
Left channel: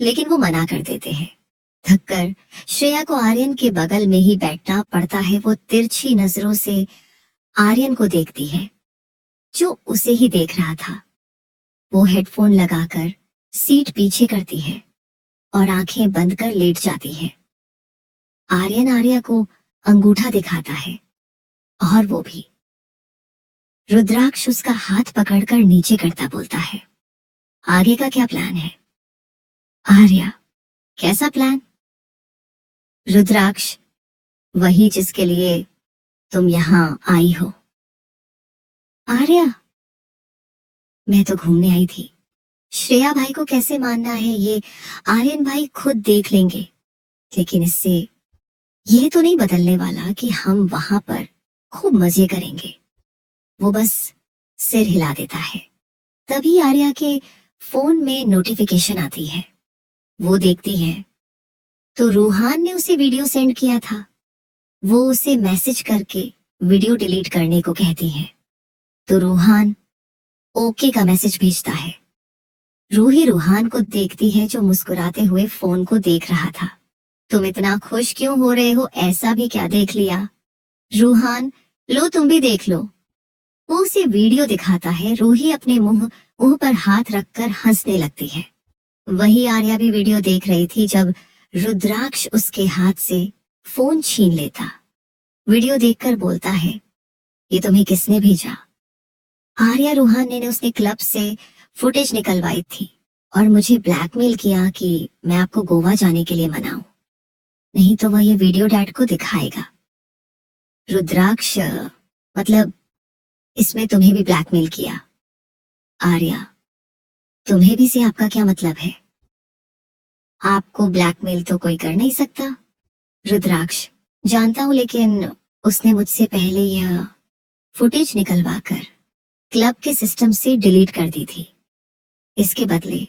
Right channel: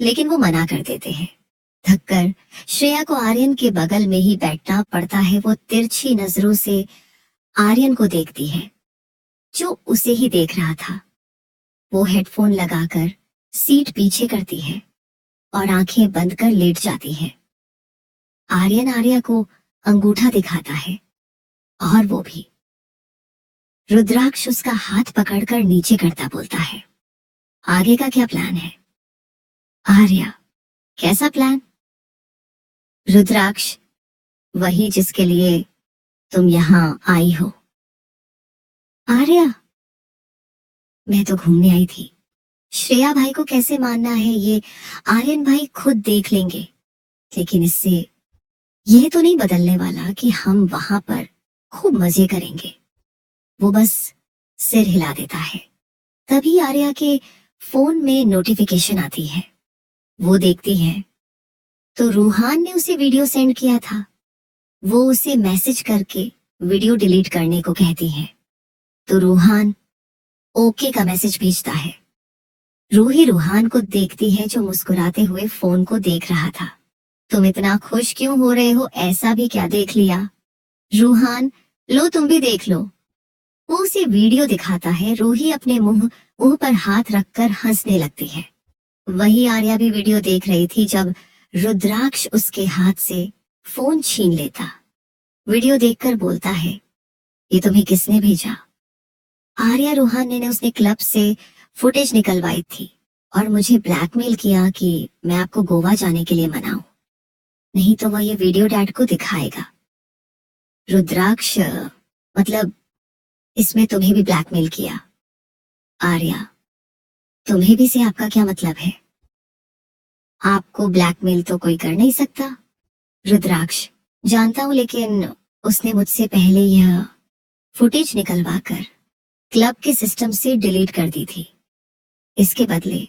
लेकिन वो मना कर देते हैं। थककर श्रेया को आर्यन के बगल में ही बैठना पड़ता है। वो तिरछी नजरों से आर्यन को देखती है, जो उसे ही देख रहा था। वो हेडफोन लगाकर सीट पीछे करती है और आंखें बंद कर लेट जाती है। आर्यन आर्या को अंगूठा दिखाता है और वो भी। रुद्राक्ष उसका हाथ पकड़कर नीचे करता बोलता है, आगे का क्या प्लान है? आर्या, कैसा प्लान? रुद्राक्ष, वही जिसके लिए तुम यहां आई हो। आर्या, मैं तो घूमने आई थी। श्रेया भाई को कैसे मानना है ये आर्यन भाई खुद देख लेंगे, लेकिन इससे यह तो नहीं बदलने वाला कि हम वहां पर खूब मजे करेंगे। वो बस सिर हिला देता है। तभी आर्या के फोन में नोटिफिकेशन आती है। वो देखती है तो रूहान ने उसे वीडियो सेंड किया था। वो उसे मैसेज करके वीडियो डिलीट करने को कहती है तो रूहान ओके का मैसेज भेजता है। रूही रूहान को देखती है जो मुस्कुराते हुए फोन को देख रहा था। तुम इतना खुश क्यों हो रहे हो? ऐसा भी क्या देख लिया? रूहान, लो तुम भी देख लो। वो उसे वीडियो दिखाता है। रूही अपने मुंह पर हाथ रखकर हंसने लगती है। वही आर्या भी वीडियो देख रही थी जब रुद्राक्ष उसके हाथ से फोन छीन लेता। वीडियो देखकर बोलता है, ये तुम्हें किसने भेजा? आर्या रूहान ने उसने क्लब से फुटेज निकलवाई थी और मुझे ब्लैकमेल किया कि मैं आपको गोवा जाने के लिए मनाऊं, नहीं तो वह ये वीडियो डैड को दिखाएगा। रुद्राक्ष, मतलब इसमें तुम्हें भी ब्लैकमेल किया? आर्या, तुम्हें भी से आपका क्या मतलब है? आपको ब्लैकमेल तो कोई कर नहीं सकता। रुद्राक्ष, जानता हूं, लेकिन उसने मुझसे पहले यह फुटेज निकलवा कर क्लब के सिस्टम से डिलीट कर दी थी। इसके बदले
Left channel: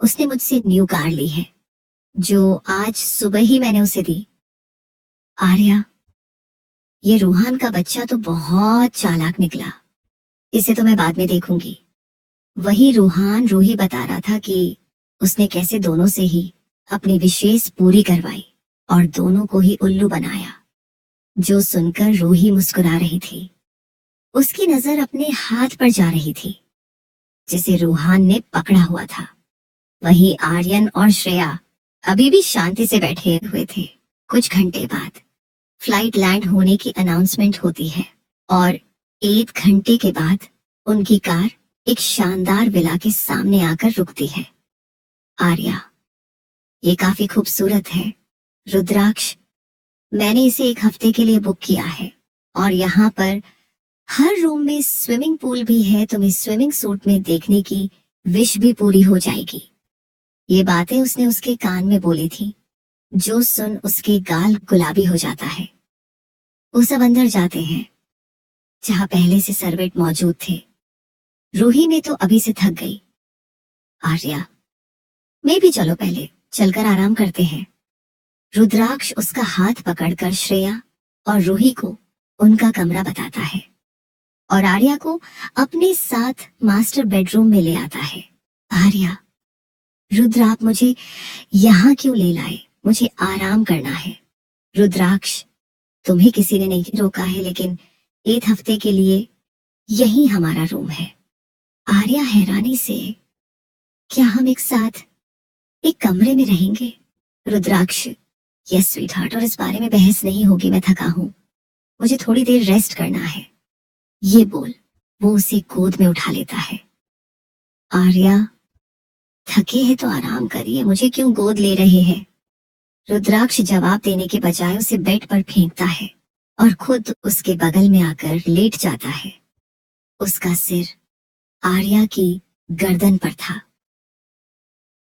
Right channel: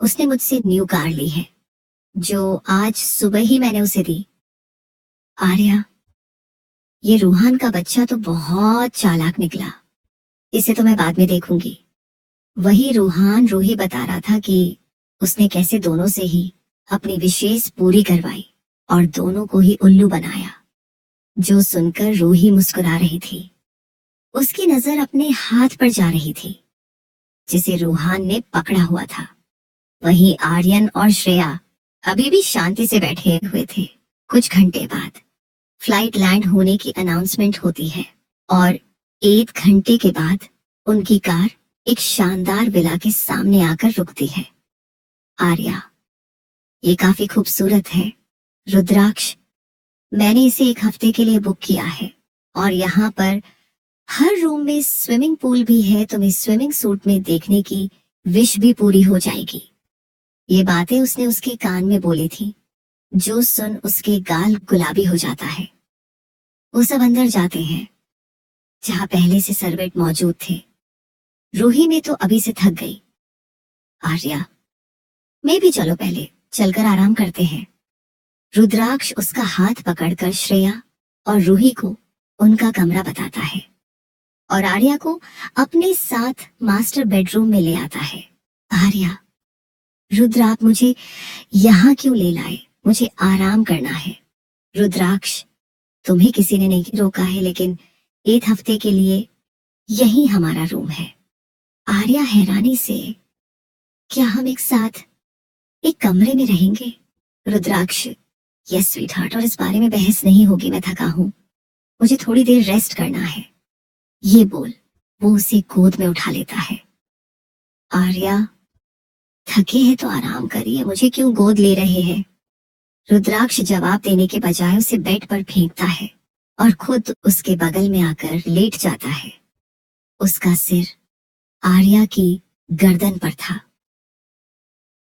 उसने मुझसे न्यू कार ली है, जो आज सुबह ही मैंने उसे दी। आर्या, ये रूहान का बच्चा तो बहुत चालाक निकला। इसे तो मैं बाद में देखूंगी। वही रूहान रूही बता रहा था कि उसने कैसे दोनों से ही अपनी विशेष पूरी करवाई और दोनों को ही उल्लू बनाया। जो सुनकर रूही मुस्कुरा रही थी। उसकी नजर अपने हाथ पर जा रही थी जिसे रूहान ने पकड़ा हुआ था। वही आर्यन और श्रेया अभी भी शांति से बैठे हुए थे। कुछ घंटे बाद फ्लाइट लैंड होने की अनाउंसमेंट होती है और 1 घंटे के बाद उनकी कार एक शानदार विला के सामने आकर रुकती है। आर्या, ये काफी खूबसूरत है। रुद्राक्ष, मैंने इसे 1 हफ्ते के लिए बुक किया है और यहाँ पर हर रूम में स्विमिंग पूल भी है। तुम्हें स्विमिंग सूट में देखने की विश भी पूरी हो जाएगी। ये बातें उसने उसके कान में बोली थी, जो सुन उसके गाल गुलाबी हो जाता है। वो सब अंदर जाते हैं जहां पहले से सर्वेंट मौजूद थे। रूही में तो अभी से थक गई। आर्या, मैं भी चलो, पहले चलकर आराम करते हैं। रुद्राक्ष उसका हाथ पकड़कर श्रेया और रूही को उनका कमरा बताता है और आर्या को अपने साथ मास्टर बेडरूम में ले आता है। आर्या, रुद्र आप मुझे यहाँ क्यों ले लाए? मुझे आराम करना है। रुद्राक्ष, तुम्हें किसी ने नहीं रोका है, लेकिन 1 हफ्ते के लिए यही हमारा रूम है। आर्या हैरानी से, क्या हम एक साथ एक कमरे में रहेंगे? रुद्राक्ष, यस स्वीटहार्ट, और इस बारे में बहस नहीं होगी। मैं थका हूं, मुझे थोड़ी देर रेस्ट करना है। ये बोल वो उसे गोद में उठा लेता है। आर्या, थके हैं तो आराम करिए, मुझे क्यों गोद ले रहे हैं? रुद्राक्ष जवाब देने के बजाय उसे बेड पर फेंकता है और खुद उसके बगल में आकर लेट जाता है। उसका सिर आर्या की गर्दन पर था।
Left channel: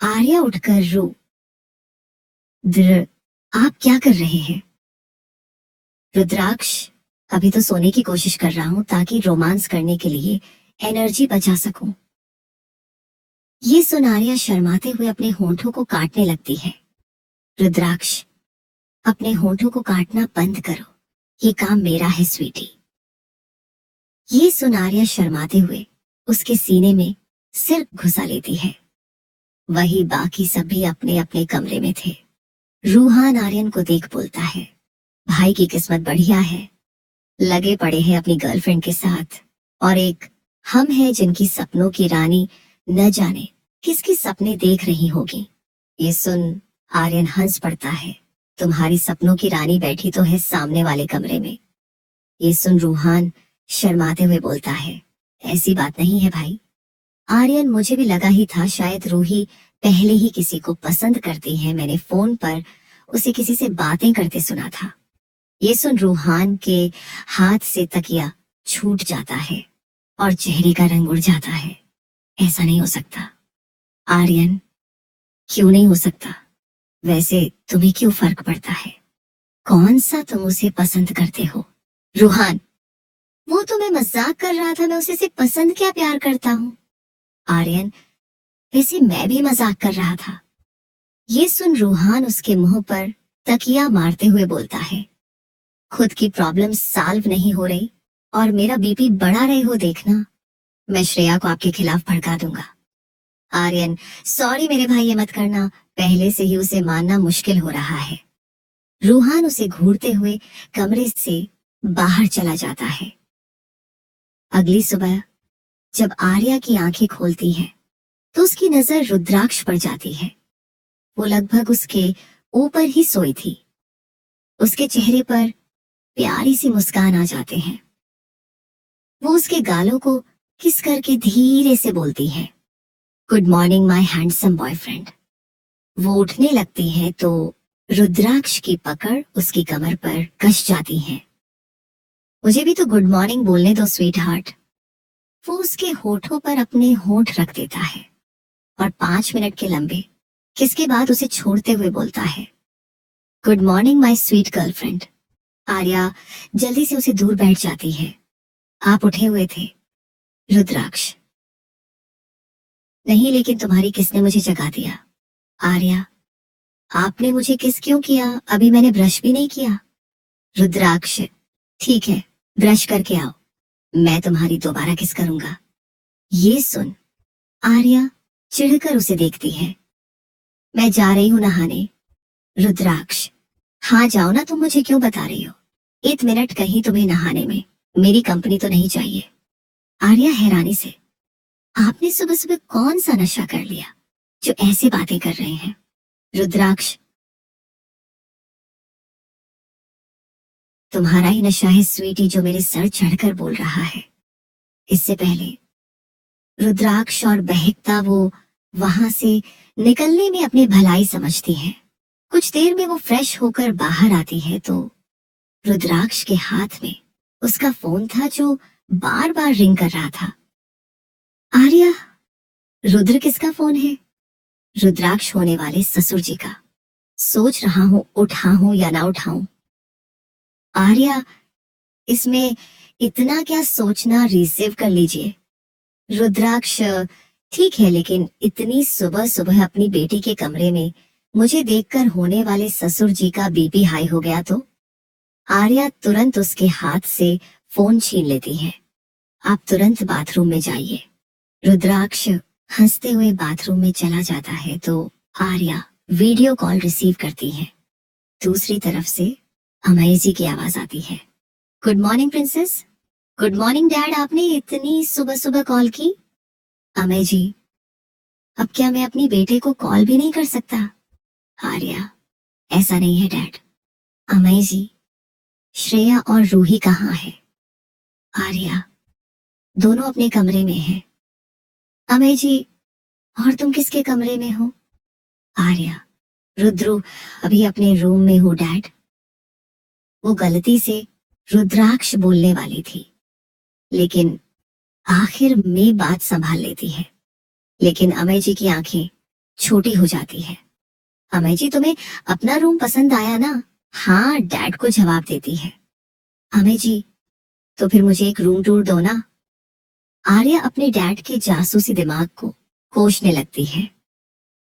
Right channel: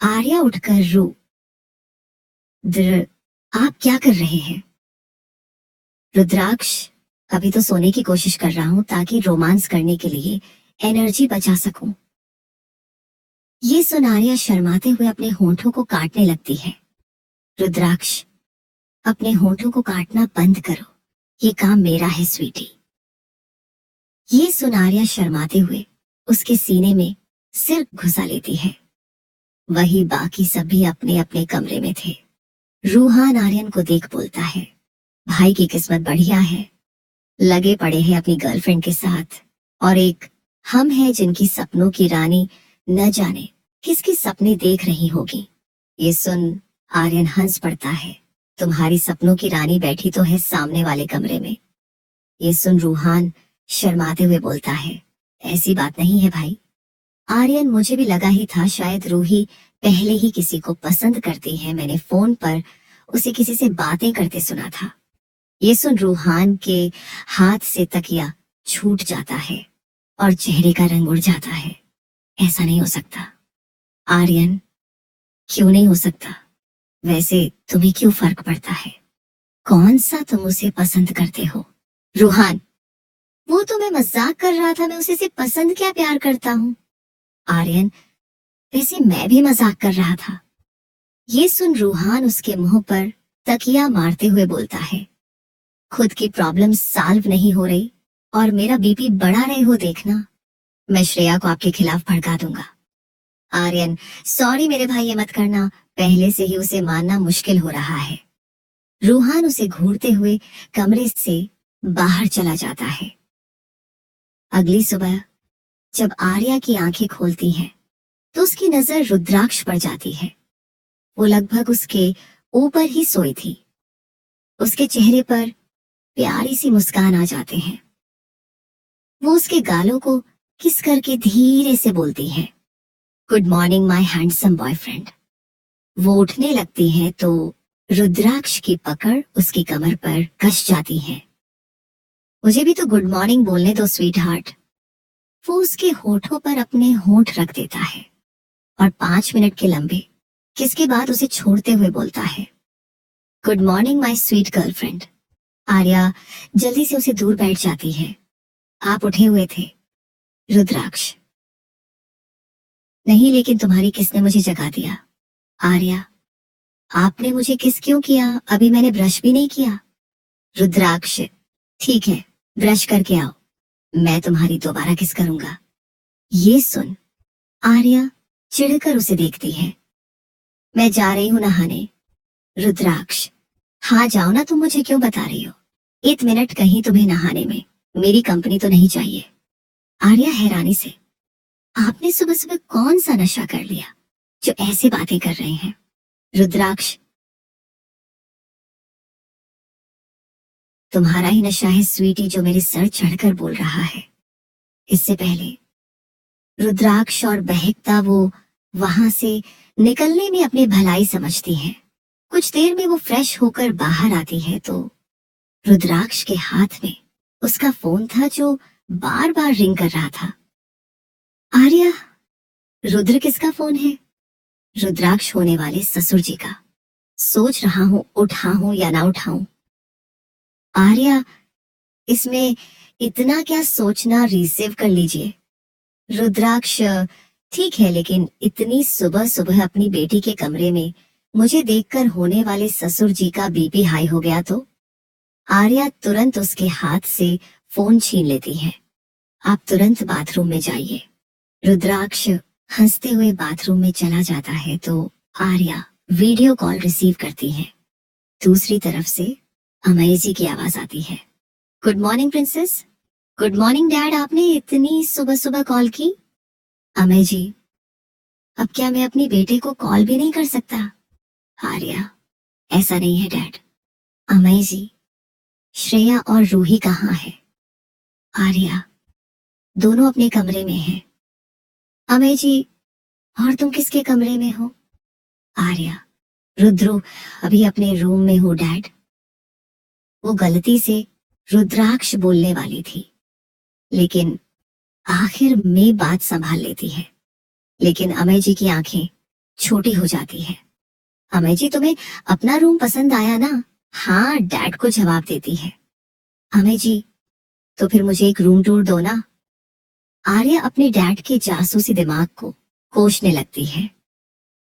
आर्या उठकर आप क्या कर रहे हैं? रुद्राक्ष, अभी तो सोने की कोशिश कर रहा हूं ताकि रोमांस करने के लिए एनर्जी बचा सकूं। ये सुन आर्या शर्माते हुए अपने होंठों को काटने लगती है। रुद्राक्ष, अपने होंठों को काटना बंद करो, ये काम मेरा है स्वीटी। ये सुन आर्या शर्माते हुए उसके सीने में सिर घुसा लेती है। वही बाकी सभी अपने अपने कमरे में थे। रूहान आर्यन को देख बोलता है, भाई की किस्मत बढ़िया है, लगे पड़े हैं अपनी गर्लफ्रेंड के साथ, और एक हम है जिनकी सपनों की रानी न जाने किसके सपने देख रही होगी। ये सुन आर्यन हंस पड़ता है, तुम्हारी सपनों की रानी बैठी तो है सामने वाले कमरे में। ये सुन रूहान शर्माते हुए बोलता है, ऐसी बात नहीं है भाई। आर्यन, मुझे भी लगा ही था शायद रूही पहले ही किसी को पसंद करती है, मैंने फोन पर उसे किसी से बातें करते सुना था। ये सुन रूहान के हाथ से तकिया छूट जाता है और चेहरे का रंग उड़ जाता है। ऐसा नहीं हो सकता आर्यन, क्यों नहीं हो सकता? वैसे तुम्हें क्यों फर्क पड़ता है? कौन सा तुम उसे पसंद करते हो? रूहान, वो तो मैं मजाक कर रहा था, मैं उसे सिर्फ पसंद क्या प्यार करता हूँ। आर्यन, वैसे मैं भी मजाक कर रहा था। ये सुन रूहान उसके मुंह पर तकिया मारते हुए बोलता है, खुद की प्रॉब्लम सॉल्व नहीं हो रही और मेरा बीपी बढ़ा रहे हो देखना, मैं श्रेया को आपके खिलाफ भड़का दूंगा। आर्यन, सॉरी मेरे भाई, ये मत करना, पहले से ही उसे मानना मुश्किल हो रहा है। रूहान उसे घूरते हुए कमरे से बाहर चला जाता है। अगली सुबह जब आर्या की आंखें खोलती हैं, तो उसकी नजर रुद्राक्ष पर जाती है। वो लगभग उसके ऊपर ही सोई थी। उसके चेहरे पर प्यारी सी मुस्कान आ जाते हैं। वो उसके गालों को किस करके धीरे से बोलती है, good morning my handsome boyfriend. वो उठने लगती है तो रुद्राक्ष की पकड़ उसकी कमर पर कस जाती है। मुझे भी तो गुड मॉर्निंग बोलने दो स्वीट हार्ट। वो उसके होठों पर अपने होठ रख देता है और 5 मिनट के लंबे किस के बाद उसे छोड़ते हुए बोलता है, good morning my sweet girlfriend. Arya जल्दी से उसे दूर बैठ जाती है। आप उठे हुए थे? रुद्राक्ष, नहीं, लेकिन तुम्हारी किस ने मुझे जगा दिया। आर्या, आपने मुझे किस क्यों किया? अभी मैंने ब्रश भी नहीं किया। रुद्राक्ष, ठीक है, ब्रश करके आओ, मैं तुम्हारी दोबारा किस करूंगा। ये सुन आर्या चिढ़कर उसे देखती है। मैं जा रही हूं नहाने। रुद्राक्ष, हाँ जाओ ना, तुम मुझे क्यों बता रही हो? 1 मिनट कहीं तुम्हें नहाने में, मेरी कंपनी तो नहीं चाहिए। आर्या हैरानी से, आपने सुबह सुबह कौन सा नशा कर लिया जो ऐसे बातें कर रहे हैं? रुद्राक्ष, तुम्हारा ही नशा है स्वीटी जो मेरे सर चढ़कर बोल रहा है। इससे पहले रुद्राक्ष और बहकता वो वहां से निकलने में अपनी भलाई समझती है। कुछ देर में वो फ्रेश होकर बाहर आती है तो रुद्राक्ष के हाथ में उसका फोन था जो बार बार रिंग कर रहा था। आर्या, रुद्र किसका फोन है? रुद्राक्ष होने वाले ससुर जी का। सोच रहा हूं उठाऊं या ना उठाऊं। आर्या, इसमें इतना क्या सोचना, रिसीव कर लीजिए। रुद्राक्ष, ठीक है, लेकिन इतनी सुबह सुबह अपनी बेटी के कमरे में मुझे देखकर होने वाले ससुर जी का बीपी हाई हो गया तो? आर्या तुरंत उसके हाथ से फोन छीन लेती है। आप तुरंत बाथरूम में जाइए। रुद्राक्ष हंसते हुए बाथरूम में चला जाता है तो आर्या वीडियो कॉल रिसीव करती है। दूसरी तरफ से अमय जी की आवाज आती है, good morning princess. Good morning dad, आपने इतनी सुबह सुबह कॉल की? अमय जी, अब क्या मैं अपनी बेटे को कॉल भी नहीं कर सकता? आर्या, ऐसा नहीं है डैड। अमय जी, श्रेया और रूही कहाँ है? आर्या, दोनों अपने कमरे में हैं। अमय जी, और तुम किसके कमरे में हो? आर्या, रुद्रु, अभी अपने रूम में हूँ डैड। वो गलती से रुद्राक्ष बोलने वाली थी, लेकिन आखिर में बात संभाल लेती है। लेकिन अमय जी की आंखें छोटी हो जाती है। अमय जी, तुम्हें अपना रूम पसंद आया ना? हाँ, डैड को जवाब देती है। अमय जी, तो फिर मुझे एक रूम टूर दो ना। आर्या अपने डैड के जासूसी दिमाग को कोसने लगती है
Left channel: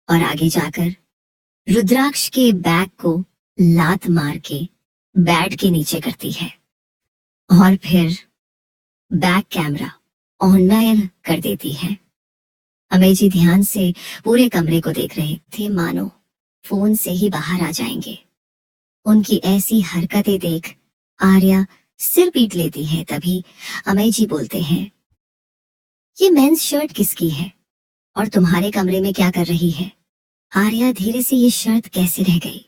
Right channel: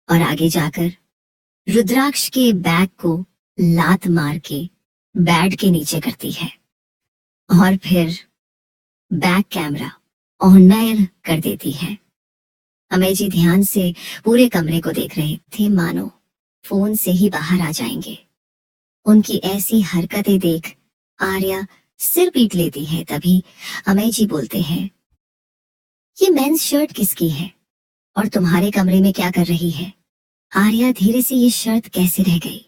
और आगे जाकर रुद्राक्ष के बैग को लात मार के बेड के नीचे करती है और फिर बैक कैमरा ऑन कर देती है। अमेजी ध्यान से पूरे कमरे को देख रहे थे, मानो फोन से ही बाहर आ जाएंगे। उनकी ऐसी हरकतें देख आर्या सिर पीट लेती है। तभी अमेजी बोलते हैं, ये मेंस शर्ट किसकी है और तुम्हारे कमरे में क्या कर रही है? आर्या धीरे से ये शर्ट कैसे रह गई?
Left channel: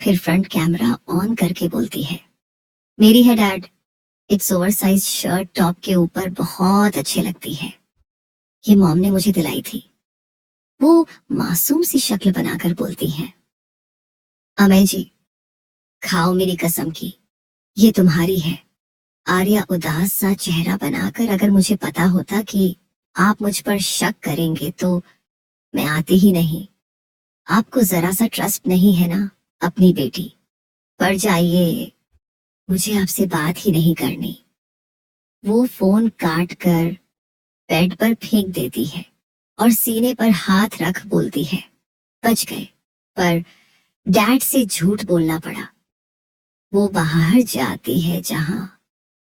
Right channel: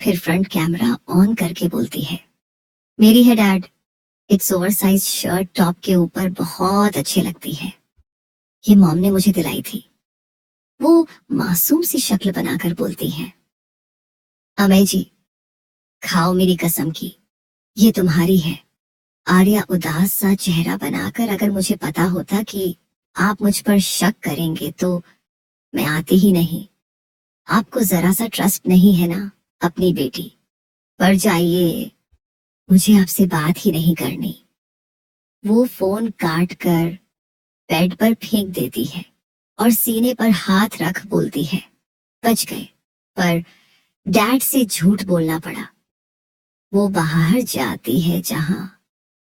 फिर फ्रंट कैमरा ऑन करके बोलती है, मेरी है dad. It's over size shirt top के ऊपर बहुत अच्छी लगती है। ये मॉम ने मुझे दिलाई थी। वो मासूम सी शक्ल बनाकर बोलती है, अमेजी खाओ मेरी कसम की, ये तुम्हारी है। आर्या उदास सा चेहरा बनाकर, अगर मुझे पता होता कि आप मुझ पर शक करेंगे तो मैं आती ही नहीं। आपको जरा सा ट्रस्ट नहीं है ना अपनी बेटी पर? जाइए, मुझे आपसे बात ही नहीं करनी। वो फोन काट कर बेड पर फेंक देती है और सीने पर हाथ रख बोलती है, बच गए। पर डैड से झूठ बोलना पड़ा। वो बाहर जाती है जहां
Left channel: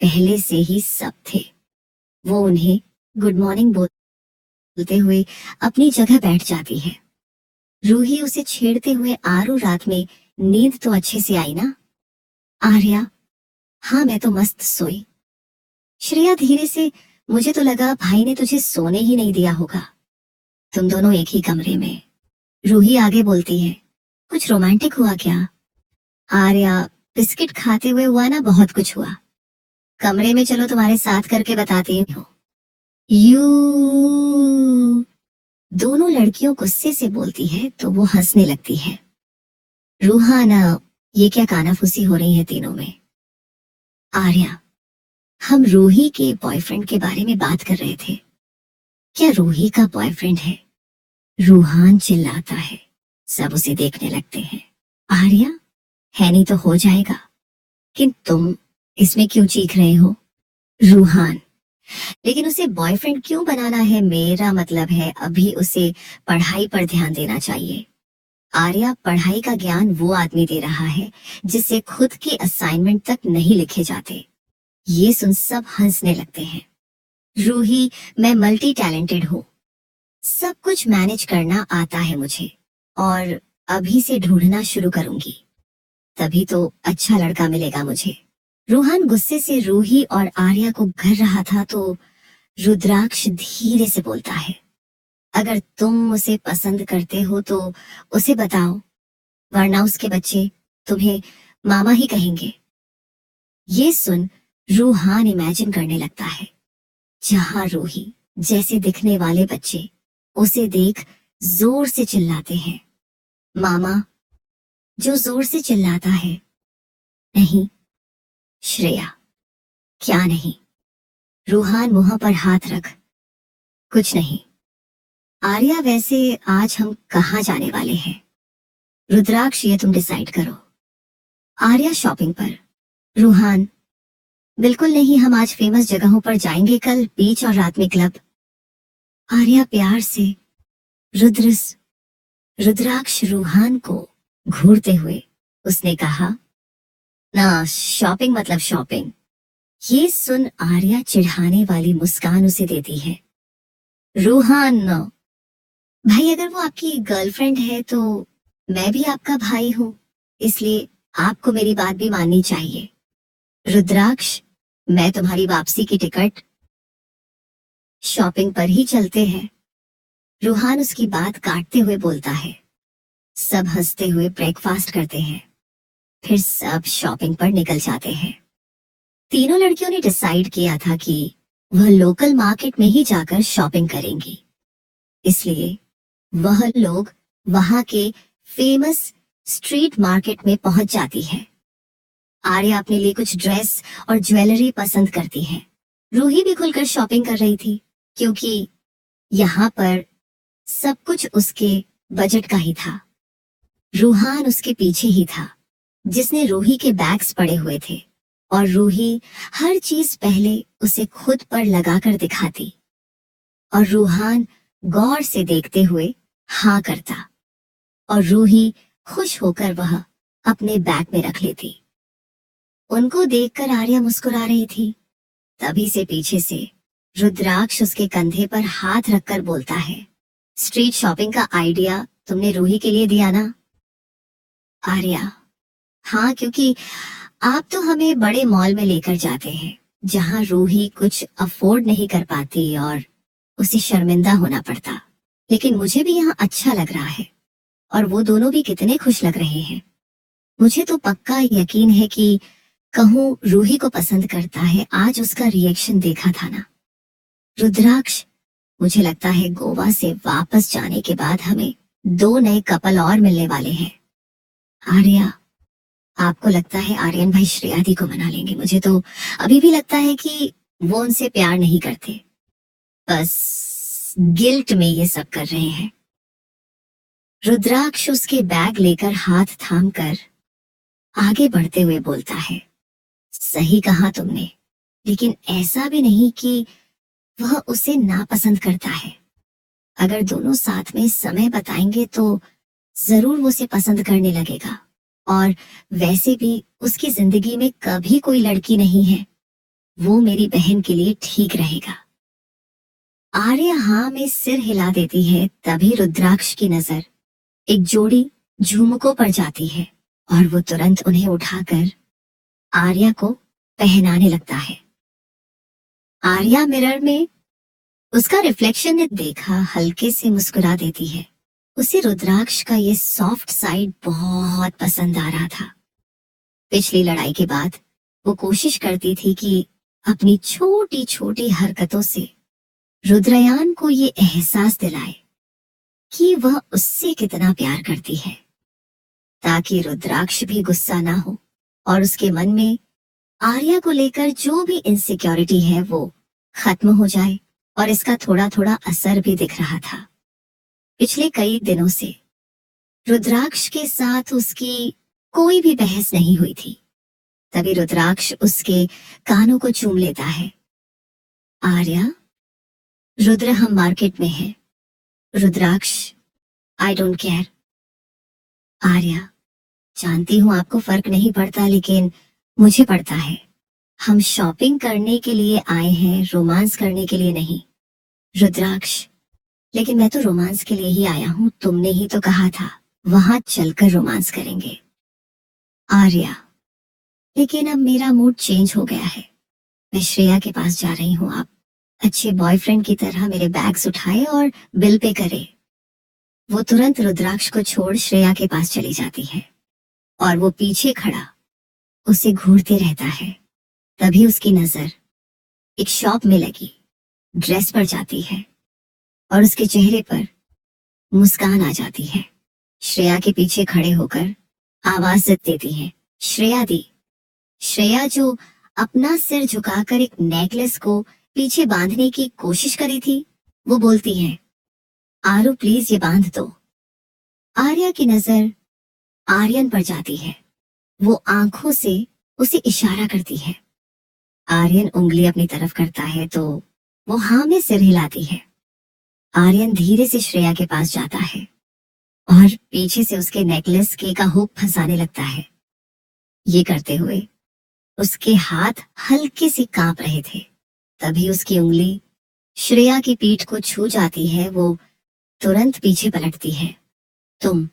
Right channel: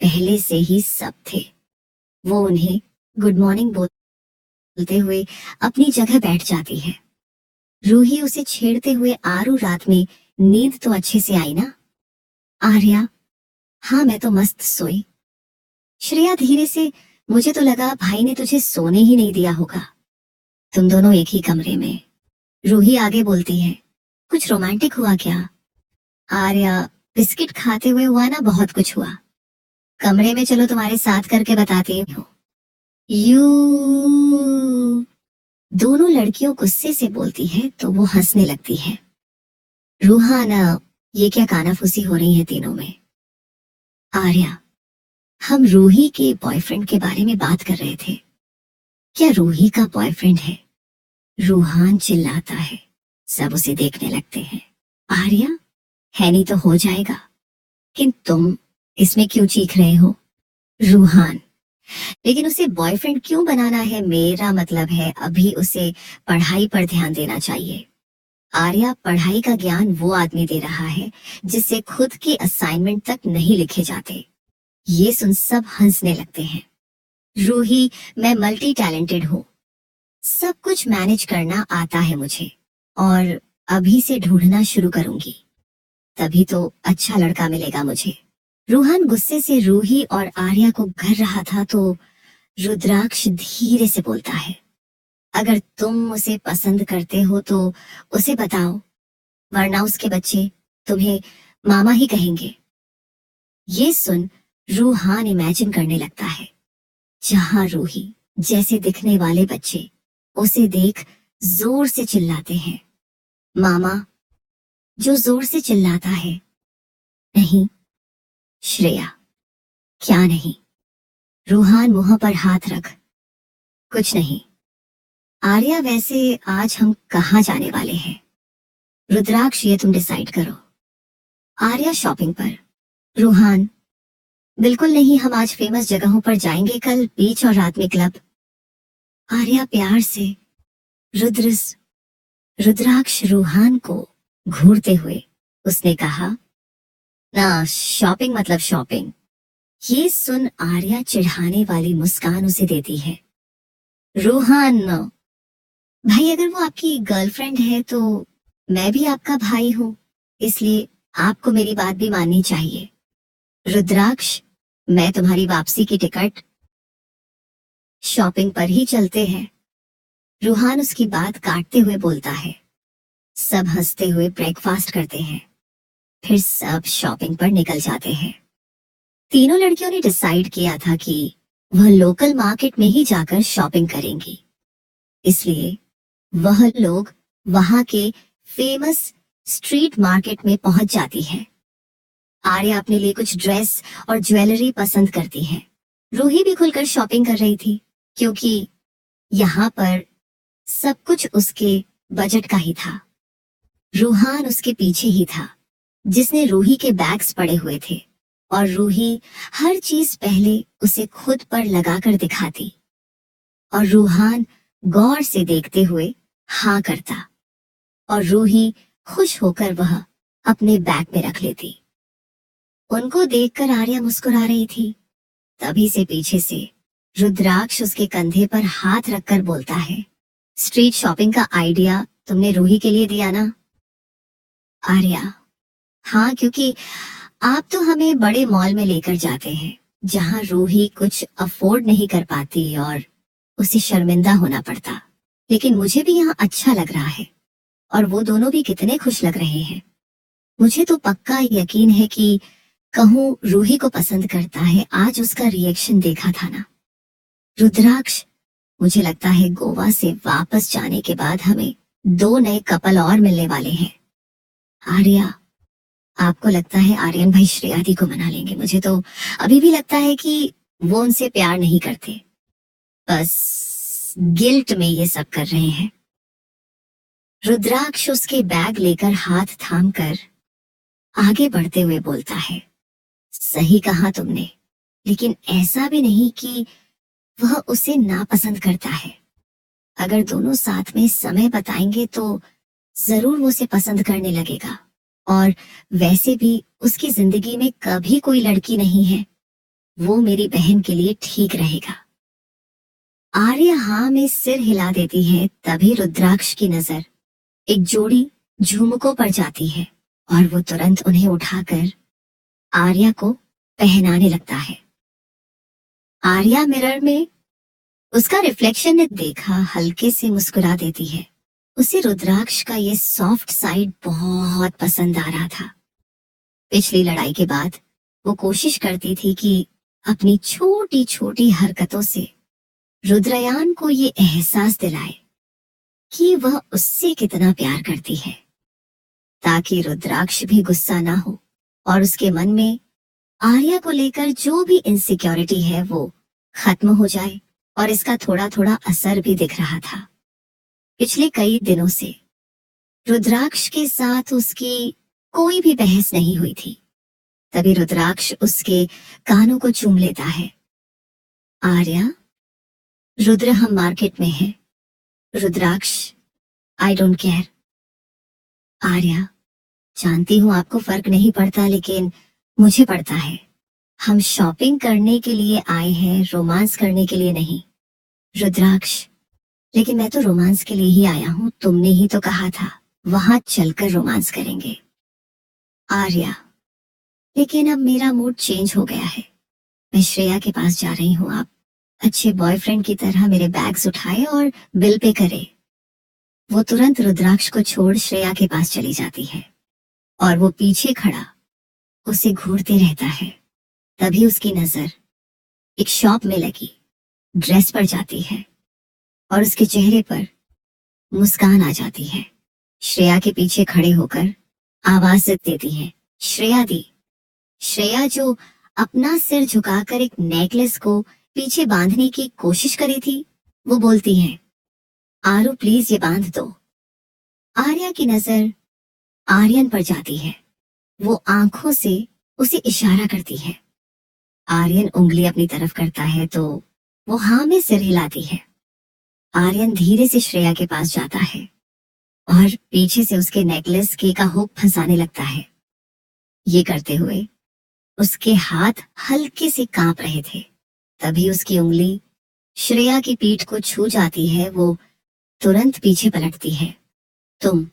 पहले से ही सब थे। वो उन्हें गुड मॉर्निंग बोलते हुए अपनी जगह बैठ जाती है। रूही उसे छेड़ते हुए, आरू रात में नींद तो अच्छे से आई ना? आर्या, हाँ मैं तो मस्त सोई। श्रेया धीरे से, मुझे तो लगा भाई ने तुझे सोने ही नहीं दिया होगा। तुम दोनों एक ही कमरे में। रूही आगे बोलती है, कुछ रोमांटिक हुआ क्या? आर्या, बिस्किट खाते हुए हुआ ना, बहुत कुछ हुआ। कमरे में चलो तुम्हारे साथ करके बताती हूँ। यू दोनों लड़कियों गुस्से से बोलती है तो वो हंसने लगती है। रूहाना, ये क्या कानाफूसी हो रही है तीनों में? आर्या, हम रूही के बॉयफ्रेंड के बारे में बात कर रहे थे। क्या रूही का बॉयफ्रेंड है? रूहान चिल्लाता है। सब उसे देखने लगते हैं। आर्या, है नहीं तो हो जाएगा, कि तुम इसमें क्यों चीख रहे हो? रूहान, लेकिन उसे बॉयफ्रेंड क्यों बनाना है? मेरा मतलब है अभी उसे पढ़ाई पर ध्यान देना चाहिए। आर्या, पढ़ाई का ज्ञान वो आदमी दे रहा है जिससे खुद के असाइनमेंट तक नहीं लिखे जाते। ये सुन सब हंसने लगते हैं। रूही, मैं मल्टी टैलेंटेड हूँ, सब कुछ मैनेज करना आता है मुझे, और अभी से ढूंढना शुरू करूंगी, तभी तो अच्छा लड़का मिलेगा मुझे। रूहान गुस्से से रूही और आर्या को घर रहा था तो रुद्राक्ष धीरे से बोलता है, अगर तुम उसे पसंद करते हो तो उसे बताओ, वरना उसके बच्चे तुम्हें मामा ही कहेंगे। ये सुन रूहान इमेजिन करने लगता है जहां रूही जैसे दिखने वाले बच्चे उसे देख जोर से चिल्लाते हैं, मामा। जो जोर से चिल्लाता है, नहीं श्रेया, क्या नहीं? रूहान मुंह पर हाथ रख, कुछ नहीं। आर्या, वैसे आज हम कहाँ जाने वाले हैं? रुद्राक्ष, ये तुम डिसाइड करो। आर्या, शॉपिंग पर। रूहान, बिल्कुल नहीं, हम आज फेमस जगहों पर जाएंगे, कल बीच और रात में क्लब। आर्या प्यार से। रुद्राक्ष रूहान को घूरते हुए उसने कहा, ना शॉपिंग मतलब शॉपिंग। ये सुन आर्या चिढ़ाने वाली मुस्कान उसे देती है। रूहान, भाई अगर वो आपकी गर्लफ्रेंड है तो मैं भी आपका भाई हूँ, इसलिए आपको मेरी बात भी माननी चाहिए। रुद्राक्ष, मैं तुम्हारी वापसी की टिकट, शॉपिंग पर ही चलते हैं। रूहान उसकी बात काटते हुए बोलता है। सब हंसते हुए ब्रेकफास्ट करते हैं, फिर सब शॉपिंग पर निकल जाते हैं। तीनों लड़कियों ने डिसाइड किया था कि वह लोकल मार्केट में ही जाकर शॉपिंग करेंगी, इसलिए वह लोग वहां के फेमस स्ट्रीट मार्केट में पहुंच जाती है। आर्या अपने लिए कुछ ड्रेस और ज्वेलरी पसंद करती है। रूही भी खुलकर शॉपिंग कर रही थी, क्योंकि यहाँ पर सब कुछ उसके बजट का ही था। रूहान उसके पीछे ही था, जिसने रूही के बैग्स पड़े हुए थे, और रूही हर चीज पहले उसे खुद पर लगाकर दिखाती, और रूहान गौर से देखते हुए हाँ करता, और रूही खुश होकर वह अपने बैग में रख लेती। उनको देखकर आर्या मुस्कुरा रही थी। तभी से पीछे से रुद्राक्ष उसके कंधे पर हाथ रखकर बोलता है, स्ट्रीट शॉपिंग का आइडिया तुमने रूही के लिए दिया ना? आर्या, हाँ, क्योंकि आप तो हमें बड़े मॉल में लेकर जाते हैं जहाँ रूही कुछ अफोर्ड नहीं कर पाती और उसे शर्मिंदा होना पड़ता। लेकिन मुझे भी यहाँ अच्छा लग रहा है और वो दोनों भी कितने खुश लग रहे हैं। मुझे तो पक्का यकीन है कि कहूँ रूही को पसंद करता है। आज उसका रिएक्शन देखा था ना। रुद्राक्ष, मुझे लगता है गोवा से वापस जाने के बाद हमें 2 नए कपल और मिलने वाले हैं। आर्या, आपको लगता है आर्यन भाई श्रेया दी को मना लेंगे? मुझे तो अभी भी लगता है कि वो उनसे प्यार नहीं करते, बस गिल्ट में ये सब कर रहे हैं। रुद्राक्ष उसके बैग लेकर हाथ थामकर आगे बढ़ते हुए बोलता है, सही कहा तुमने, लेकिन ऐसा भी नहीं कि वह उसे नापसंद करता है। अगर दोनों साथ में समय बताएंगे तो जरूर वो उसे पसंद करने लगेगा। और वैसे भी उसकी जिंदगी में कभी कोई लड़की नहीं है, वो मेरी बहन के लिए ठीक रहेगा। आर्या हाँ में सिर हिला देती है। तभी रुद्राक्ष की नजर एक जोड़ी झुमकों पर जाती है और वो तुरंत उन्हें उठाकर आर्या को पहनाने लगता है। आर्या मिरर में उसका रिफ्लेक्शन ने देखा, हल्के से मुस्कुरा देती है। उसे रुद्राक्ष का ये सॉफ्ट साइड बहुत पसंद आ रहा था। पिछली लड़ाई के बाद वो कोशिश करती थी कि अपनी छोटी छोटी हरकतों से रुद्रयान को ये एहसास दिलाए कि वह उससे कितना प्यार करती है, ताकि रुद्राक्ष भी गुस्सा ना हो और उसके मन में आर्या को लेकर जो भी इनसिक्योरिटी है वो खत्म हो जाए। और इसका थोड़ा थोड़ा असर भी दिख रहा था। पिछले कई दिनों से रुद्राक्ष के साथ उसकी कोई भी बहस नहीं हुई थी। तभी रुद्राक्ष उसके कानों को चूम लेता है। आर्या, रुद्र, हम मार्केट में हैं। रुद्राक्ष, आई डोंट केयर। आर्या, जानती हूँ आपको फर्क नहीं पड़ता, लेकिन मुझे पड़ता है। हम शॉपिंग करने के लिए आए हैं, रोमांस करने के लिए नहीं। रुद्राक्ष, लेकिन मैं तो रोमांस के लिए ही आया हूँ। तुमने ही तो कहा था वहां चलकर रोमांस करेंगे। आर्या, लेकिन अब मेरा मूड चेंज हो गया है। मैं श्रेया के पास जा रही हूँ। आप अच्छे बॉयफ्रेंड की तरह मेरे बैग्स उठाए और बिल पे करे। वो तुरंत रुद्राक्ष को छोड़ श्रेया के पास चली जाती है और वो पीछे खड़ा उसे घूरते रहता है। तभी उसकी नजर एक शॉप में लगी ड्रेस पर जाती है और उसके चेहरे पर मुस्कान आ जाती है। श्रेया के पीछे खड़े होकर आवाज देती है, श्रेया दी। श्रेया, जो अपना सिर झुकाकर एक नेकलेस को पीछे बांधने की कोशिश करी थी, वो बोलती है, आरू प्लीज ये बांध दो। आर्या की नजर आर्यन पर जाती है। वो आंखों से उसे इशारा करती है। आर्यन उंगली अपनी तरफ करता है तो वो हाँ में सिर हिलाती है। आर्यन धीरे से श्रेया के पास जाता है और पीछे से उसके नेकलेस का हुक फंसाने लगता है। ये करते हुए उसके हाथ हल्के से कांप रहे थे। तभी उसकी उंगली श्रेया की पीठ को छू जाती है। वो तुरंत पीछे पलटती है। तुम?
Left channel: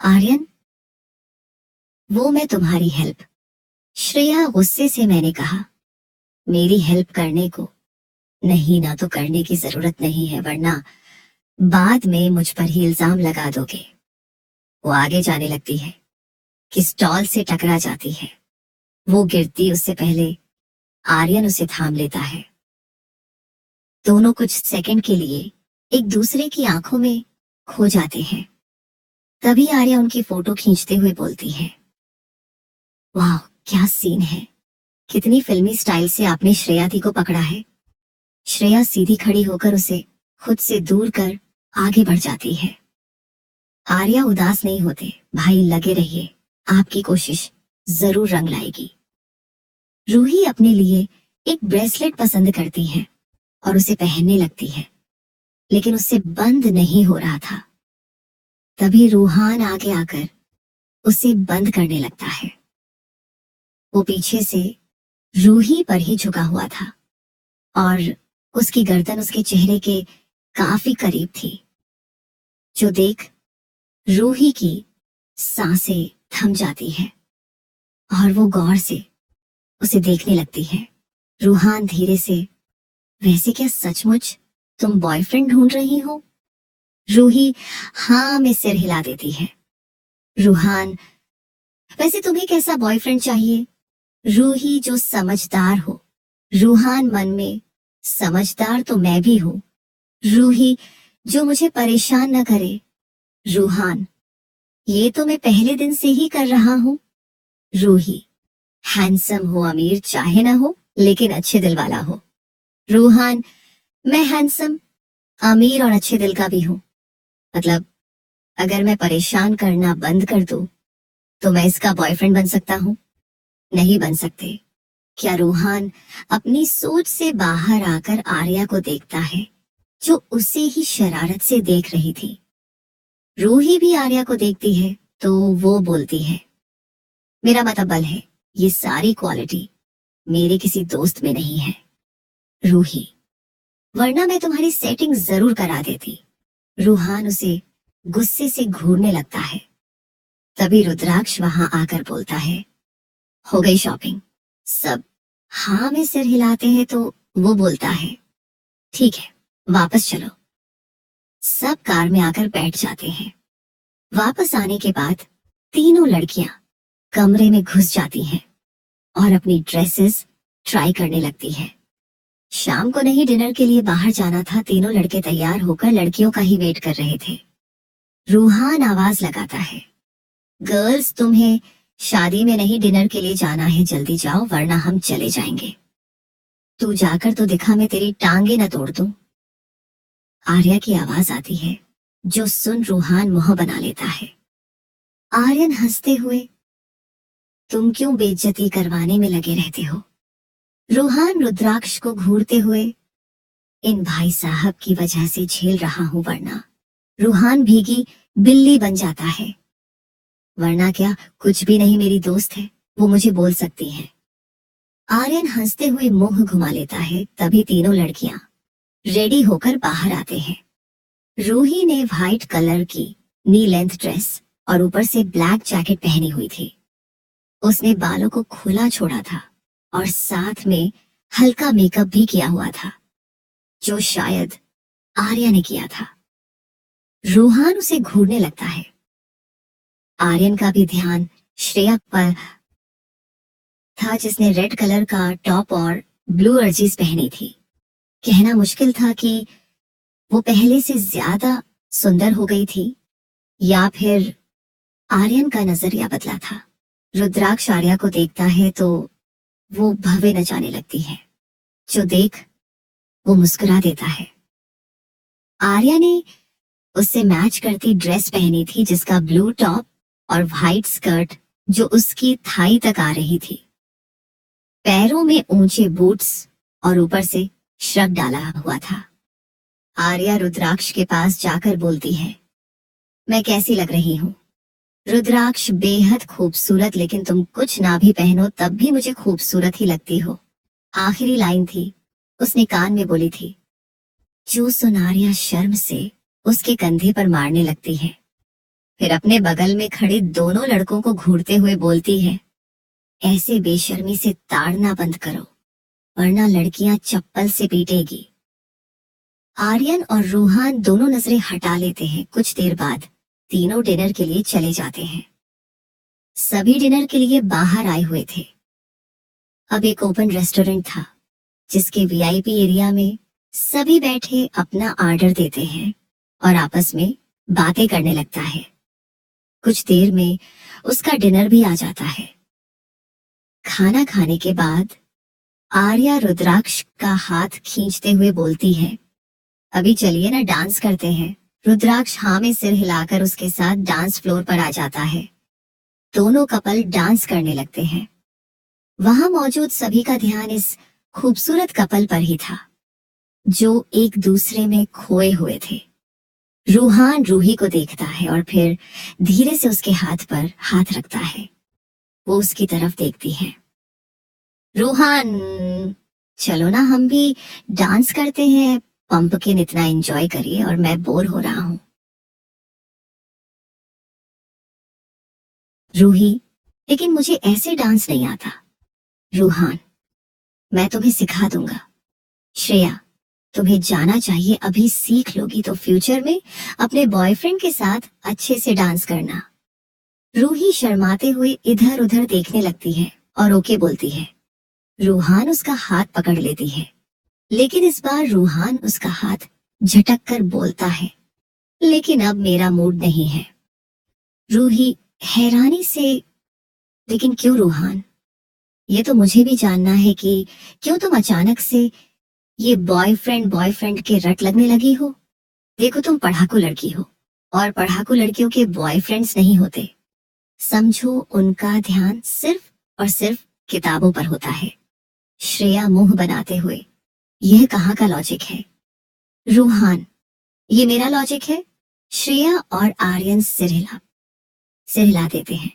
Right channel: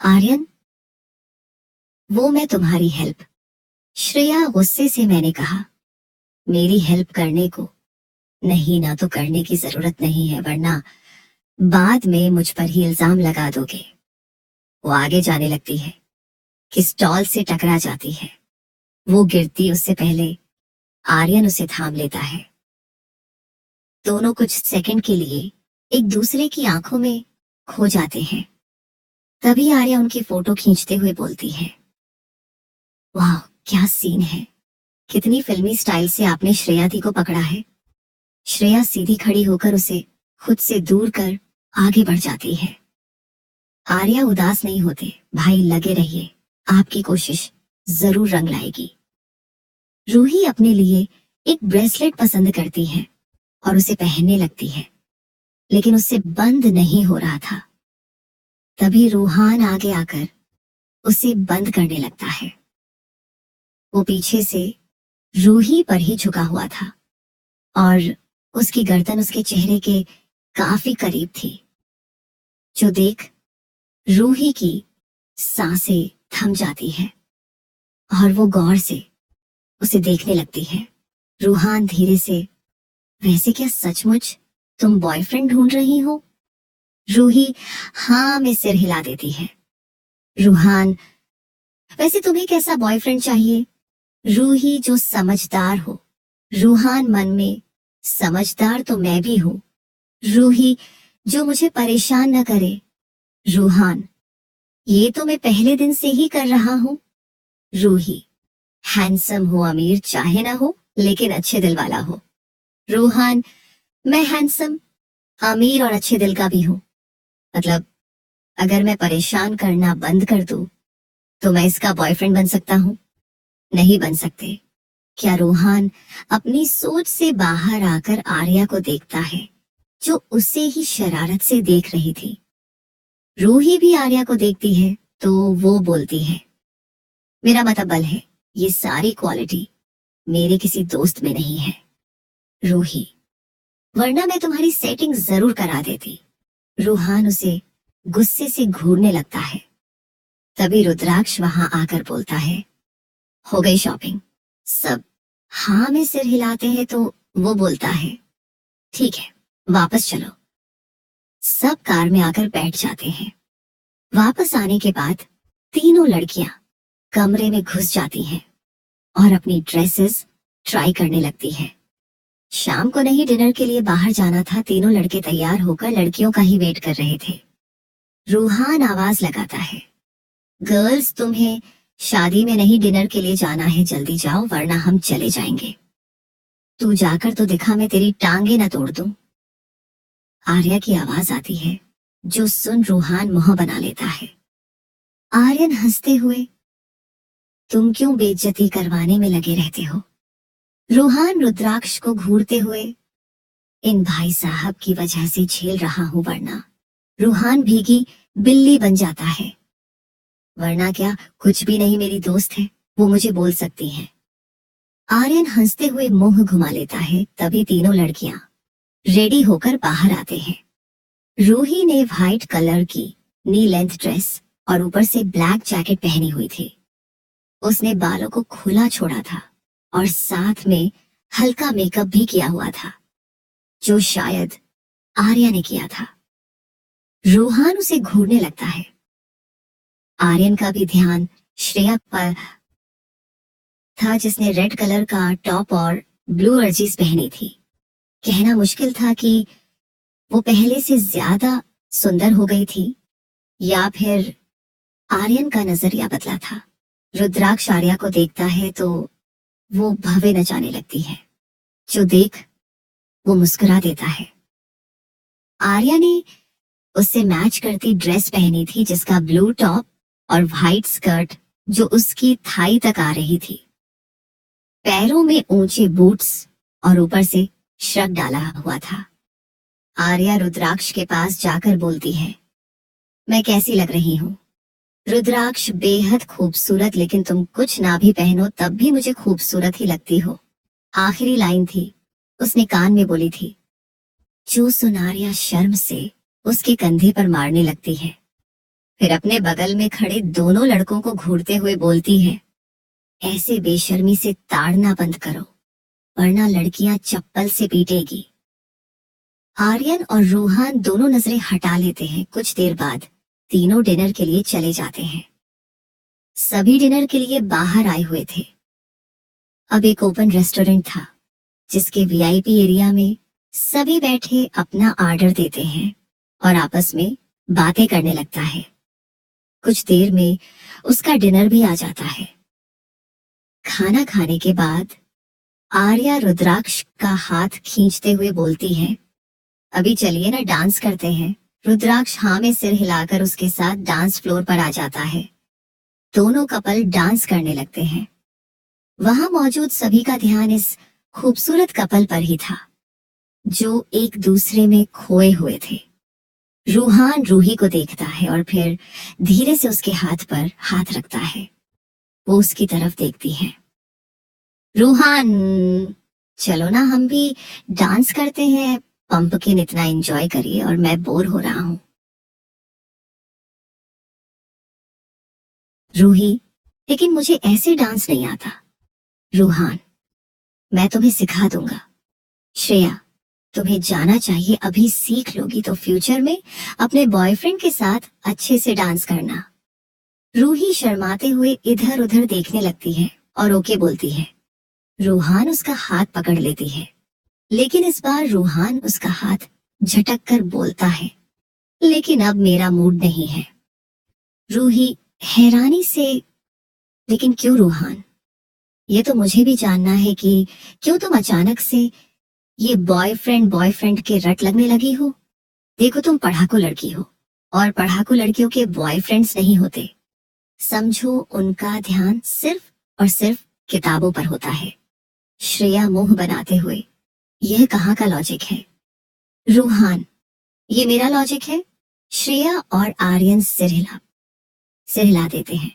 आर्यन, वो मैं तुम्हारी हेल्प। श्रेया गुस्से से मैंने कहा, मेरी हेल्प करने को नहीं, ना तो करने की जरूरत नहीं है, वरना बाद में मुझ पर ही इल्जाम लगा दोगे। वो आगे जाने लगती है कि स्टॉल से टकरा जाती है। वो गिरती उससे पहले आर्यन उसे थाम लेता है। दोनों कुछ सेकंड के लिए एक दूसरे की आंखों में खो जाते हैं। तभी आर्या उनकी फोटो खींचते हुए बोलती है, वाह क्या सीन है, कितनी फिल्मी स्टाइल से आपने श्रेया दी को पकड़ा है। श्रेया सीधी खड़ी होकर उसे खुद से दूर कर आगे बढ़ जाती है। आर्या उदास नहीं होते, भाई लगे रहिए, आपकी कोशिश जरूर रंग लाएगी। रूही अपने लिए एक ब्रेसलेट पसंद करती है और उसे पहनने लगती है, लेकिन उससे बंद नहीं हो रहा था। तभी रूहान आगे आकर उसे बंद करने लगता है। वो पीछे से रूही पर ही झुका हुआ था और उसकी गर्दन उसके चेहरे के काफी करीब थी, जो देख रूही की सांसें थम जाती है और वो गौर से उसे देखने लगती है। रूहान धीरे से, वैसे क्या सचमुच तुम बॉयफ्रेंड ढूंढ रही हो? रूही हाँ में सिर हिला देती है। रूहान, वैसे तुम्हें कैसा बॉयफ्रेंड चाहिए? रूही जो समझदार हो। रूहान मन में, समझदार तो मैं भी हूँ। रूही जो मुझे परेशान न करे। रूहान, ये तो मैं पहले दिन से ही कर रहा हूँ। रूही, हैंडसम हो, अमीर चाहे ना हो, लेकिन अच्छे दिल वाला हो। रूहान, मैं हैंडसम, अमीर और अच्छे दिल का भी हूँ। मतलब अगर मैं परेशान करना बंद कर दूं तो मैं इसका बॉयफ्रेंड बन सकता हूँ? नहीं बन सकते। क्या रूहान अपनी सोच से बाहर आकर आर्या को देखता है, जो उसे ही शरारत से देख रही थी। रूही भी आर्या को देखती है तो वो बोलती है, मेरा मतबल है ये सारी क्वालिटी मेरे किसी दोस्त में नहीं है रूही, वरना मैं तुम्हारी सेटिंग जरूर करा देती। रूहान उसे गुस्से से घूरने लगता है। तभी रुद्राक्ष वहां आकर बोलता है, हो गई शॉपिंग? सब हाँ में सिर हिलाते हैं तो वो बोलता है, ठीक है वापस चलो। सब कार में आकर बैठ जाते हैं। वापस आने के बाद तीनों लड़कियां कमरे में घुस जाती हैं और अपनी ड्रेसेस ट्राई करने लगती हैं। शाम को नहीं, डिनर के लिए बाहर जाना था। तीनों लड़के तैयार होकर लड़कियों का ही वेट कर रहे थे। रूहान आवाज लगाता है, गर्ल्स तुम्हें शादी में नहीं डिनर के लिए जाना है, जल्दी जाओ वरना हम चले जाएंगे। तू जाकर तो दिखा, मैं तेरी टांगे न तोड़ दूं। आर्या की आवाज आती है, जो सुन रूहान मुंह बना लेता है। आर्यन हंसते हुए, तुम क्यों बेइज्जती करवाने में लगे रहते हो? रूहान रुद्राक्ष को घूरते हुए, इन भाई साहब की वजह से झेल रहा हूं, वरना। रूहान भीगी बिल्ली बन जाता है। वरना क्या, कुछ भी नहीं, मेरी दोस्त है, वो मुझे बोल सकती है। आर्यन हंसते हुए मुंह घुमा लेता है। तभी तीनों लड़कियां रेडी होकर बाहर आते हैं। रूही ने व्हाइट कलर की नी लेंथ ड्रेस और ऊपर से ब्लैक जैकेट पहनी हुई थी। उसने बालों को खुला छोड़ा था और साथ में हल्का मेकअप भी किया हुआ था, जो शायद आर्या ने किया था। रूहान उसे घूरने लगता है। आर्यन का भी ध्यान श्रेया पर था, जिसने रेड कलर का टॉप और ब्लू अर्जीज पहनी थी। कहना मुश्किल था कि वो पहले से ज्यादा सुंदर हो गई थी या फिर आर्यन का नजरिया बदला था। रुद्राक्ष आर्या को देखता है तो वो भवे न जाने लगती है, जो देख वो मुस्कुरा देता है। आर्या ने उससे मैच करती ड्रेस पहनी थी, जिसका ब्लू टॉप और व्हाइट स्कर्ट जो उसकी थाई तक आ रही थी, पैरों में ऊंचे बूट्स और ऊपर से श्रग डाला हुआ था। आर्या रुद्राक्ष के पास जाकर बोलती है, मैं कैसी लग रही हूँ? रुद्राक्ष, बेहद खूबसूरत, लेकिन तुम कुछ ना भी पहनो तब भी मुझे खूबसूरत ही लगती हो। आखिरी लाइन थी, उसने कान में बोली थी। जो सुन आर्या शर्म से उसके कंधे पर मारने लगती है, फिर अपने बगल में खड़े दोनों लड़कों को घूरते हुए बोलती है, ऐसे बेशर्मी से ताड़ना बंद करो वरना लड़कियां चप्पल से पीटेगी। आर्यन और रूहान दोनों नजरें हटा लेते हैं। कुछ देर बाद तीनों डिनर के लिए चले जाते हैं। सभी डिनर के लिए बाहर आए हुए थे। अब एक ओपन रेस्टोरेंट था, जिसके वीआईपी एरिया में सभी बैठे अपना ऑर्डर देते हैं और आपस में बातें करने लगता है। कुछ देर में उसका डिनर भी आ जाता है। खाना खाने के बाद आर्या रुद्राक्ष का हाथ खींचते हुए बोलती है, अभी चलिए ना डांस करते हैं। रुद्राक्ष हाँ में सिर हिलाकर उसके साथ डांस फ्लोर पर आ जाता है। दोनों कपल डांस करने लगते हैं। वहां मौजूद सभी का ध्यान इस खूबसूरत कपल पर ही था, जो एक दूसरे में खोए हुए थे। रूहान रूही को देखता है और फिर धीरे से उसके हाथ पर हाथ रखता है। वो उसकी तरफ देखती है। रूहान, चलो ना हम भी डांस करते हैं। पंपकिन इतना एंजॉय करिए और मैं बोर हो रहा हूँ। रूही, लेकिन मुझे ऐसे डांस नहीं आता। रूहान, मैं तुम्हें सिखा दूंगा। श्रेया, तुम्हें जाना चाहिए, अभी सीख लोगी तो फ्यूचर में अपने बॉयफ्रेंड के साथ अच्छे से डांस करना। रूही शर्माते हुए इधर उधर देखने लगती है और ओके बोलती है। रूहान उसका हाथ पकड़ लेती है, लेकिन इस बार रूहान उसका हाथ झटक कर बोलता है, लेकिन अब मेरा मूड नहीं है। रूही हैरानी से, लेकिन क्यों रूहान? ये तो मुझे भी जानना है कि क्यों तुम अचानक से ये बॉयफ्रेंड बॉयफ्रेंड के रट लगने लगी हो। देखो, तुम पढ़ाकू लड़की हो और पढ़ाकू लड़कियों के बॉयफ्रेंड्स नहीं होते। समझो, उनका ध्यान सिर्फ और सिर्फ किताबों पर होता है। श्रेया मुंह बनाते हुए, यह कहाँ का लॉजिक है? रूहान, ये मेरा लॉजिक है। श्रेया और आर्यन सिर हिला देते हैं।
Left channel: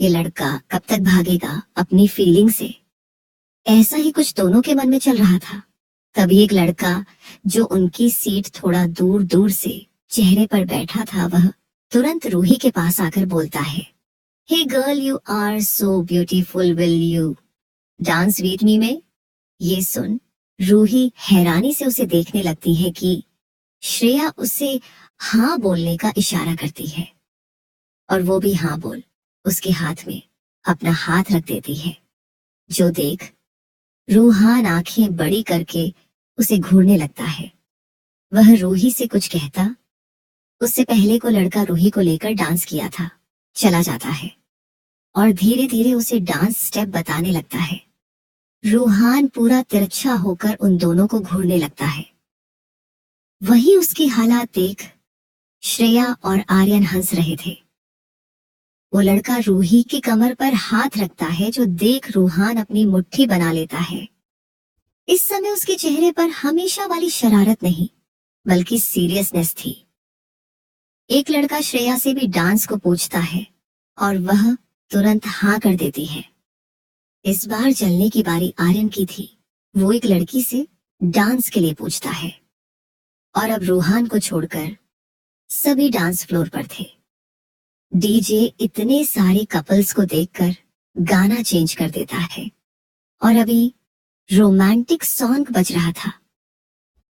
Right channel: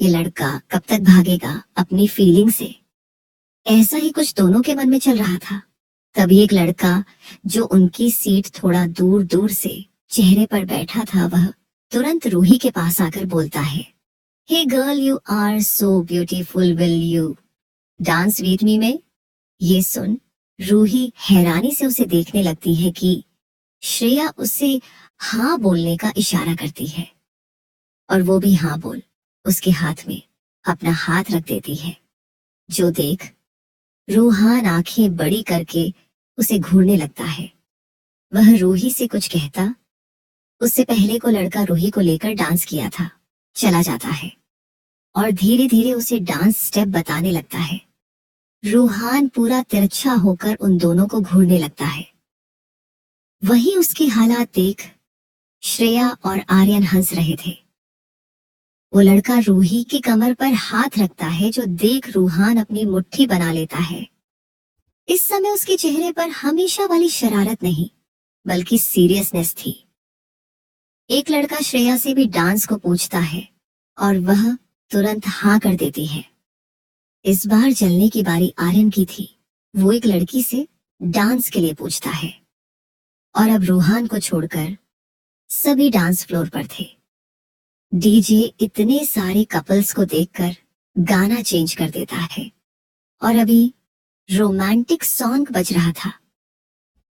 ये लड़का कब तक भागेगा अपनी फीलिंग से? ऐसा ही कुछ दोनों के मन में चल रहा था। तभी एक लड़का जो उनकी सीट थोड़ा दूर दूर से चेहरे पर बैठा था, वह तुरंत रूही के पास आकर बोलता है, hey girl, you are so beautiful, will you dance with me में? ये सुन रूही हैरानी से उसे देखने लगती है कि श्रेया उसे हाँ बोलने का इशारा करती है और वो भी हाँ बोल उसके हाथ में अपना हाथ रख देती है। जो देख रूहान आंखें बड़ी करके उसे घूरने लगता है। वह रूही से कुछ कहता, उससे पहले को लड़का रूही को लेकर डांस किया था, चला जाता है और धीरे धीरे उसे डांस स्टेप बताने लगता है। रूहान पूरा तिरछा होकर उन दोनों को घूरने लगता है। वही उसकी हालात देख श्रेया और आर्यन हंस रहे थे। वो लड़का रूही की कमर पर हाथ रखता है, जो देख रूहान अपनी मुट्ठी बना लेता है। इस समय उसके चेहरे पर हमेशा वाली शरारत नहीं, बल्कि सीरियसनेस थी। एक लड़का श्रेया से भी डांस को पूछता है और वह तुरंत हाँ कर देती है। इस बार जलने की बारी आर्यन की थी। वो एक लड़की से डांस के लिए पूछता है और अब रूहान को छोड़कर सभी डांस फ्लोर पर थे। डीजे इतने सारे कपल्स को देखकर गाना चेंज कर देता है और अभी रोमांटिक सॉन्ग बज रहा था।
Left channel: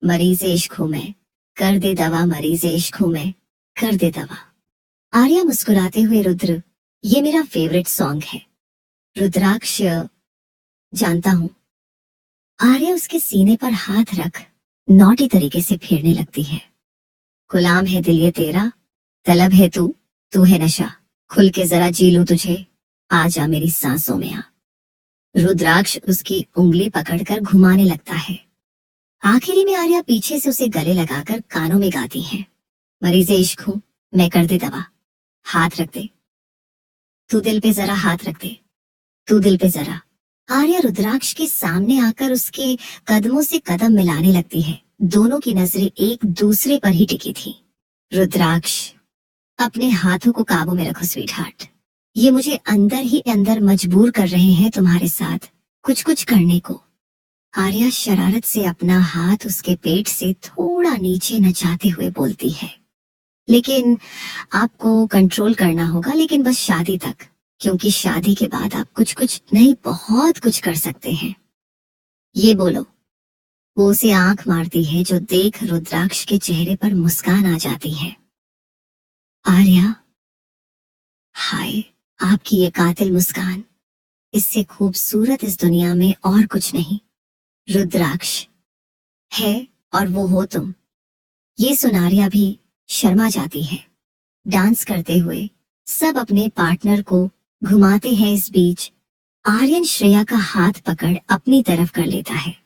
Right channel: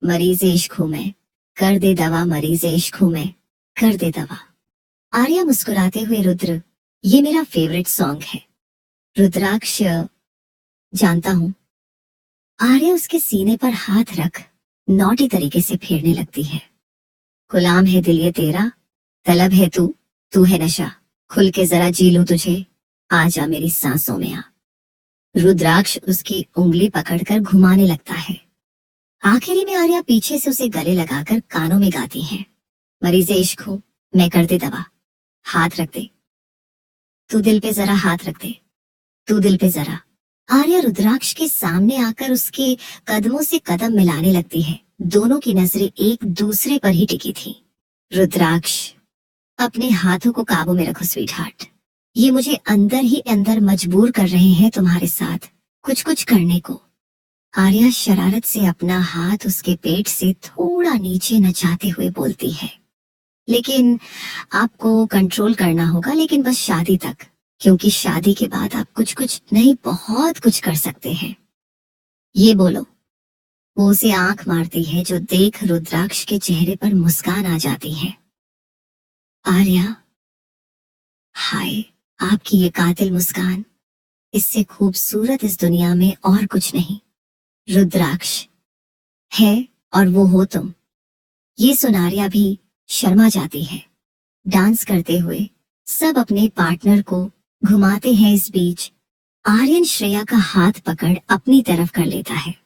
मरीज इश्क हूं मैं, कर दे दवा, मरीज इश्क हूं मैं, कर दे दवा। आर्या मुस्कुराते हुए, रुद्र, ये मेरा फेवरेट सॉन्ग है। रुद्राक्ष, जानता हूँ। आर्या उसके सीने पर हाथ रख नौटी तरीके से फेरने लगती है। गुलाम है दिल ये तेरा, तलब है तू है नशा, खुल के जरा जी लो तुझे, आजा मेरी सांसों में आ। रुद्राक्ष उसकी उंगली पकड़कर घुमाने लगता है। आखिरी में आर्या पीछे से उसे गले लगाकर कानों में गाती है, मरीज़े इश्क हूं मैं, कर दे दवा, हाथ रख दे, तू दिल पे जरा हाथ रख दे, तू दिल पे जरा। आर्या रुद्राक्ष के सामने आकर उसके कदमों से कदम मिलाने लगती है। दोनों की नजरें एक दूसरे पर ही टिकी थी। रुद्राक्ष, अपने हाथों को काबू में रखो स्वीट हार्ट। ये मुझे अंदर ही अंदर मजबूर कर रहे हैं तुम्हारे साथ कुछ कुछ करने को। आर्या शरारत से अपना हाथ उसके पेट से थोड़ा नीचे नचाते हुए बोलती है, लेकिन आपको कंट्रोल करना होगा, लेकिन बस शादी तक, क्योंकि शादी के बाद आप कुछ कुछ नहीं बहुत कुछ कर सकते हैं। ये बोलो। वो उसे आंख मारती है, जो देख रुद्राक्ष के चेहरे पर मुस्कान आ जाती है। आर्या, हाय, आपकी ये कातिल मुस्कान, इससे खूबसूरत इस दुनिया में और कुछ नहीं। रुद्राक्ष है और वो हो तुम। ये सुन आर्या भी शर्मा जाती है। डांस करते हुए सब अपने पार्टनर को घुमाते हैं। इस बीच आर्यन श्रेया का हाथ पकड़ अपनी तरफ कर लेता है।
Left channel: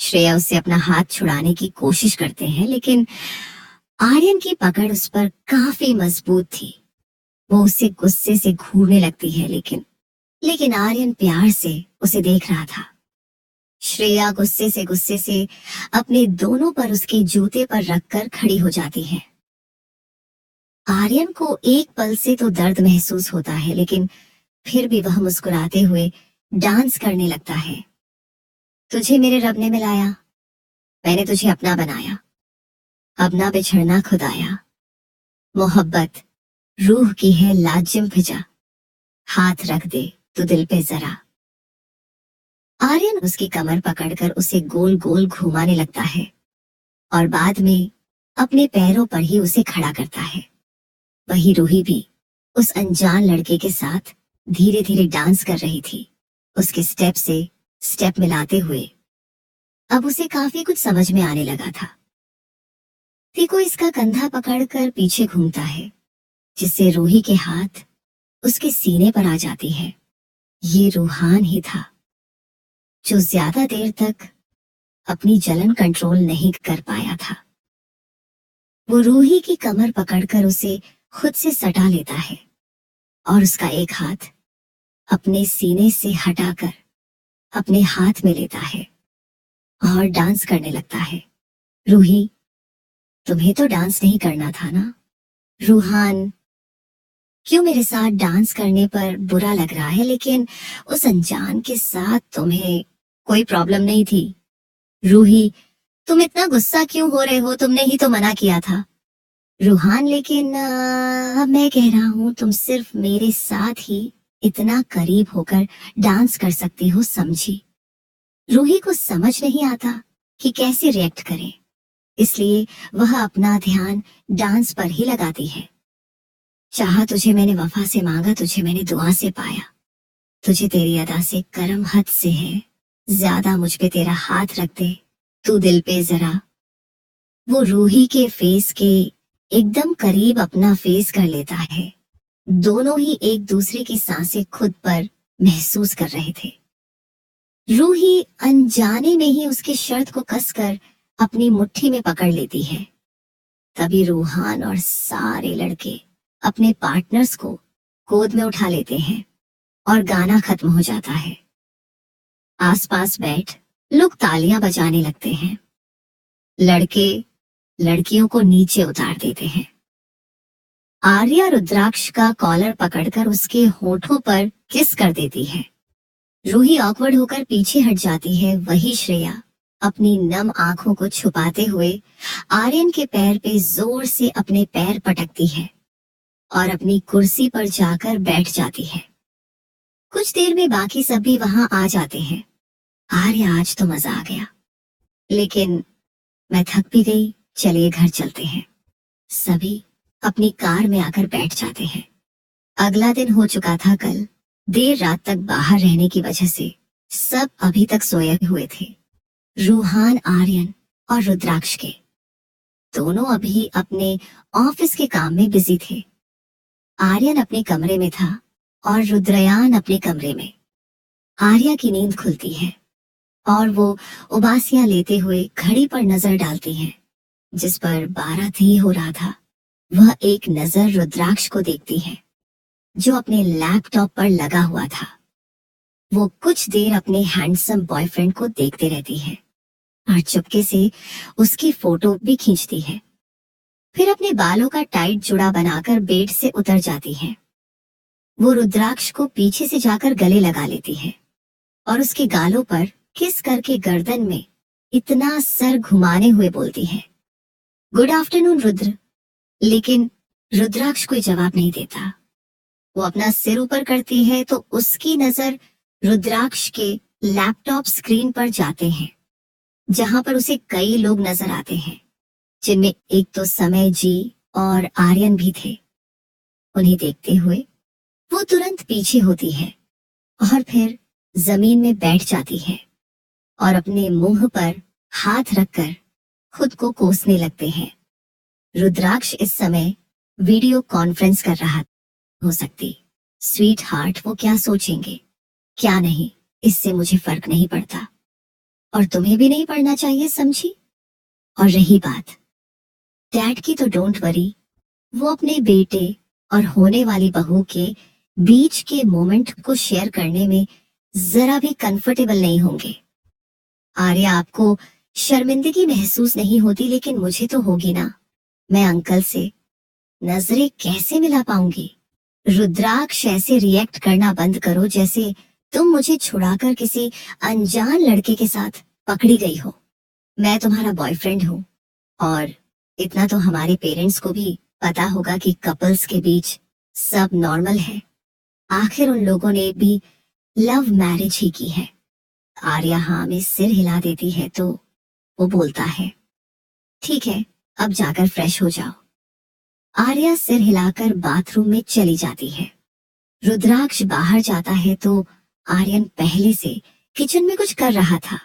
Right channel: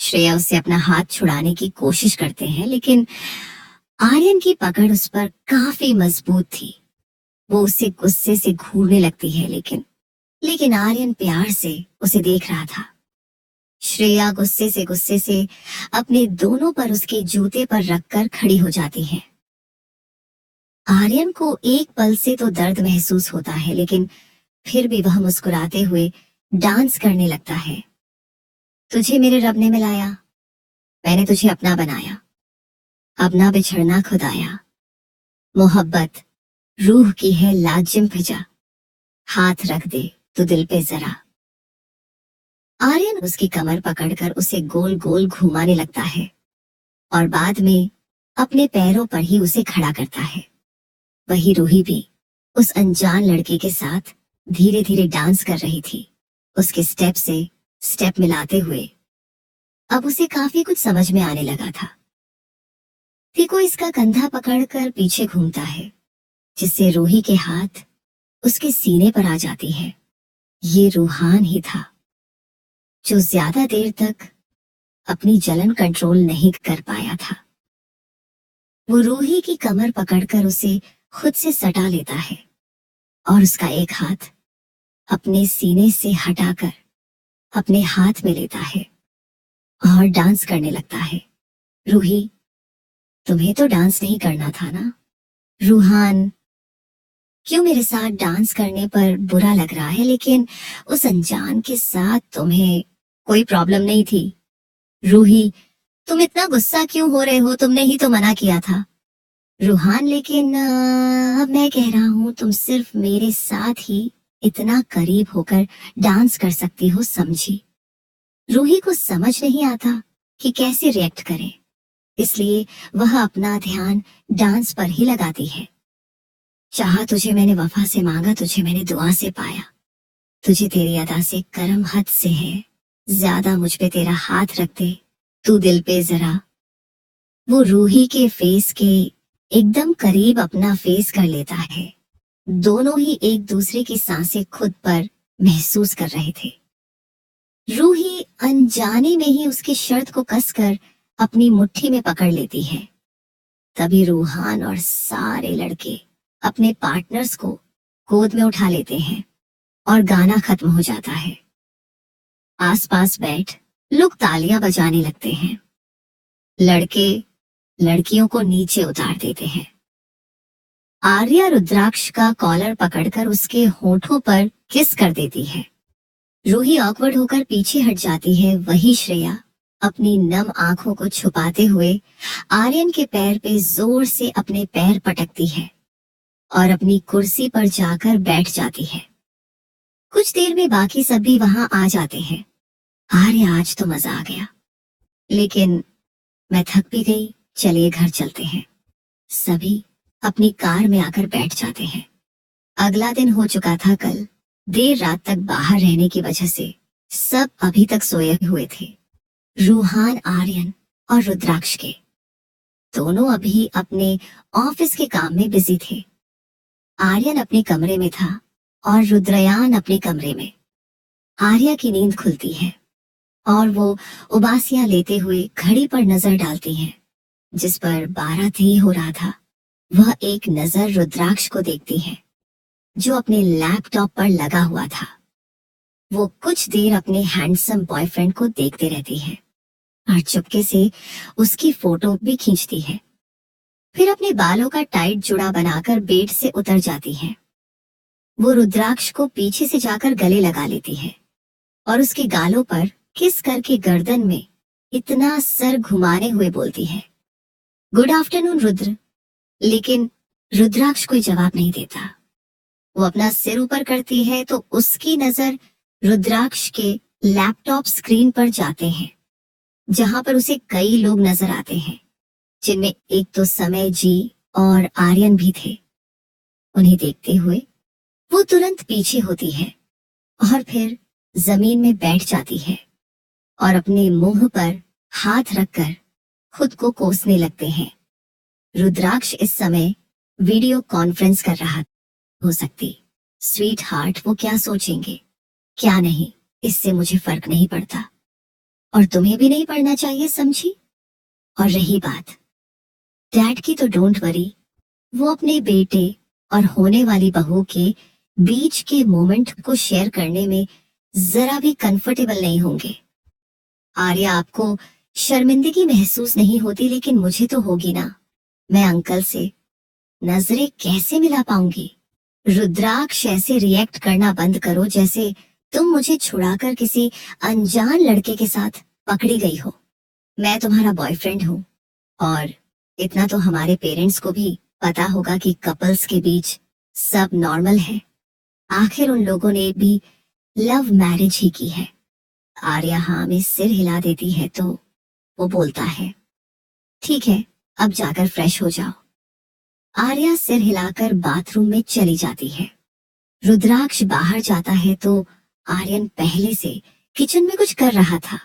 श्रेया उससे अपना हाथ छुड़ाने की कोशिश करते हैं, लेकिन आर्यन की पकड़ उस पर काफी मजबूत थी। वो उसे गुस्से से घूरने लगती है, लेकिन आर्यन प्यार से उसे देख रहा था। श्रेया गुस्से से अपने दोनों पर उसके जूते पर रखकर खड़ी हो जाती है। आर्यन को एक पल से तो दर्द महसूस होता है, लेकिन फिर भी वह मुस्कुराते हुए डांस करने लगता है। तुझे मेरे रब ने मिलाया, मैंने तुझे अपना बनाया, अब ना बिछड़ना खुदाया। मोहब्बत रूह की है लाजिम फिजा, हाथ रख दे तू दिल पे जरा। आर्यन उसकी कमर पकड़कर उसे गोल गोल घुमाने लगता है और बाद में अपने पैरों पर ही उसे खड़ा करता है। वही रूही भी उस अनजान लड़के के साथ धीरे धीरे डांस कर रही थी, उसके स्टेप से स्टेप मिलाते हुए। अब उसे काफी कुछ समझ में आने लगा था। टीको इसका कंधा पकड़कर पीछे घूमता है, जिससे रूही के हाथ उसके सीने पर आ जाती है। ये रूहान ही था जो ज्यादा देर तक अपनी जलन कंट्रोल नहीं कर पाया था। वो रूही की कमर पकड़कर उसे खुद से सटा लेता है और उसका एक हाथ अपने सीने से हटाकर अपने हाथ में लेता है और डांस करने लगता है। रूही, तुम्हें तो डांस नहीं करना था ना? रूहान, क्यों मेरे साथ डांस करने पर बुरा लग रहा है, लेकिन उस अनजान के साथ तुम्हें कोई प्रॉब्लम नहीं थी। रूही, तुम इतना गुस्सा क्यों हो रहे हो, तुमने ही तो मना किया था। रूहान, लेकिन अब मैं कह रहा हूँ तुम सिर्फ मेरे साथ ही इतना करीब होकर डांस कर सकती हो, समझी? रूही को समझ नहीं आता कि कैसे रिएक्ट करे, इसलिए वह अपना ध्यान डांस पर ही लगाती है। चाहा तुझे मैंने वफा से मांगा, तुझे मैंने दुआ से पाया, तुझे तेरी अदा से करम हद से है, ज्यादा मुझ पे तेरा हाथ रख दे तू दिल पे जरा। वो रूही के फेस के एकदम करीब अपना फेस कर लेता है। दोनों ही एक दूसरे की सांसें खुद पर महसूस कर रहे थे। रूही अनजाने में ही उसकी शर्त को कसकर अपनी मुट्ठी में पकड़ लेती है। तभी रूहान और सारे लड़के अपने पार्टनर्स को गोद में उठा लेते हैं और गाना खत्म हो जाता है। आसपास बैठ लोग तालियां बजाने लगते हैं। लड़के लड़कियों को नीचे उतार देते हैं। आर्या रुद्राक्ष का कॉलर पकड़कर उसके होठों पर किस कर देती है। रूही ऑकवर्ड होकर पीछे हट जाती है। वही श्रेया अपनी नम आंखों को छुपाते हुए आर्यन के पैर पे जोर से अपने पैर पटकती है और अपनी कुर्सी पर जाकर बैठ जाती है। कुछ देर में बाकी सब भी वहां आ जाते हैं। आर्य, आज तो मजा आ गया, लेकिन मैं थक भी गई, चलिए घर चलते हैं। सभी अपनी कार में आकर बैठ जाते हैं। अगला दिन हो चुका था। कल देर रात तक बाहर रहने की वजह से सब अभी तक सोए हुए थे। रूहान, आर्यन और रुद्राक्ष के दोनों अभी अपने ऑफिस के काम में बिजी थे। आर्यन अपने कमरे में था और रुद्रयान अपने कमरे में। आर्या की नींद खुलती है और वो उबासियां लेते हुए घड़ी पर नजर डालती है, जिस पर 12 हो रहा था। वह एक नजर रुद्राक्ष को देखती है, जो अपने लैपटॉप पर लगा हुआ था। वो कुछ देर अपने हैंडसम बॉयफ्रेंड को देखते रहती है और चुपके से उसकी फोटो भी खींचती है। फिर अपने बालों का टाइट जुड़ा बनाकर बेड से उतर जाती है। वो रुद्राक्ष को पीछे से जाकर गले लगा लेती है और उसके गालों पर किस करके गर्दन में इतना सर घुमाने हुए बोलती है, गुड आफ्टरनून रुद्र। लेकिन रुद्राक्ष कोई जवाब नहीं देता। वो अपना सिर ऊपर करती है तो उसकी नजर रुद्राक्ष के लैपटॉप स्क्रीन पर जाते हैं, जहां पर उसे कई लोग नजर आते हैं, जिनमें एक तो समय जी और आर्यन भी थे। उन्हें देखते हुए वो तुरंत पीछे होती है और फिर जमीन में बैठ जाती है और अपने मुंह पर हाथ रखकर खुद को कोसने लगते हैं। रुद्राक्ष इस समय वीडियो कॉन्फ्रेंस कर रहा हो सकती। स्वीट हार्ट, वो क्या सोचेंगे क्या नहीं, इससे मुझे फर्क नहीं पड़ता और तुम्हें भी नहीं पड़ना चाहिए, समझी? और रही बात डैड की, तो डोंट वरी, वो अपने बेटे और होने वाली बहू के बीच के मोमेंट को शेयर करने में जरा भी कंफर्टेबल नहीं होंगे। आर्या, आपको शर्मिंदगी महसूस नहीं होती, लेकिन मुझे तो होगी ना। मैं अंकल से नजरें कैसे मिला पाऊंगी? रुद्राक्ष, ऐसे रिएक्ट करना बंद करो जैसे तुम मुझे छुड़ाकर किसी अनजान लड़के के साथ पकड़ी गई हो। मैं तुम्हारा बॉयफ्रेंड हूँ और इतना तो हमारे पेरेंट्स को भी पता होगा कि कपल्स के बीच सब नॉर्मल है। आखिर उन लोगों ने भी लव मैरिज ही की है। आर्या हाँ में सिर हिला देती है तो वो बोलता है, ठीक है, अब जाकर फ्रेश हो जाओ। आर्या सिर हिलाकर बाथरूम में चली जाती है। रुद्राक्ष बाहर जाता है तो आर्यन पहले से किचन में कुछ कर रहा था।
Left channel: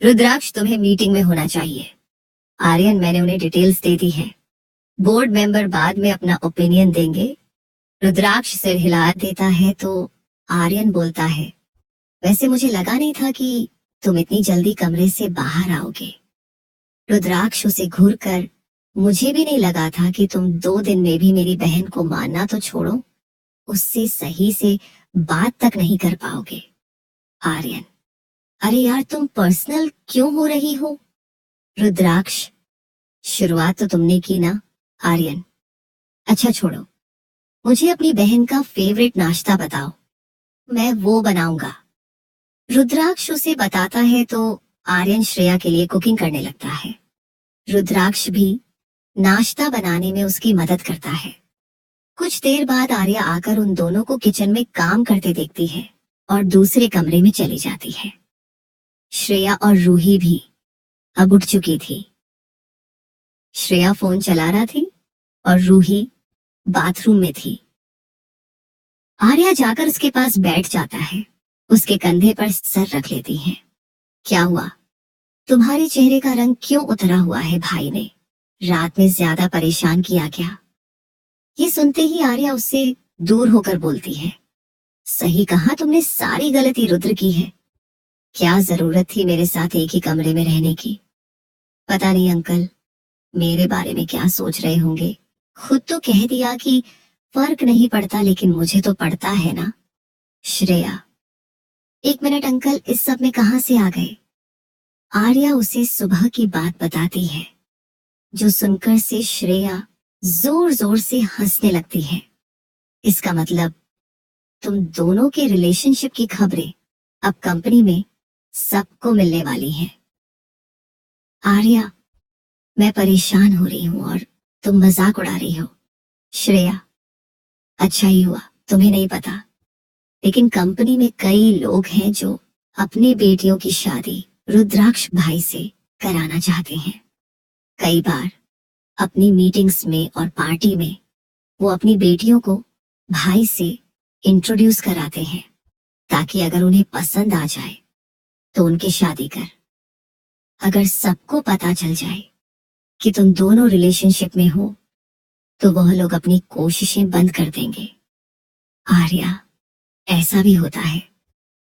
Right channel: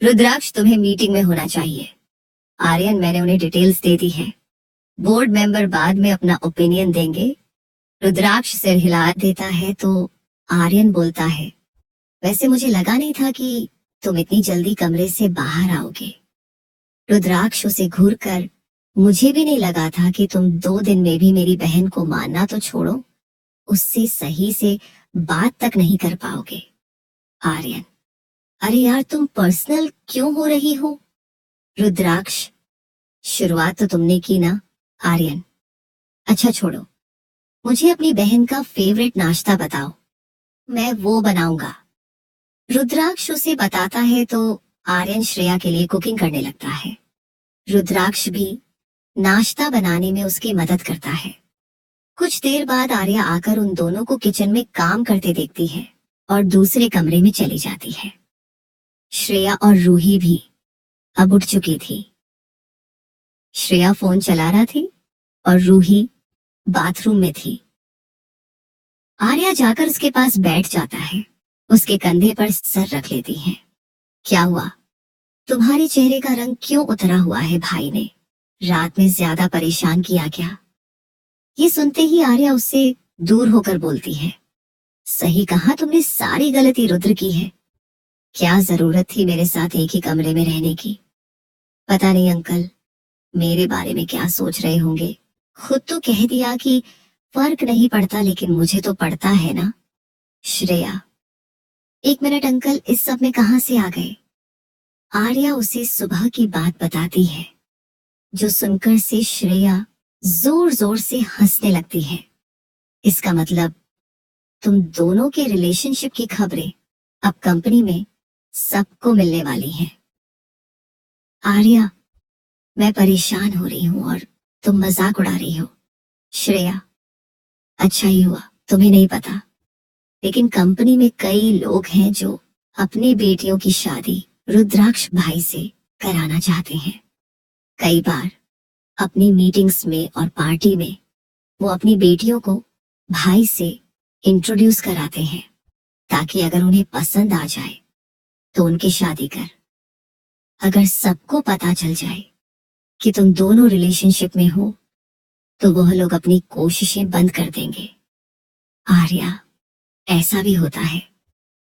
रुद्राक्ष, तुम्हें मीटिंग में होना चाहिए। आर्यन, मैंने उन्हें डिटेल्स दे दी है, बोर्ड मेंबर बाद में अपना ओपिनियन देंगे। रुद्राक्ष सिर हिला देता है तो आर्यन बोलता है, वैसे मुझे लगा नहीं था कि तुम इतनी जल्दी कमरे से बाहर आओगे। रुद्राक्ष उसे घूर कर, मुझे भी नहीं लगा था कि तुम 2 दिन में भी मेरी बहन को मानना तो छोड़ो, उससे सही से बात तक नहीं कर पाओगे। आर्यन, अरे यार, तुम पर्सनल क्यों हो रही हो? रुद्राक्ष, शुरुआत तो तुमने की ना। आर्यन, अच्छा छोड़ो, मुझे अपनी बहन का फेवरेट नाश्ता बताओ, मैं वो बनाऊंगा। रुद्राक्ष उसे बताता है तो आर्यन श्रेया के लिए कुकिंग करने लगता है। रुद्राक्ष भी नाश्ता बनाने में उसकी मदद करता है। कुछ देर बाद आर्या आकर उन दोनों को किचन में काम करते देखती है और दूसरे कमरे में चली जाती है। श्रेया और रूही भी अब उठ चुकी थी। श्रेया फोन चला रहा थी और रूही बाथरूम में थी। आर्या जाकर उसके पास बैठ जाता है, उसके कंधे पर सर रख लेती है। क्या हुआ? तुम्हारे चेहरे का रंग क्यों उतरा हुआ है? भाई ने रात में ज्यादा परेशान किया क्या? ये सुनते ही आर्या उससे दूर होकर बोलती है, सही कहा तुमने, सारी गलती रुद्र की है। क्या जरूरत थी मेरे साथ एक ही कमरे में रहने की? पता नहीं अंकल मेरे बारे में क्या सोच रहे होंगे। खुद तो कह दिया कि फर्क नहीं पड़ता, लेकिन मुझे तो पड़ता है ना। श्रेया, 1 मिनट अंकल, इस सब में कहां से आ गए? आर्या उसे सुबह की बात बताती है, जो सुनकर से श्रेया जोर जोर से हंसने लगती है। इसका मतलब तुम दोनों के रिलेशनशिप की खबरें अब कंपनी में सबको मिलने वाली हैं। आर्या, मैं परेशान हो रही हूँ और तुम मजाक उड़ा रही हो। श्रेया, अच्छा ही हुआ तुम्हें नहीं पता, लेकिन कंपनी में कई लोग हैं जो अपनी बेटियों की शादी रुद्राक्ष भाई से कराना चाहते हैं। कई बार अपनी मीटिंग्स में और पार्टी में वो अपनी बेटियों को भाई से इंट्रोड्यूस कराते हैं, ताकि अगर उन्हें पसंद आ जाए तो उनकी शादी कर। अगर सबको पता चल जाए कि तुम दोनों रिलेशनशिप में हो तो वह लोग अपनी कोशिशें बंद कर देंगे। आर्या, ऐसा भी होता है?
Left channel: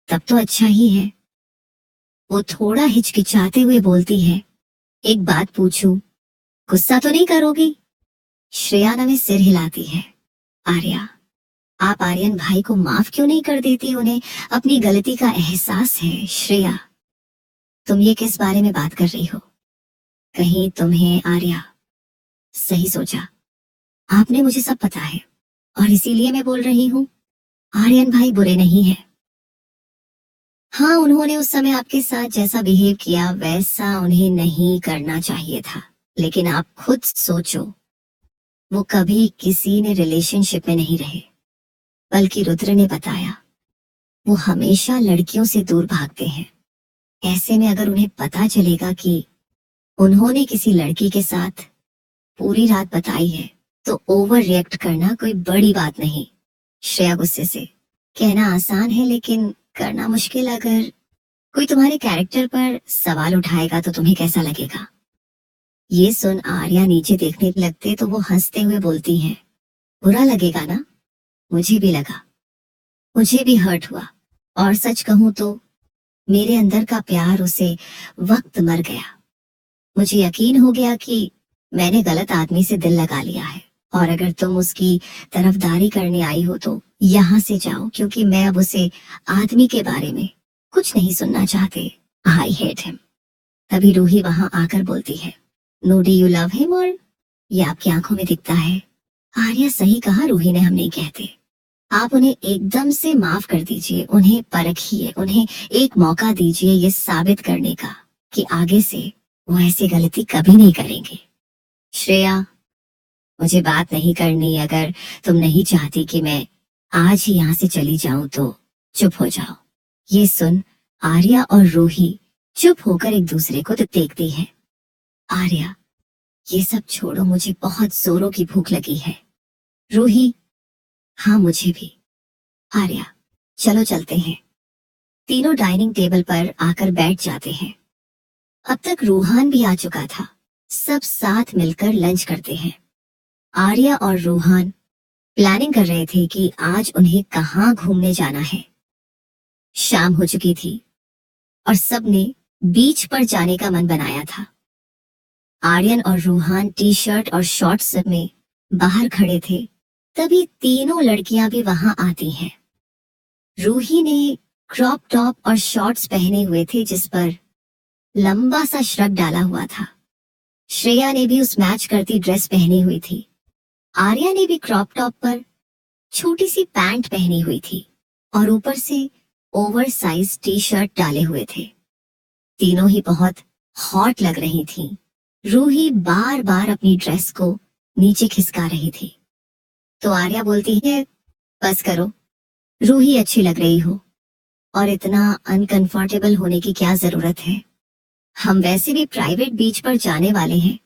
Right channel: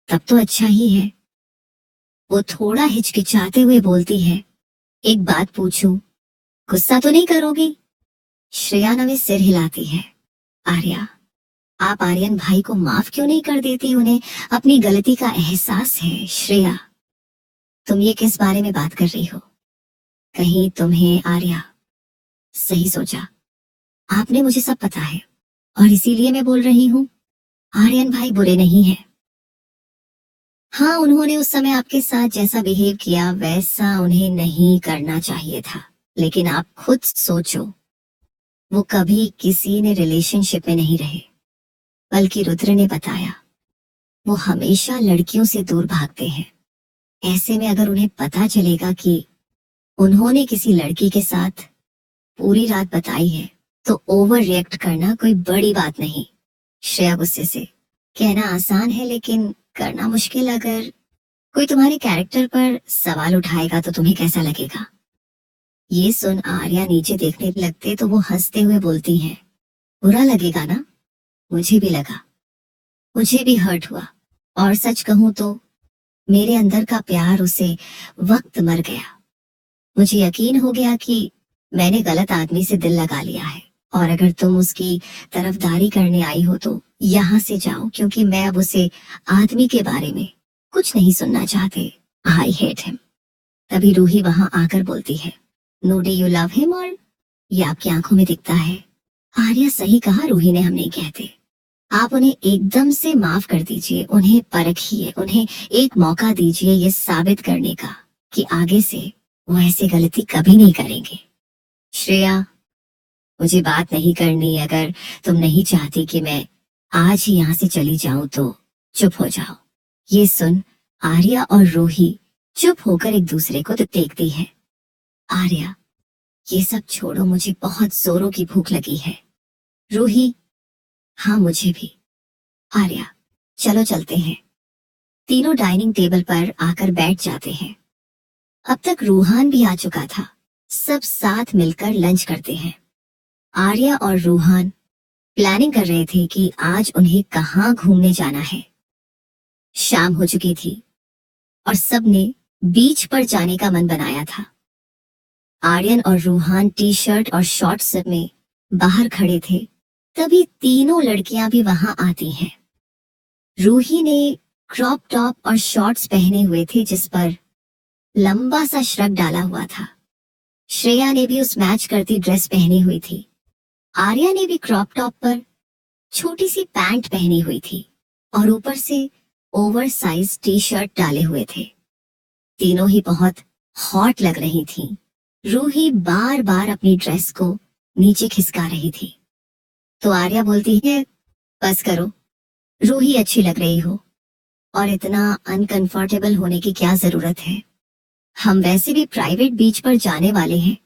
तब तो अच्छा ही है। वो थोड़ा हिचकिचाते हुए बोलती है, एक बात पूछूं, गुस्सा तो नहीं करोगी? श्रेया नवे सिर हिलाती है। आर्या, आप आर्यन भाई को माफ क्यों नहीं कर देती? उन्हें अपनी गलती का एहसास है। श्रेया, तुम ये किस बारे में बात कर रही हो? कहीं तुम्हें? आर्या, सही सोचा, आपने मुझे सब पता है और इसीलिए मैं बोल रही हूँ। आर्यन भाई बुरे नहीं है। हाँ, उन्होंने उस समय आपके साथ जैसा बिहेव किया वैसा उन्हें नहीं करना चाहिए था, लेकिन आप खुद सोचो, वो कभी किसी ने रिलेशनशिप में नहीं रहे, बल्कि रुद्र ने बताया वो हमेशा लड़कियों से दूर भागते हैं। ऐसे में अगर उन्हें पता चलेगा कि उन्होंने किसी लड़की के साथ पूरी रात बताई है तो ओवर रिएक्ट करना कोई बड़ी बात नहीं। श्रेया गुस्से से, कहना आसान है लेकिन करना मुश्किल। अगर कोई तुम्हारे कैरेक्टर पर सवाल उठाएगा तो तुम्हें कैसा लगेगा? ये सुन आर्या नीचे देखने लगते तो वो हंसते हुए बोलती हैं, बुरा लगेगा ना? मुझे भी लगा, मुझे भी हर्ट हुआ, और सच कहूं तो मेरे अंदर का प्यार उसे वक्त मर गया। मुझे यकीन हो गया कि मैंने गलत आदमी से दिल लगा लिया है, और अगर तुम उसकी तरफदारी करने आई हो तो यहाँ से जाओ, क्योंकि मैं अब उसे आदमी के बारे में कुछ नहीं सुनना चाहते। I hate him. तभी रूही वहां आकर बोलती है, no do you love him? और ये आपकी आंखों में दिखता है। आर्या, सही कहा रूही ने, हम नहीं कहते। आप उन्हें एकदम से माफ कर दीजिए, उन्हें परखिए, उन्हें एक मौका दीजिए ये साबित करने का कि आगे से वो ऐसी गलती कभी नहीं करेंगे। श्रेया, मुझे बात नहीं करनी। अगर तुम नहीं चाहती कि मैं आज ही यहाँ से चली जाऊं तो चुप हो जाओ। ये सुन आर्या और रूही चुप होकर एक दूसरे को देखती है। आर्या, ये सब छोड़ो, मुझे बहुत जोरों की भूख लगी है। रूही, हाँ मुझे भी। आर्या, चलो चलते हैं। तीनों डाइनिंग टेबल पर आकर बैठ जाते हैं। अब तक रूहान भी आ चुका था। सब साथ मिलकर लंच करते हैं। आर्या और रूहान प्लानिंग कर रहे थे कि आज उन्हें कहाँ घूमने जाना है। शाम हो चुकी थी और सबने बीच पर जाने का मन बनाया था। आर्यन और रूहान टी शर्ट और शॉर्ट्स में बाहर खड़े थे, तभी तीनों लड़कियां भी वहां आती हैं। रूही ने क्रॉप टॉप और शॉर्ट्स पहने हुए थे जिस पर लंबा सा श्रग डाला हुआ था। श्रेया ने भी उस मैच करती ड्रेस पहनी हुई थी। आर्या ने भी क्रॉप टॉप पर छोटी सी पैंट पहनी हुई थी और ऊपर से ओवर साइज टी शर्ट डाले हुए थे। तीनों ही बहुत हॉट लग रही थी। रूही बार बार अपनी ड्रेस को नीचे खिसका रही थी तो आर्या बोलती है, बस करो, रूही अच्छी लग रही हो और इतना अनकंफर्टेबल होने की क्या जरूरत है। हम वैसे भी प्राइवेट बीच पर जाने वाले हैं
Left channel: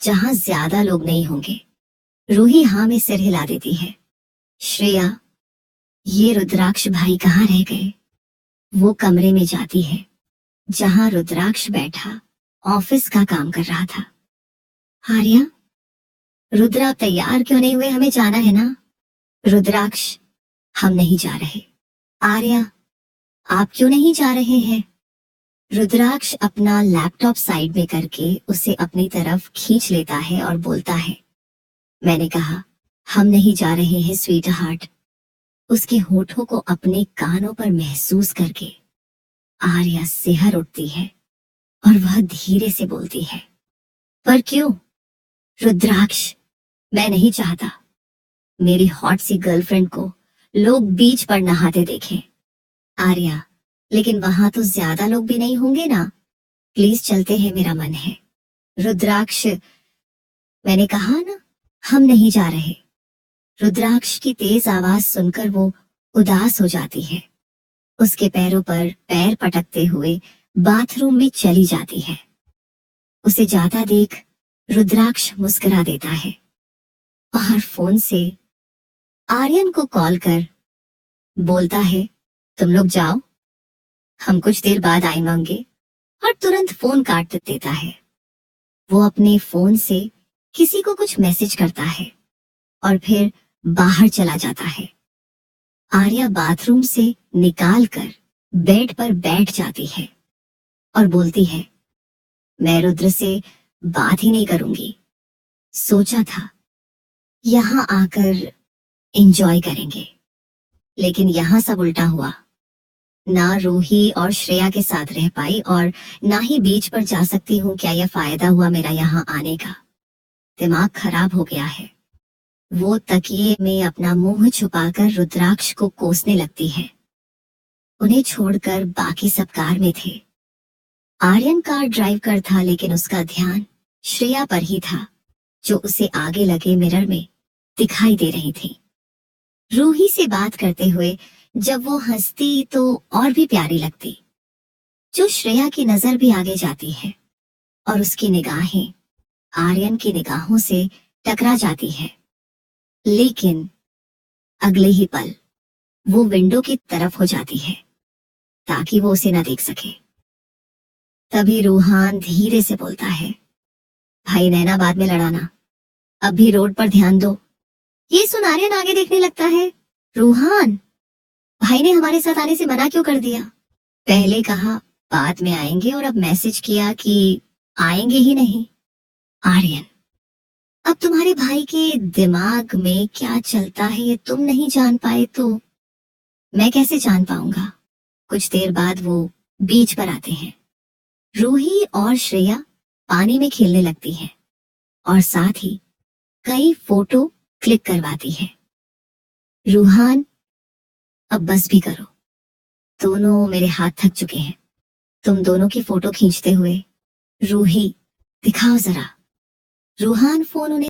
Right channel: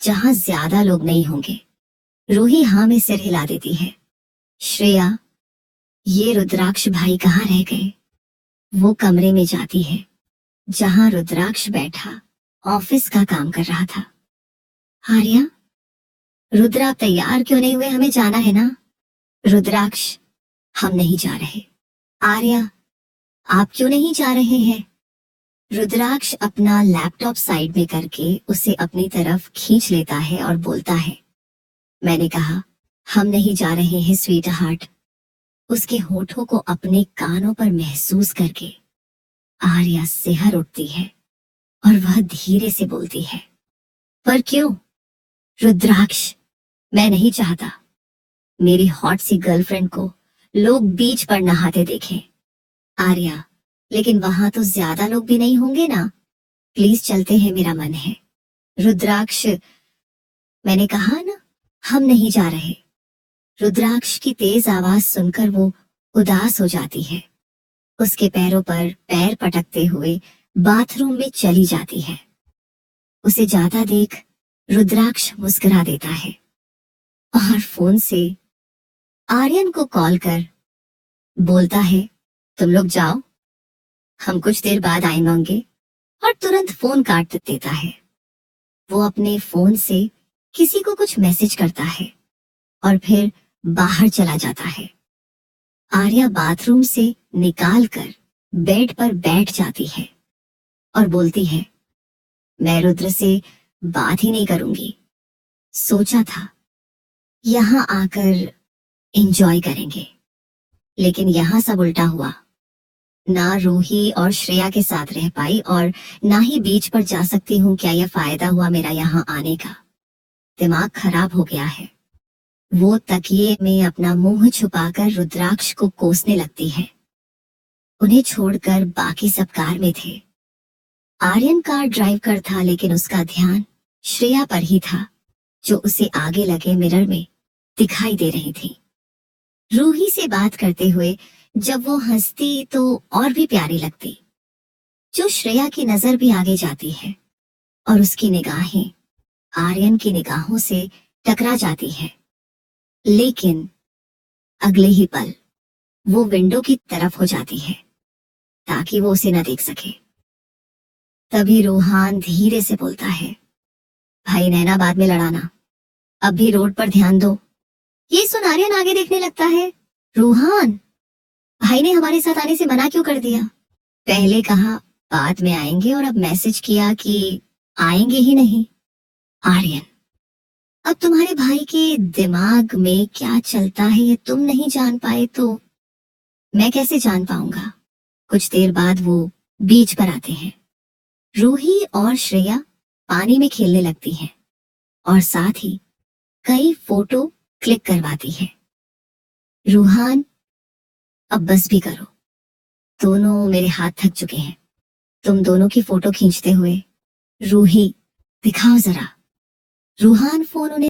जहां ज्यादा लोग नहीं होंगे। रूही हाँ में सिर हिला देती है। श्रेया, ये रुद्राक्ष भाई कहाँ रह गए? वो कमरे में जाती है जहां रुद्राक्ष बैठा ऑफिस का काम कर रहा था। आर्या, रुद्र आप तैयार क्यों नहीं हुए? हमें जाना है ना। रुद्राक्ष, हम नहीं जा रहे। आर्या, आप क्यों नहीं जा रहे हैं? रुद्राक्ष अपना लैपटॉप साइड में करके उसे अपनी तरफ खींच लेता है और बोलता है, मैंने कहा हम नहीं जा रहे हैं स्वीट हार्ट। उसके होठों को अपने कानों पर महसूस करके आर्या सिहर उठती है और वह धीरे से बोलती है, पर क्यों? रुद्राक्ष, मैं नहीं चाहता मेरी हॉट सी गर्लफ्रेंड को लोग बीच पर नहाते देखें। आर्या, लेकिन वहां तो ज्यादा लोग भी नहीं होंगे ना। प्लीज चलते हैं, मेरा मन है। रुद्राक्ष, मैंने कहा ना हम नहीं जा रहे। रुद्राक्ष की तेज आवाज सुनकर वो उदास हो जाती है। उसके पैरों पर पैर पटकते हुए बाथरूम में चली जाती है। उसे जाता देख रुद्राक्ष मुस्कुरा देता है और फोन से आर्यन को कॉल कर बोलता है, तुम लोग जाओ, हम कुछ देर बाद आएंगे, और तुरंत फोन काट देता है। वो अपने फोन से किसी को कुछ मैसेज करता है और फिर बाहर चला जाता है। आर्या बाथरूम से निकाल कर बेड पर बैठ जाती है और बोलती है, मैं रुद्र से बात ही नहीं करूंगी। सोचा था यहाँ आकर एंजॉय करेंगे, लेकिन यहाँ सब उल्टा हुआ। ना रूही और श्रेया के साथ रह पाई और ना ही बीच पर जा सकती हूँ। क्या यह फायदा हुआ मेरा यहाँ आने का? दिमाग खराब हो गया है। वो तकिए में अपना मुंह छुपाकर रुद्राक्ष को कोसने लगती है। उन्हें छोड़कर बाकी सब कार में थे। आर्यन कार ड्राइव कर था, लेकिन उसका ध्यान श्रेया पर ही था जो उसे आगे लगे मिरर में दिखाई दे रही थी। रूही से बात करते हुए जब वो हंसती तो और भी प्यारी लगती। जो श्रेया की नजर भी आगे जाती है और उसकी निगाहें आर्यन की निगाहों से टकरा जाती है, लेकिन अगले ही पल वो विंडो की तरफ हो जाती है ताकि वो उसे न देख सके। तभी रूहान धीरे से बोलता है, भाई नैना बाद में लड़ाना, अब भी रोड पर ध्यान दो। ये सुन आर्यन आगे देखने लगता है। रूहान, भाई ने हमारे साथ आने से मना क्यों कर दिया? पहले कहा बाद में आएंगे और अब मैसेज किया कि आएंगे ही नहीं। आर्यन, अब तुम्हारे भाई के दिमाग में क्या चलता है ये तुम नहीं जान पाए तो मैं कैसे जान पाऊंगा? कुछ देर बाद वो बीच पर आते हैं। रूही और श्रेया पानी में खेलने लगती हैं और साथ ही कई फोटो क्लिक करवाती है। रूहान अब बस भी करो, दोनों मेरे हाथ थक चुके हैं। तुम दोनों की फोटो खींचते हुए। रूही, दिखाओ जरा। रूहान फोन उन्हें